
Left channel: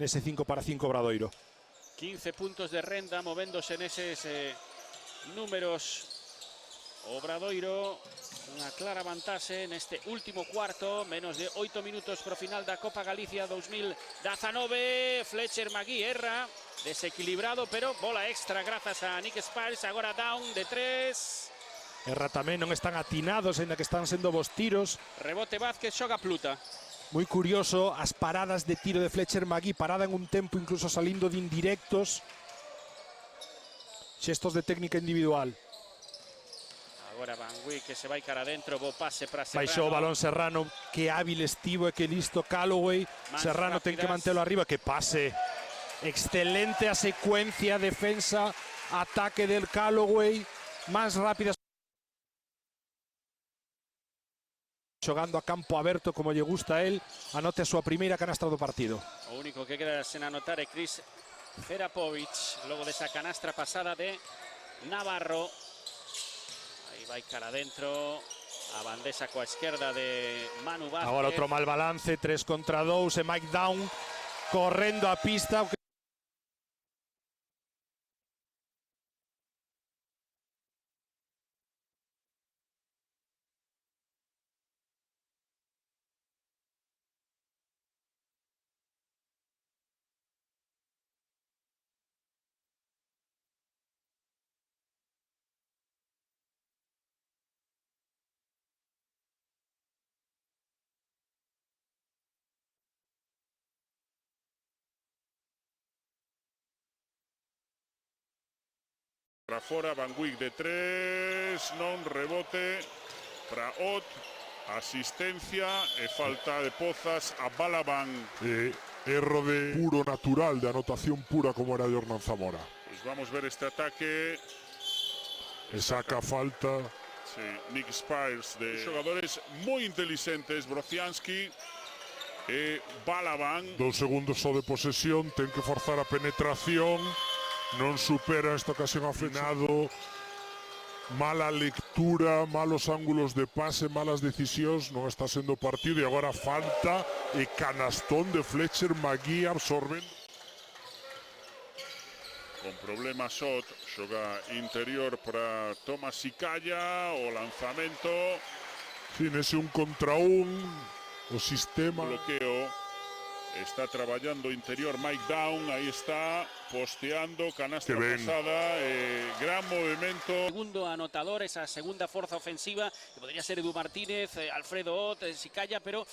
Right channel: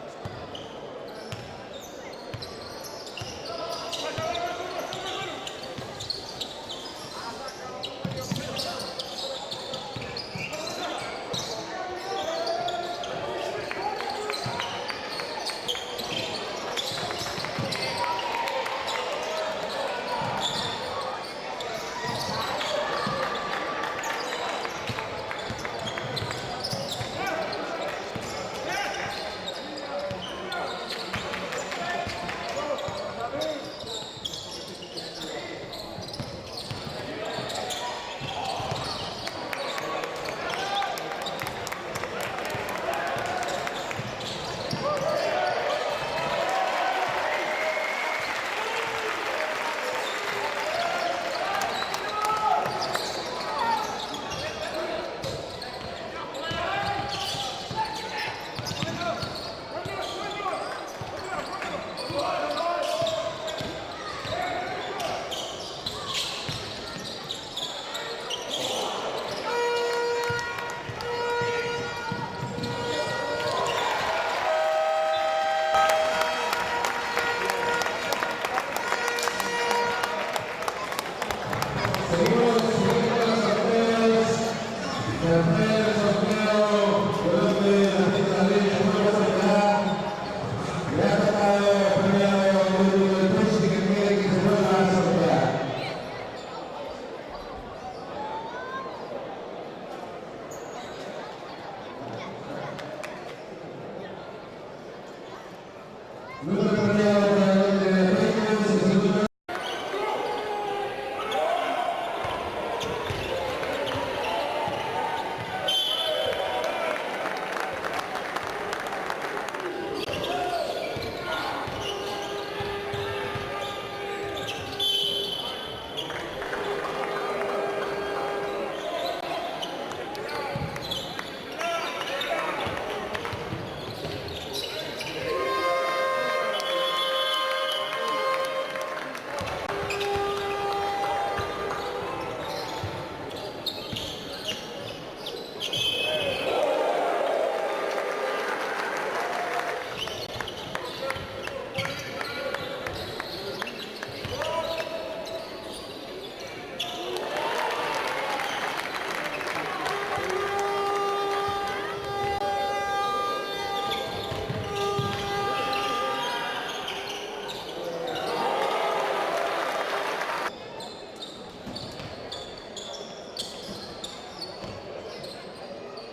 nese 5-5 Obradoiro. 15 puntos de renta movéndose neses números. Obradoiro clara vantaxe neste último cuarto, menos de 8 minutos para final da Copa Galicia 2019. Fletcher Magui erra, desequilibrado, pero bola extra grazas a Nick Spires, agora Down de 3. Agora tamén non están atinados en la que están sendo dos tiros. Rebote Vázquez, xoga fruta. Moi curioso as paradas de tiro de Fletcher Magui, parada en un tempo incluso salindo de indirectos. Xestos de técnica individual. Baixou o balón Serrano, que hábil estivo e que listo Callaway. Serrano ten que mantelo arriba, que pase. Excelente a secuencia, defensa, ataque del Callaway. Más rápidas. Xogando a campo aberto como lle gusta a él, anote a súa primeira canastra do partido. O único que queda sen anotar é Chris Ferapovic, esa canastra pasada de Navarro. Vai para dentro, esa coa esquerda de Manu Vázquez. Agora outro mal balance, 3 contra 2 e Mike Down correndo a pista. Puro, natural, de anotación pura como era el Zamora. Vamos a ver este ataque. Le saca falta. Nick Spires, jugadores muy inteligentes, Brazianski y Balaban. 2 segundos só de posesión, ten que forzar a penetración, non supera esta ocasión afinado, mala lectura, malos ángulos de pase, malas decisións, non está sendo partido e agora falta e canastón de Fletcher Magui al sorbe. Problema son, xoga interior para Tomás Icalla, o lanzamento, Tienes un contra un, o sistema. bloqueo. Está traballando interior Mike Down, aí está posteando, canasta Que ben. pasada, gran movimento. Segundo anotador, esa segunda fuerza ofensiva podría ser Edu Martínez, Alfredo Ott, Sicaya, pero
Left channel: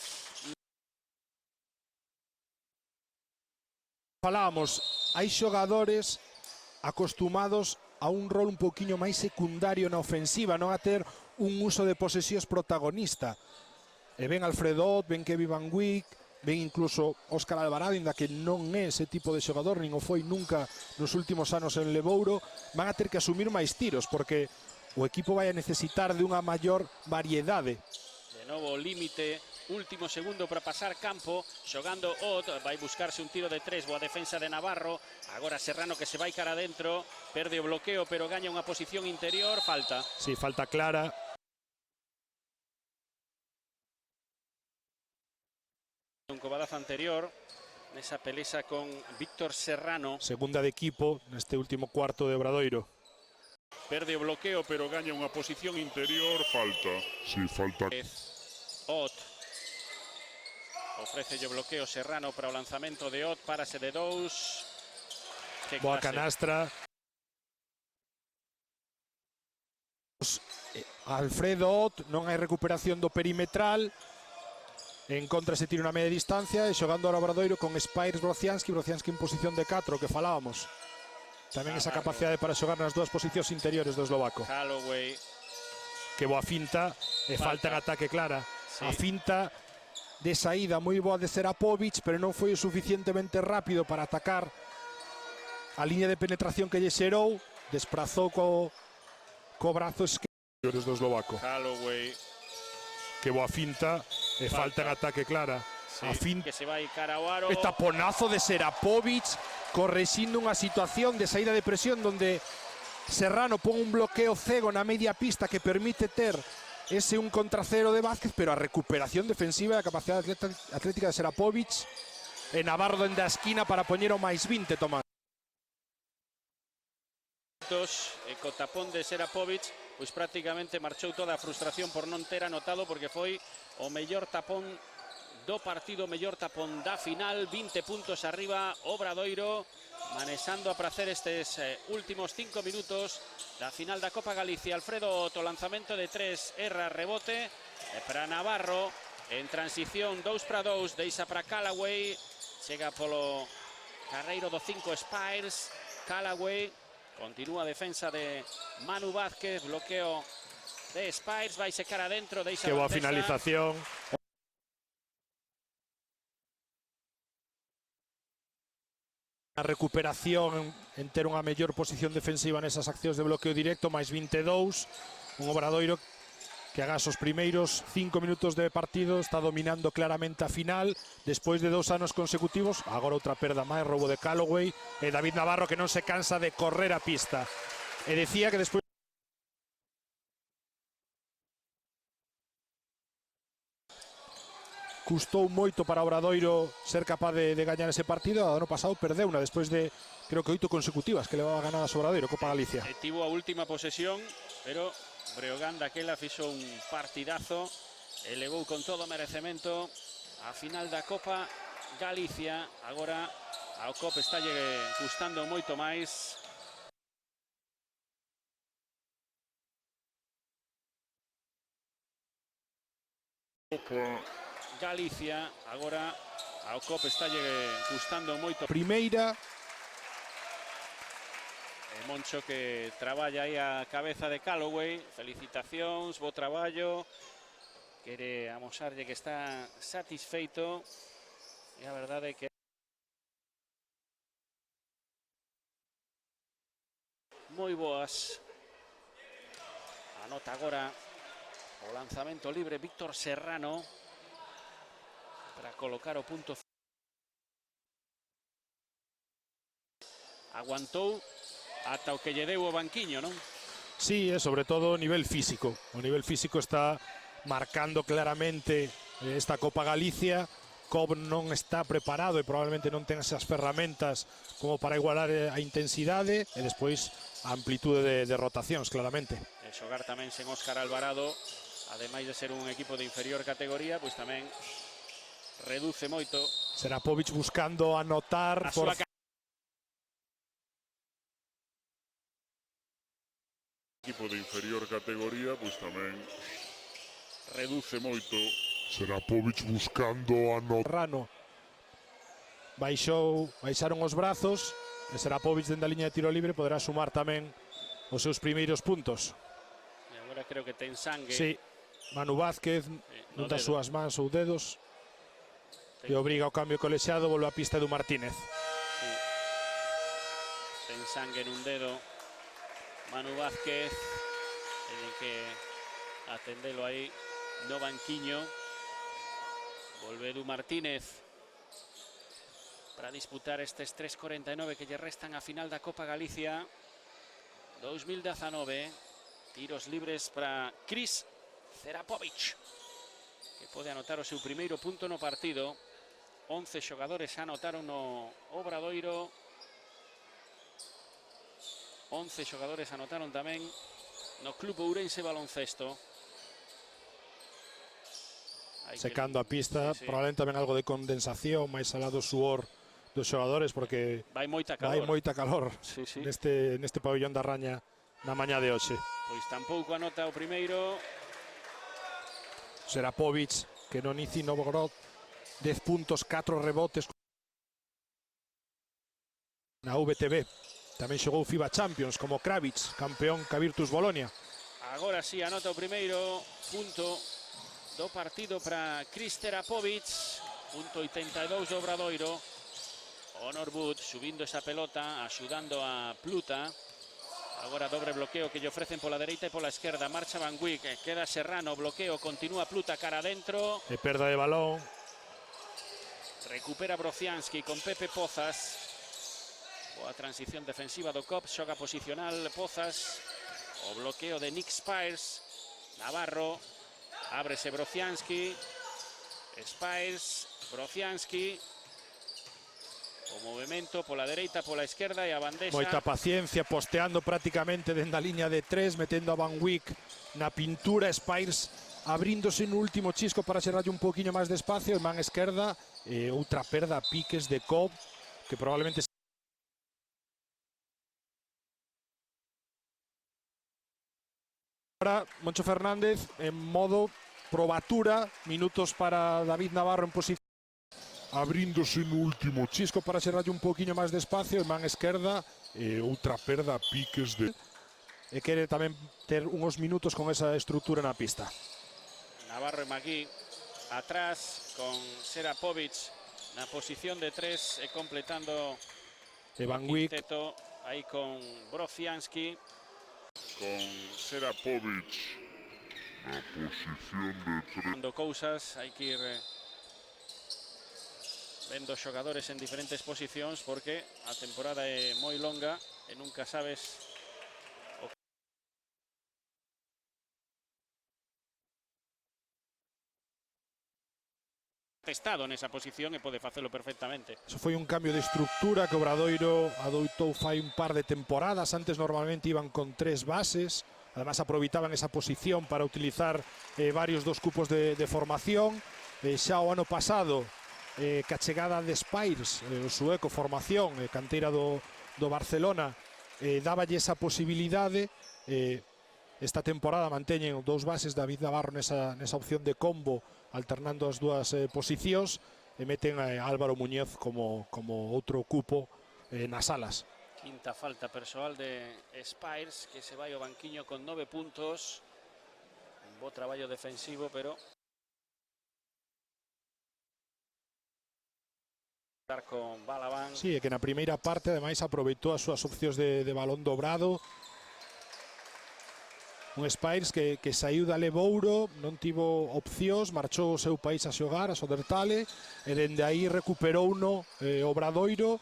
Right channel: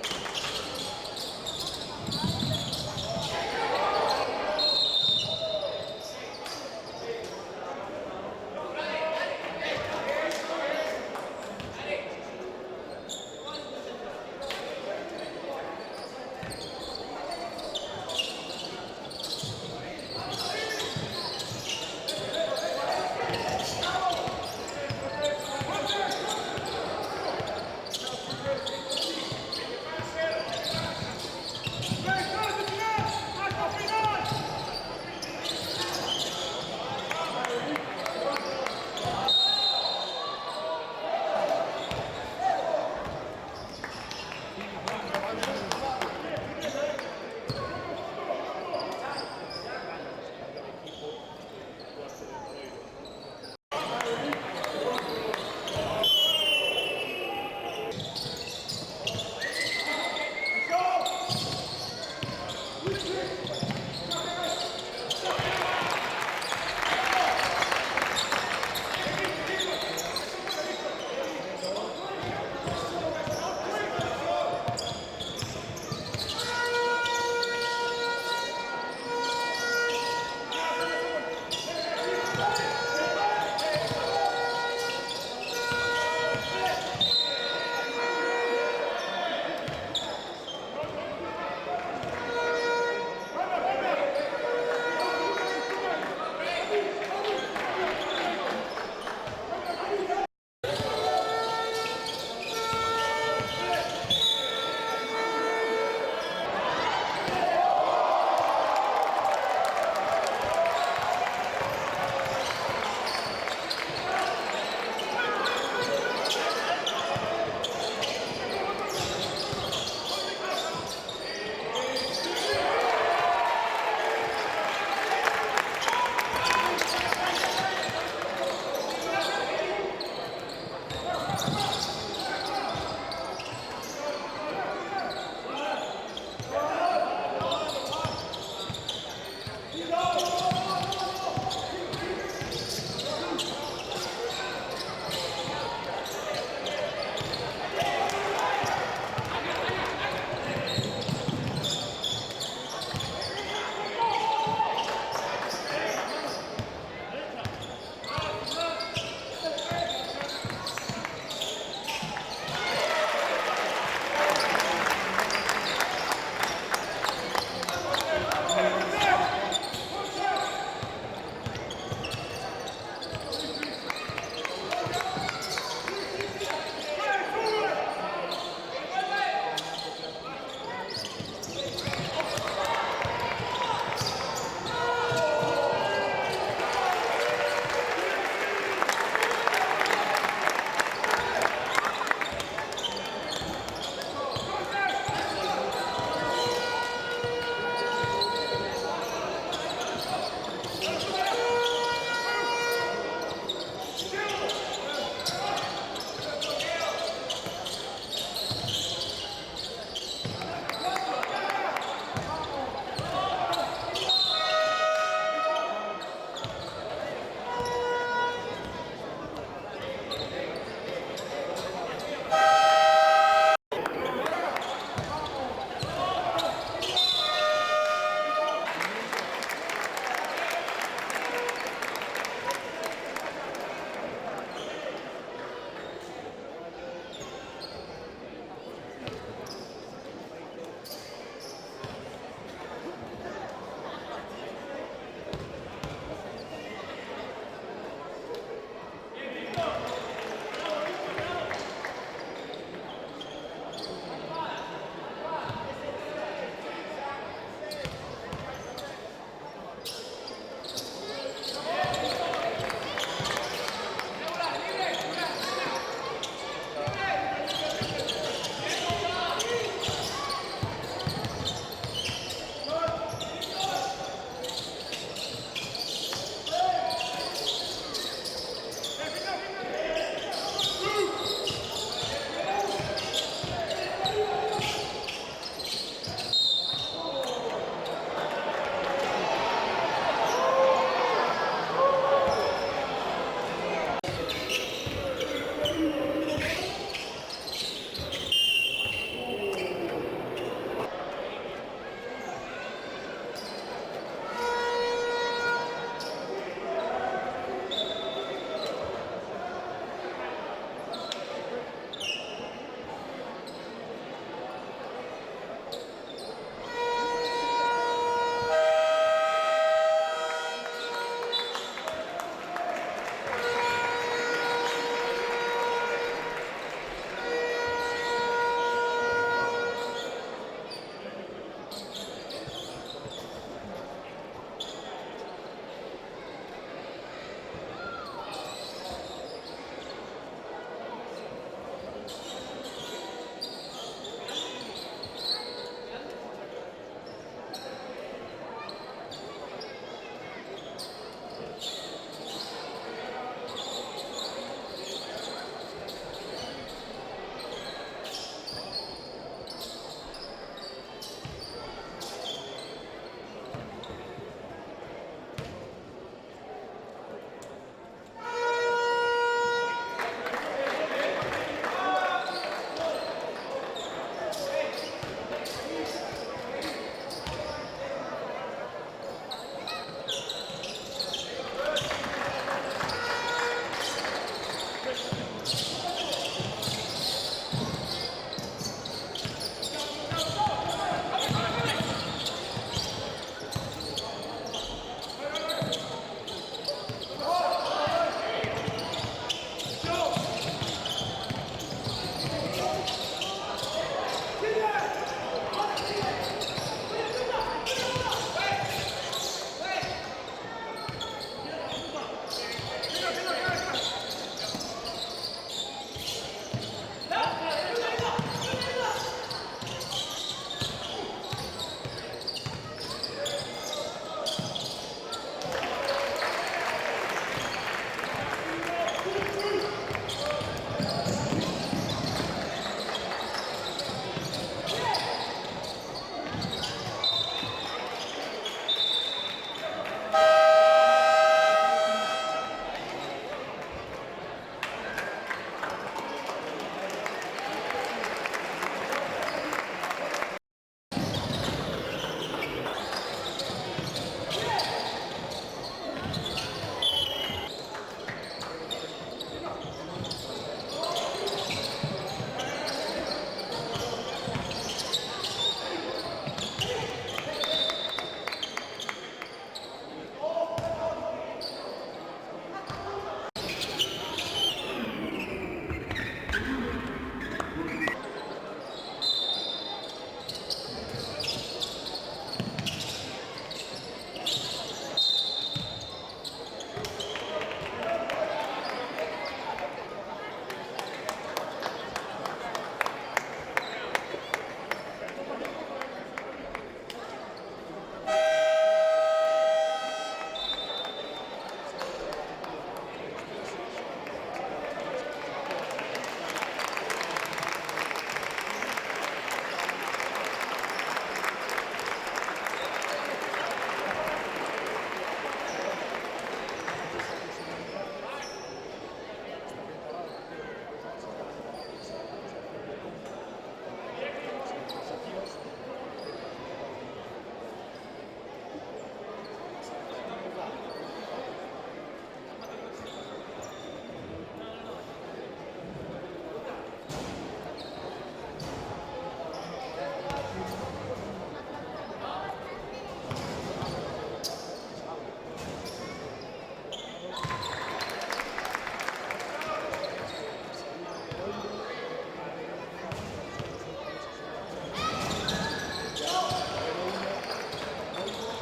hai xogadores acostumados a un rol un poquinho máis secundario na ofensiva, non a ter un uso de posesións protagonista. E ven Alfredo, ven Kevin Van Wyk, ven incluso Óscar Alvarado, que non é ese tipo de xogador, nin o foi nunca nos últimos anos en Lebouro. Van a ter que asumir máis tiros, porque o equipo vai a necesitar de unha maior variedade. O límite, último segundo para pasar campo, xogando Bot, vai buscar un tiro de 3 por defensa de Navarro. Ahora Serrano que se vai cara adentro, verde bloqueo, pero gaña unha posición interior, falta. Sí, falta clara. Anterior, esa pelea con Víctor Serrano. Segunda de equipo neste último cuarto de Obradoiro. Verde bloqueo, pero gaña unha posición interior, falta. Sí, falta. Ott. Veces de bloqueo Serrano para o lanzamento de Ott para Celedóns. Coa canastra. Alfredo Ott, non hai recuperación do perimetral. En contra se tira unha media distancia e xogando ao Obradoiro con Spires do Ocianski en posición de 4, que falábamos. Tamén esa capacidade para xogar nas dúas posicións interiores desde o Baco. Calloway. Que boa finta, e falta en ataque clara. A finta de saída moi boa de Serapovic, pero non foi o suficientemente rápido para atacar a línea de penetración que lle xerou. Desprazou co brazo esquerdo desde o Baco. Que boa finta, e falta en ataque clara. A finta, e taponazo de Serapovic, corrixindo unha situación de saída de presión donde Serrano pon un bloqueo cego na media pista que permite ter ese 1 contra 0 de Vázquez, pero a recuperación defensiva e a capacidade atlética de Serapovic e Navarro dende a esquina para poñer o máis 20, Tomás. Tapón de Serapovic, pues prácticamente marchou toda a frustración por non ter anotado, porque foi o mellor tapón do partido, o mellor tapón na final. 20 puntos arriba Obradoiro, anexando para hacer estes últimos 5 minutos na final da Copa Galicia. Alfredo, o lanzamento de 3, erra rebote. Navarro, en transición 2-2, deixa para Calloway, chega polo carreiro do centro Spires. Calloway, continúa a defensa de Manu Vázquez, bloqueo de Spires, vai secar adentro, deixa Que boa finalización. A recuperación en ter unha mellor posición defensiva nesas accións de bloqueo directo, máis 22. Un Obradoiro que agora os primeiros 5 minutos de partido está dominando claramente a final despois de 2 anos consecutivos. Agora outra perda máis, roubo de Calloway, de David Navarro, que non se cansa de correr a pista. E decía que despois custou moito para Obradoiro ser capaz de gañar ese partido. Agora pasado perdeu despois de, creo que 8 consecutivas que levaba ganar a Obradoiro, Copa Galicia. Tivo a última posesión, pero daquela fixo un partidazo, elevou con todo o merecemento a final da Copa Galicia. Agora está gustando moito máis. Primeira. Moncho que traballa aí a cabeza de Calloway. Felicitacións, bo traballo. Quere amosar de que está satisfeito. A verdade é que moi boas. Agora, lanzamento libre Víctor Serrano. Colocar a punto cero. Aguantou ata o que lle deu o banquiño, ¿no? Sí, sobre todo a nivel físico. A nivel físico está marcando claramente en esta Copa Galicia. Cobre non está preparado e probablemente non ten esas ferramentas como para igualar a intensidade e despois a amplitude de rotacións, claramente. Óscar Alvarado, de ser un equipo de inferior categoría, pues tamén reduce moito. Serapovic buscando anotar. Reduce moito. Serapovic buscando a Serrano baixaron os brazos, Serapovic dentro da liña de tiro libre poderá sumar tamén os seus primeiros puntos. Creo que ten sangue. Sí, Manu Vázquez non das súas mans ou dedos e obriga ao cambio colexiado, volve a pista de Martínez. Ten sangue nun dedo. Manu Vázquez. Pero aí no banquiño. Edu Martínez. Para disputar estes 3:49 que lle restan a final da Copa Galicia 2019. Tiros libres para Chris Serapovic. Pode anotar o seu primeiro punto no partido. 11 xogadores anotaron no Obradoiro. 11 xogadores anotaron tamén no Club Ourense Baloncesto. Secando a pista, probablemente tamén algo de condensación, máis alá do suor dos xogadores, porque Vai moita calor. hai moita calor Sí, sí. neste pabellón da Raña na mañá de hoxe. Tampouco anota o primeiro. Serapovic, que no inicio no logró 10 puntos, 4 rebotes na VTB. Tamén xogou FIBA Champions como Kravic, campeón da Virtus Bolonia. Ahora sí anota o primeiro punto do partido para Chris Serapovic. 82 do Obradoiro. Norwood subindo esa pelota, axudando a Pluta. Ahora el bloqueo que le ofrecen por la derecha y por la izquierda. Marcela Quick, queda Serrano, bloqueo, continúa Pluta cara adentro. De perda de balón. Recupera Brocianski con Pepe Pozas. Transición defensiva do Cops, xoga posicional Pozas. Bloqueo de Nick Spiles. Navarro, ábrese Brocianski. Spiles, Brocianski. Por la derecha, por la izquierda y a Van Dijk. Moita paciencia, posteando prácticamente desde la línea de 3, metendo a Van Wyk na pintura. Spiles abrindo sin último chisco para xerarte un poquinho máis de espacio. Man esquerda, outra perda a piques de Cobb, que probablemente para Moncho Fernández en modo probatura. Minutos para David Navarro en posición. Abrindo sin último chisco para xerarte un poquinho máis de espacio. Man esquerda e outra perda a piques de... E quere tamén ter unos minutos con esa estructura na pista. Aquí atrás Serapovic, posición de 3, completando Van Wyk. ahí con Brocianski. Serapovic. Cousas, hai que ir vendo xogadores en diferentes posicións porque a temporada é moi longa e nunca sabes estado nesa posición e pode facelo perfectamente. Foi un cambio de estructura que Obradoiro adoptou fai un par de temporadas. Antes normalmente iban con 3 bases, además aproveitaban esa posición para utilizar varios dos grupos de formación. Xa o ano pasado, que a chegada de Spiles, sueco, formación, a canteira do Barcelona, daballe esa posibilidade. Esta temporada manteñen 2 bases, David Navarro nesa opción de combo, alternando as dúas posicións, e meten a Álvaro Muñoz como outro cupo nas alas. Quinta falta persoal de Spiles, que se vai ao banquiño con 9 puntos. Un traballo defensivo, pero Sí, que na primeira parte ademais aproveitou as súas opcións de balón dobrado. Un Spiles que saiu da Lebouro, non tivo opcións, marchou ao seu país a xogar, a Sodertale, e dende aí recuperou o Obradoiro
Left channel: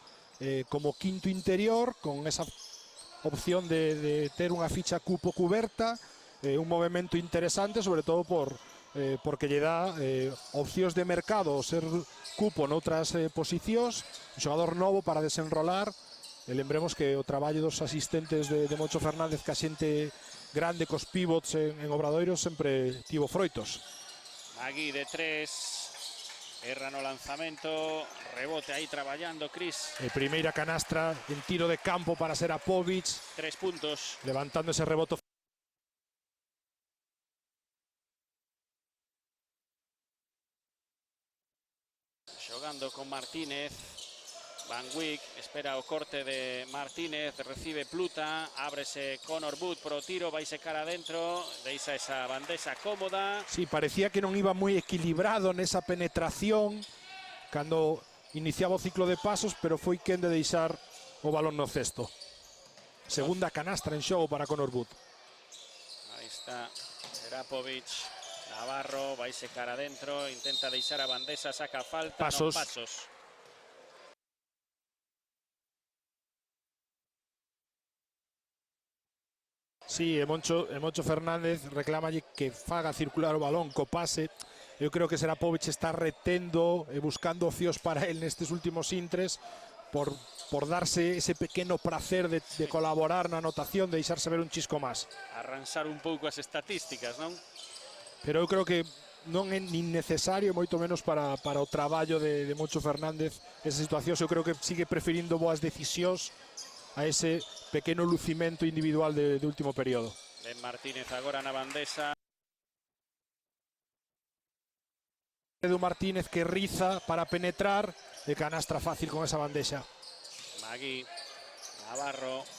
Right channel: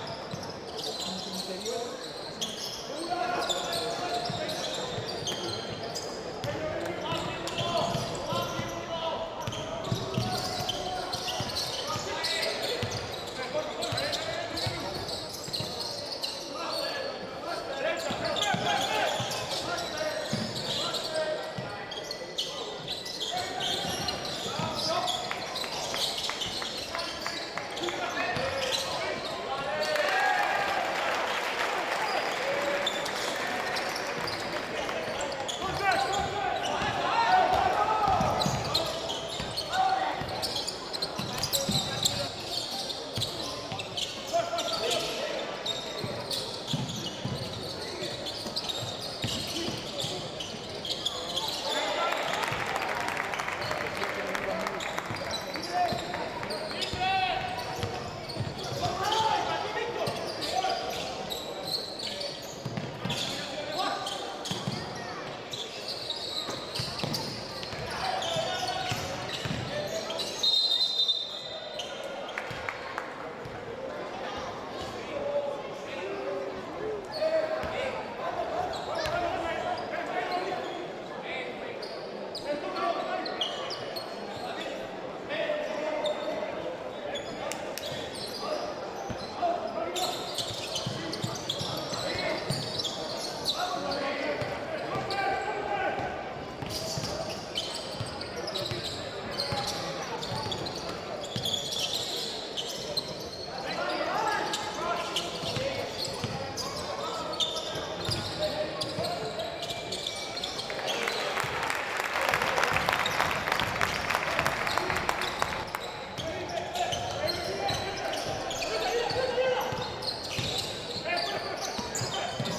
como quinto interior, con esa opción de ter unha ficha cupo cuberta, un movimento interesante, sobre todo porque lle dá opcións de mercado ser cupo noutras posicións, xogador novo para desenrolar. E lembremos que o traballo dos asistentes de Moncho Fernández, que a xente grande cos pivots en Obradoiro, sempre tivo froitos. aquí de 3, guerra no lanzamento, rebote aí traballando Chris. La primeira canastra, un tiro de campo para Serapovic, 3 puntos. levantando ese rebote. Jugando con Martínez. Martínez espera o corte de parecía que non iba moi equilibrado nesa penetración cando iniciaba o ciclo de pasos, pero foi quen de deixar o balón no cesto. Segunda canastra en xogo para Conor Wood. Drapovic, Navarro, vai sacar adentro, intenta deixar a bandesa, saca falta. Pasos. Sí, e Moncho Fernández reclama que faga circular o balón, co pase. Eu creo que Serapovic está retendo e buscando opcións para él nestes últimos intres por darse ese pequeno placer de colaborar na anotación, de deixarse ver un chisco máis. Pensar un pouco as estatísticas, non? Pero eu creo que non é nin necesario, moito menos para o traballo de Moncho Fernández. Esa situación, eu creo que sigue preferindo boas decisións a ese pequeno lucimento individual de último período. Edu Martínez que riza para penetrar e canastra fácil con esa bandeja. Aquí lanzamento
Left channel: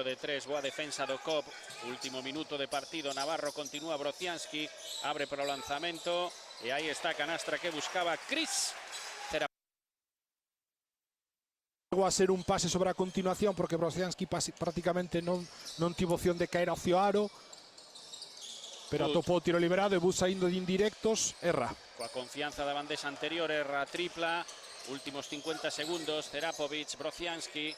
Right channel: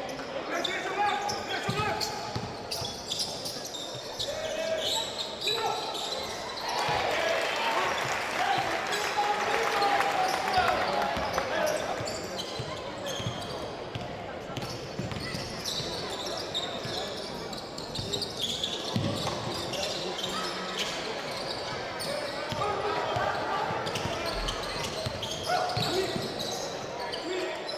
de tres, la defensa de Pop. Último minuto de partido, Navarro continúa, Brocianski abre por el lanzamiento y ahí está canastra que buscaba Chris. Va a ser un pase sobre a continuación porque Brocianski prácticamente non tivo opción de caer hacia o aro. Tampouco o tiro liberado e Busa indo de indirectos, erra. Confianza la bandesa anterior, erra tripla. Últimos 50 segundos, Serapovic, Brocianski.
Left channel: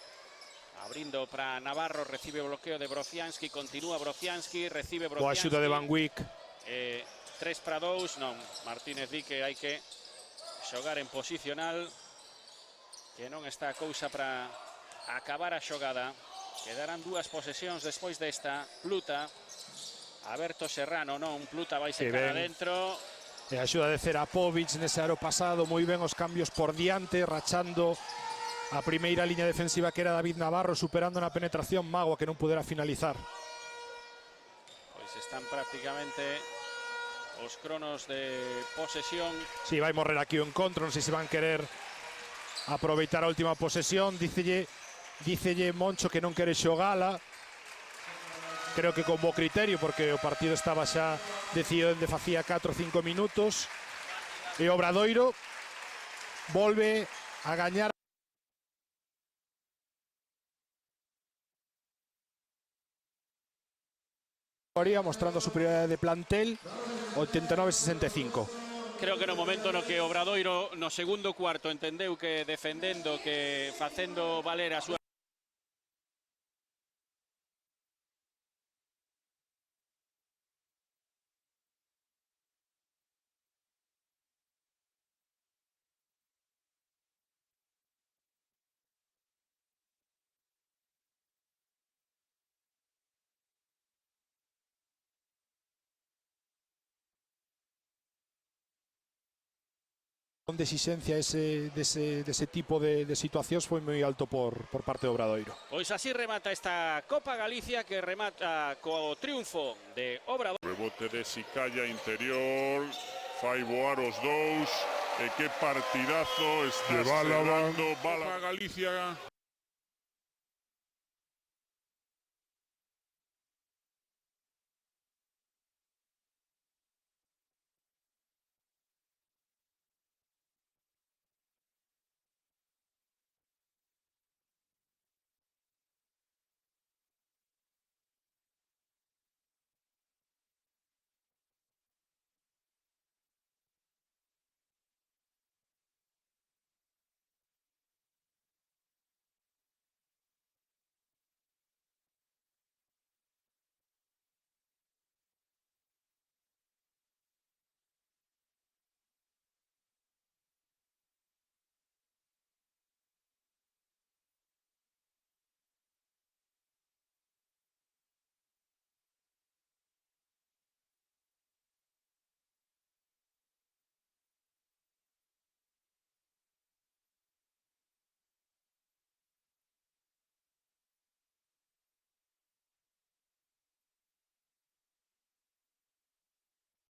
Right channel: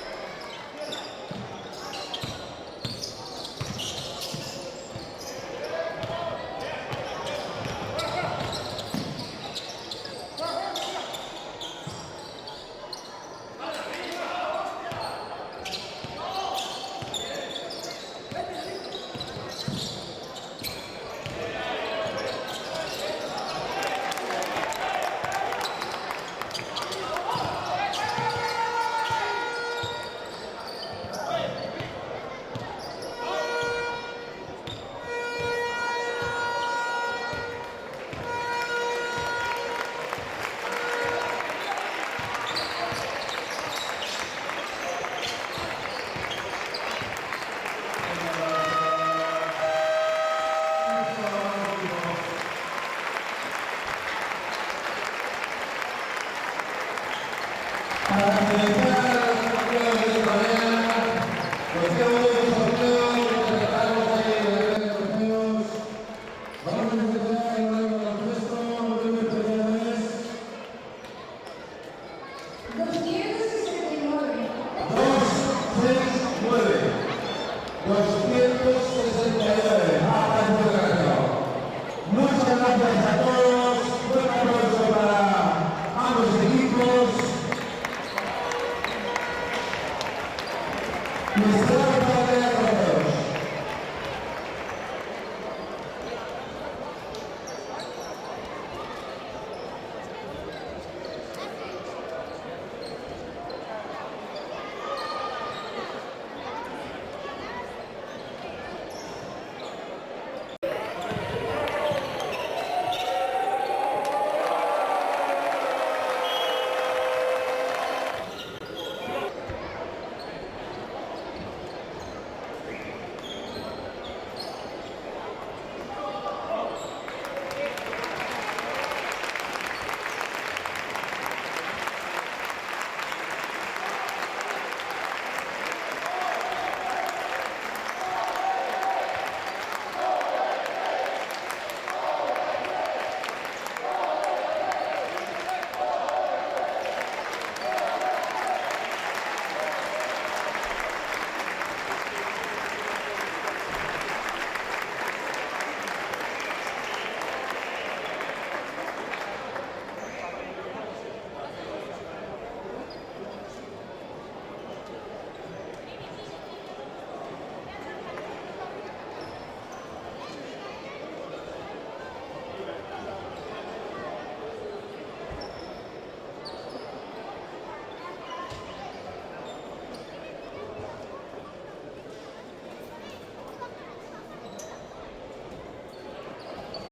Indo para Navarro, recibe o bloqueo de Brocianski, continúa Brocianski, recibe Brocianski. O axuda de Van Wyk. 3 para 2. Martínez di que hai que xogar en posicional. Que non está a cousa para acabar a xogada. Quedarán dúas posesións despois desta luta. Alberto Serrano, non, luta desde dentro. A axuda de Serapovic nese aro pasado, moi ben os cambios por diante, rachando a primeira línea defensiva que era David Navarro, superando na penetración Mago que non pudera finalizar. Os cronos de posesión. Si, vai morrer aquí o encontro, non sei se van querer aproveitar a última posesión. Dícelle Moncho que non quere xogala. Creo que con bo criterio porque o partido estaba xa decidido que facía 4 ou 5 minutos e Obradoiro volve a gañar. Mostrando superioridade de plantel o 89-65. Creo que no momento no que Obradoiro no segundo cuarto entendeu que defendendo, que facendo valer as súas 269. Muchas gracias a todos. Un aplauso para ambos equipos. De exigencia ese tipo de situacións foi moi alto por parte do Obradoiro. Pois así remata esta Copa Galicia, que remata co triunfo de Obradoiro. Simplemente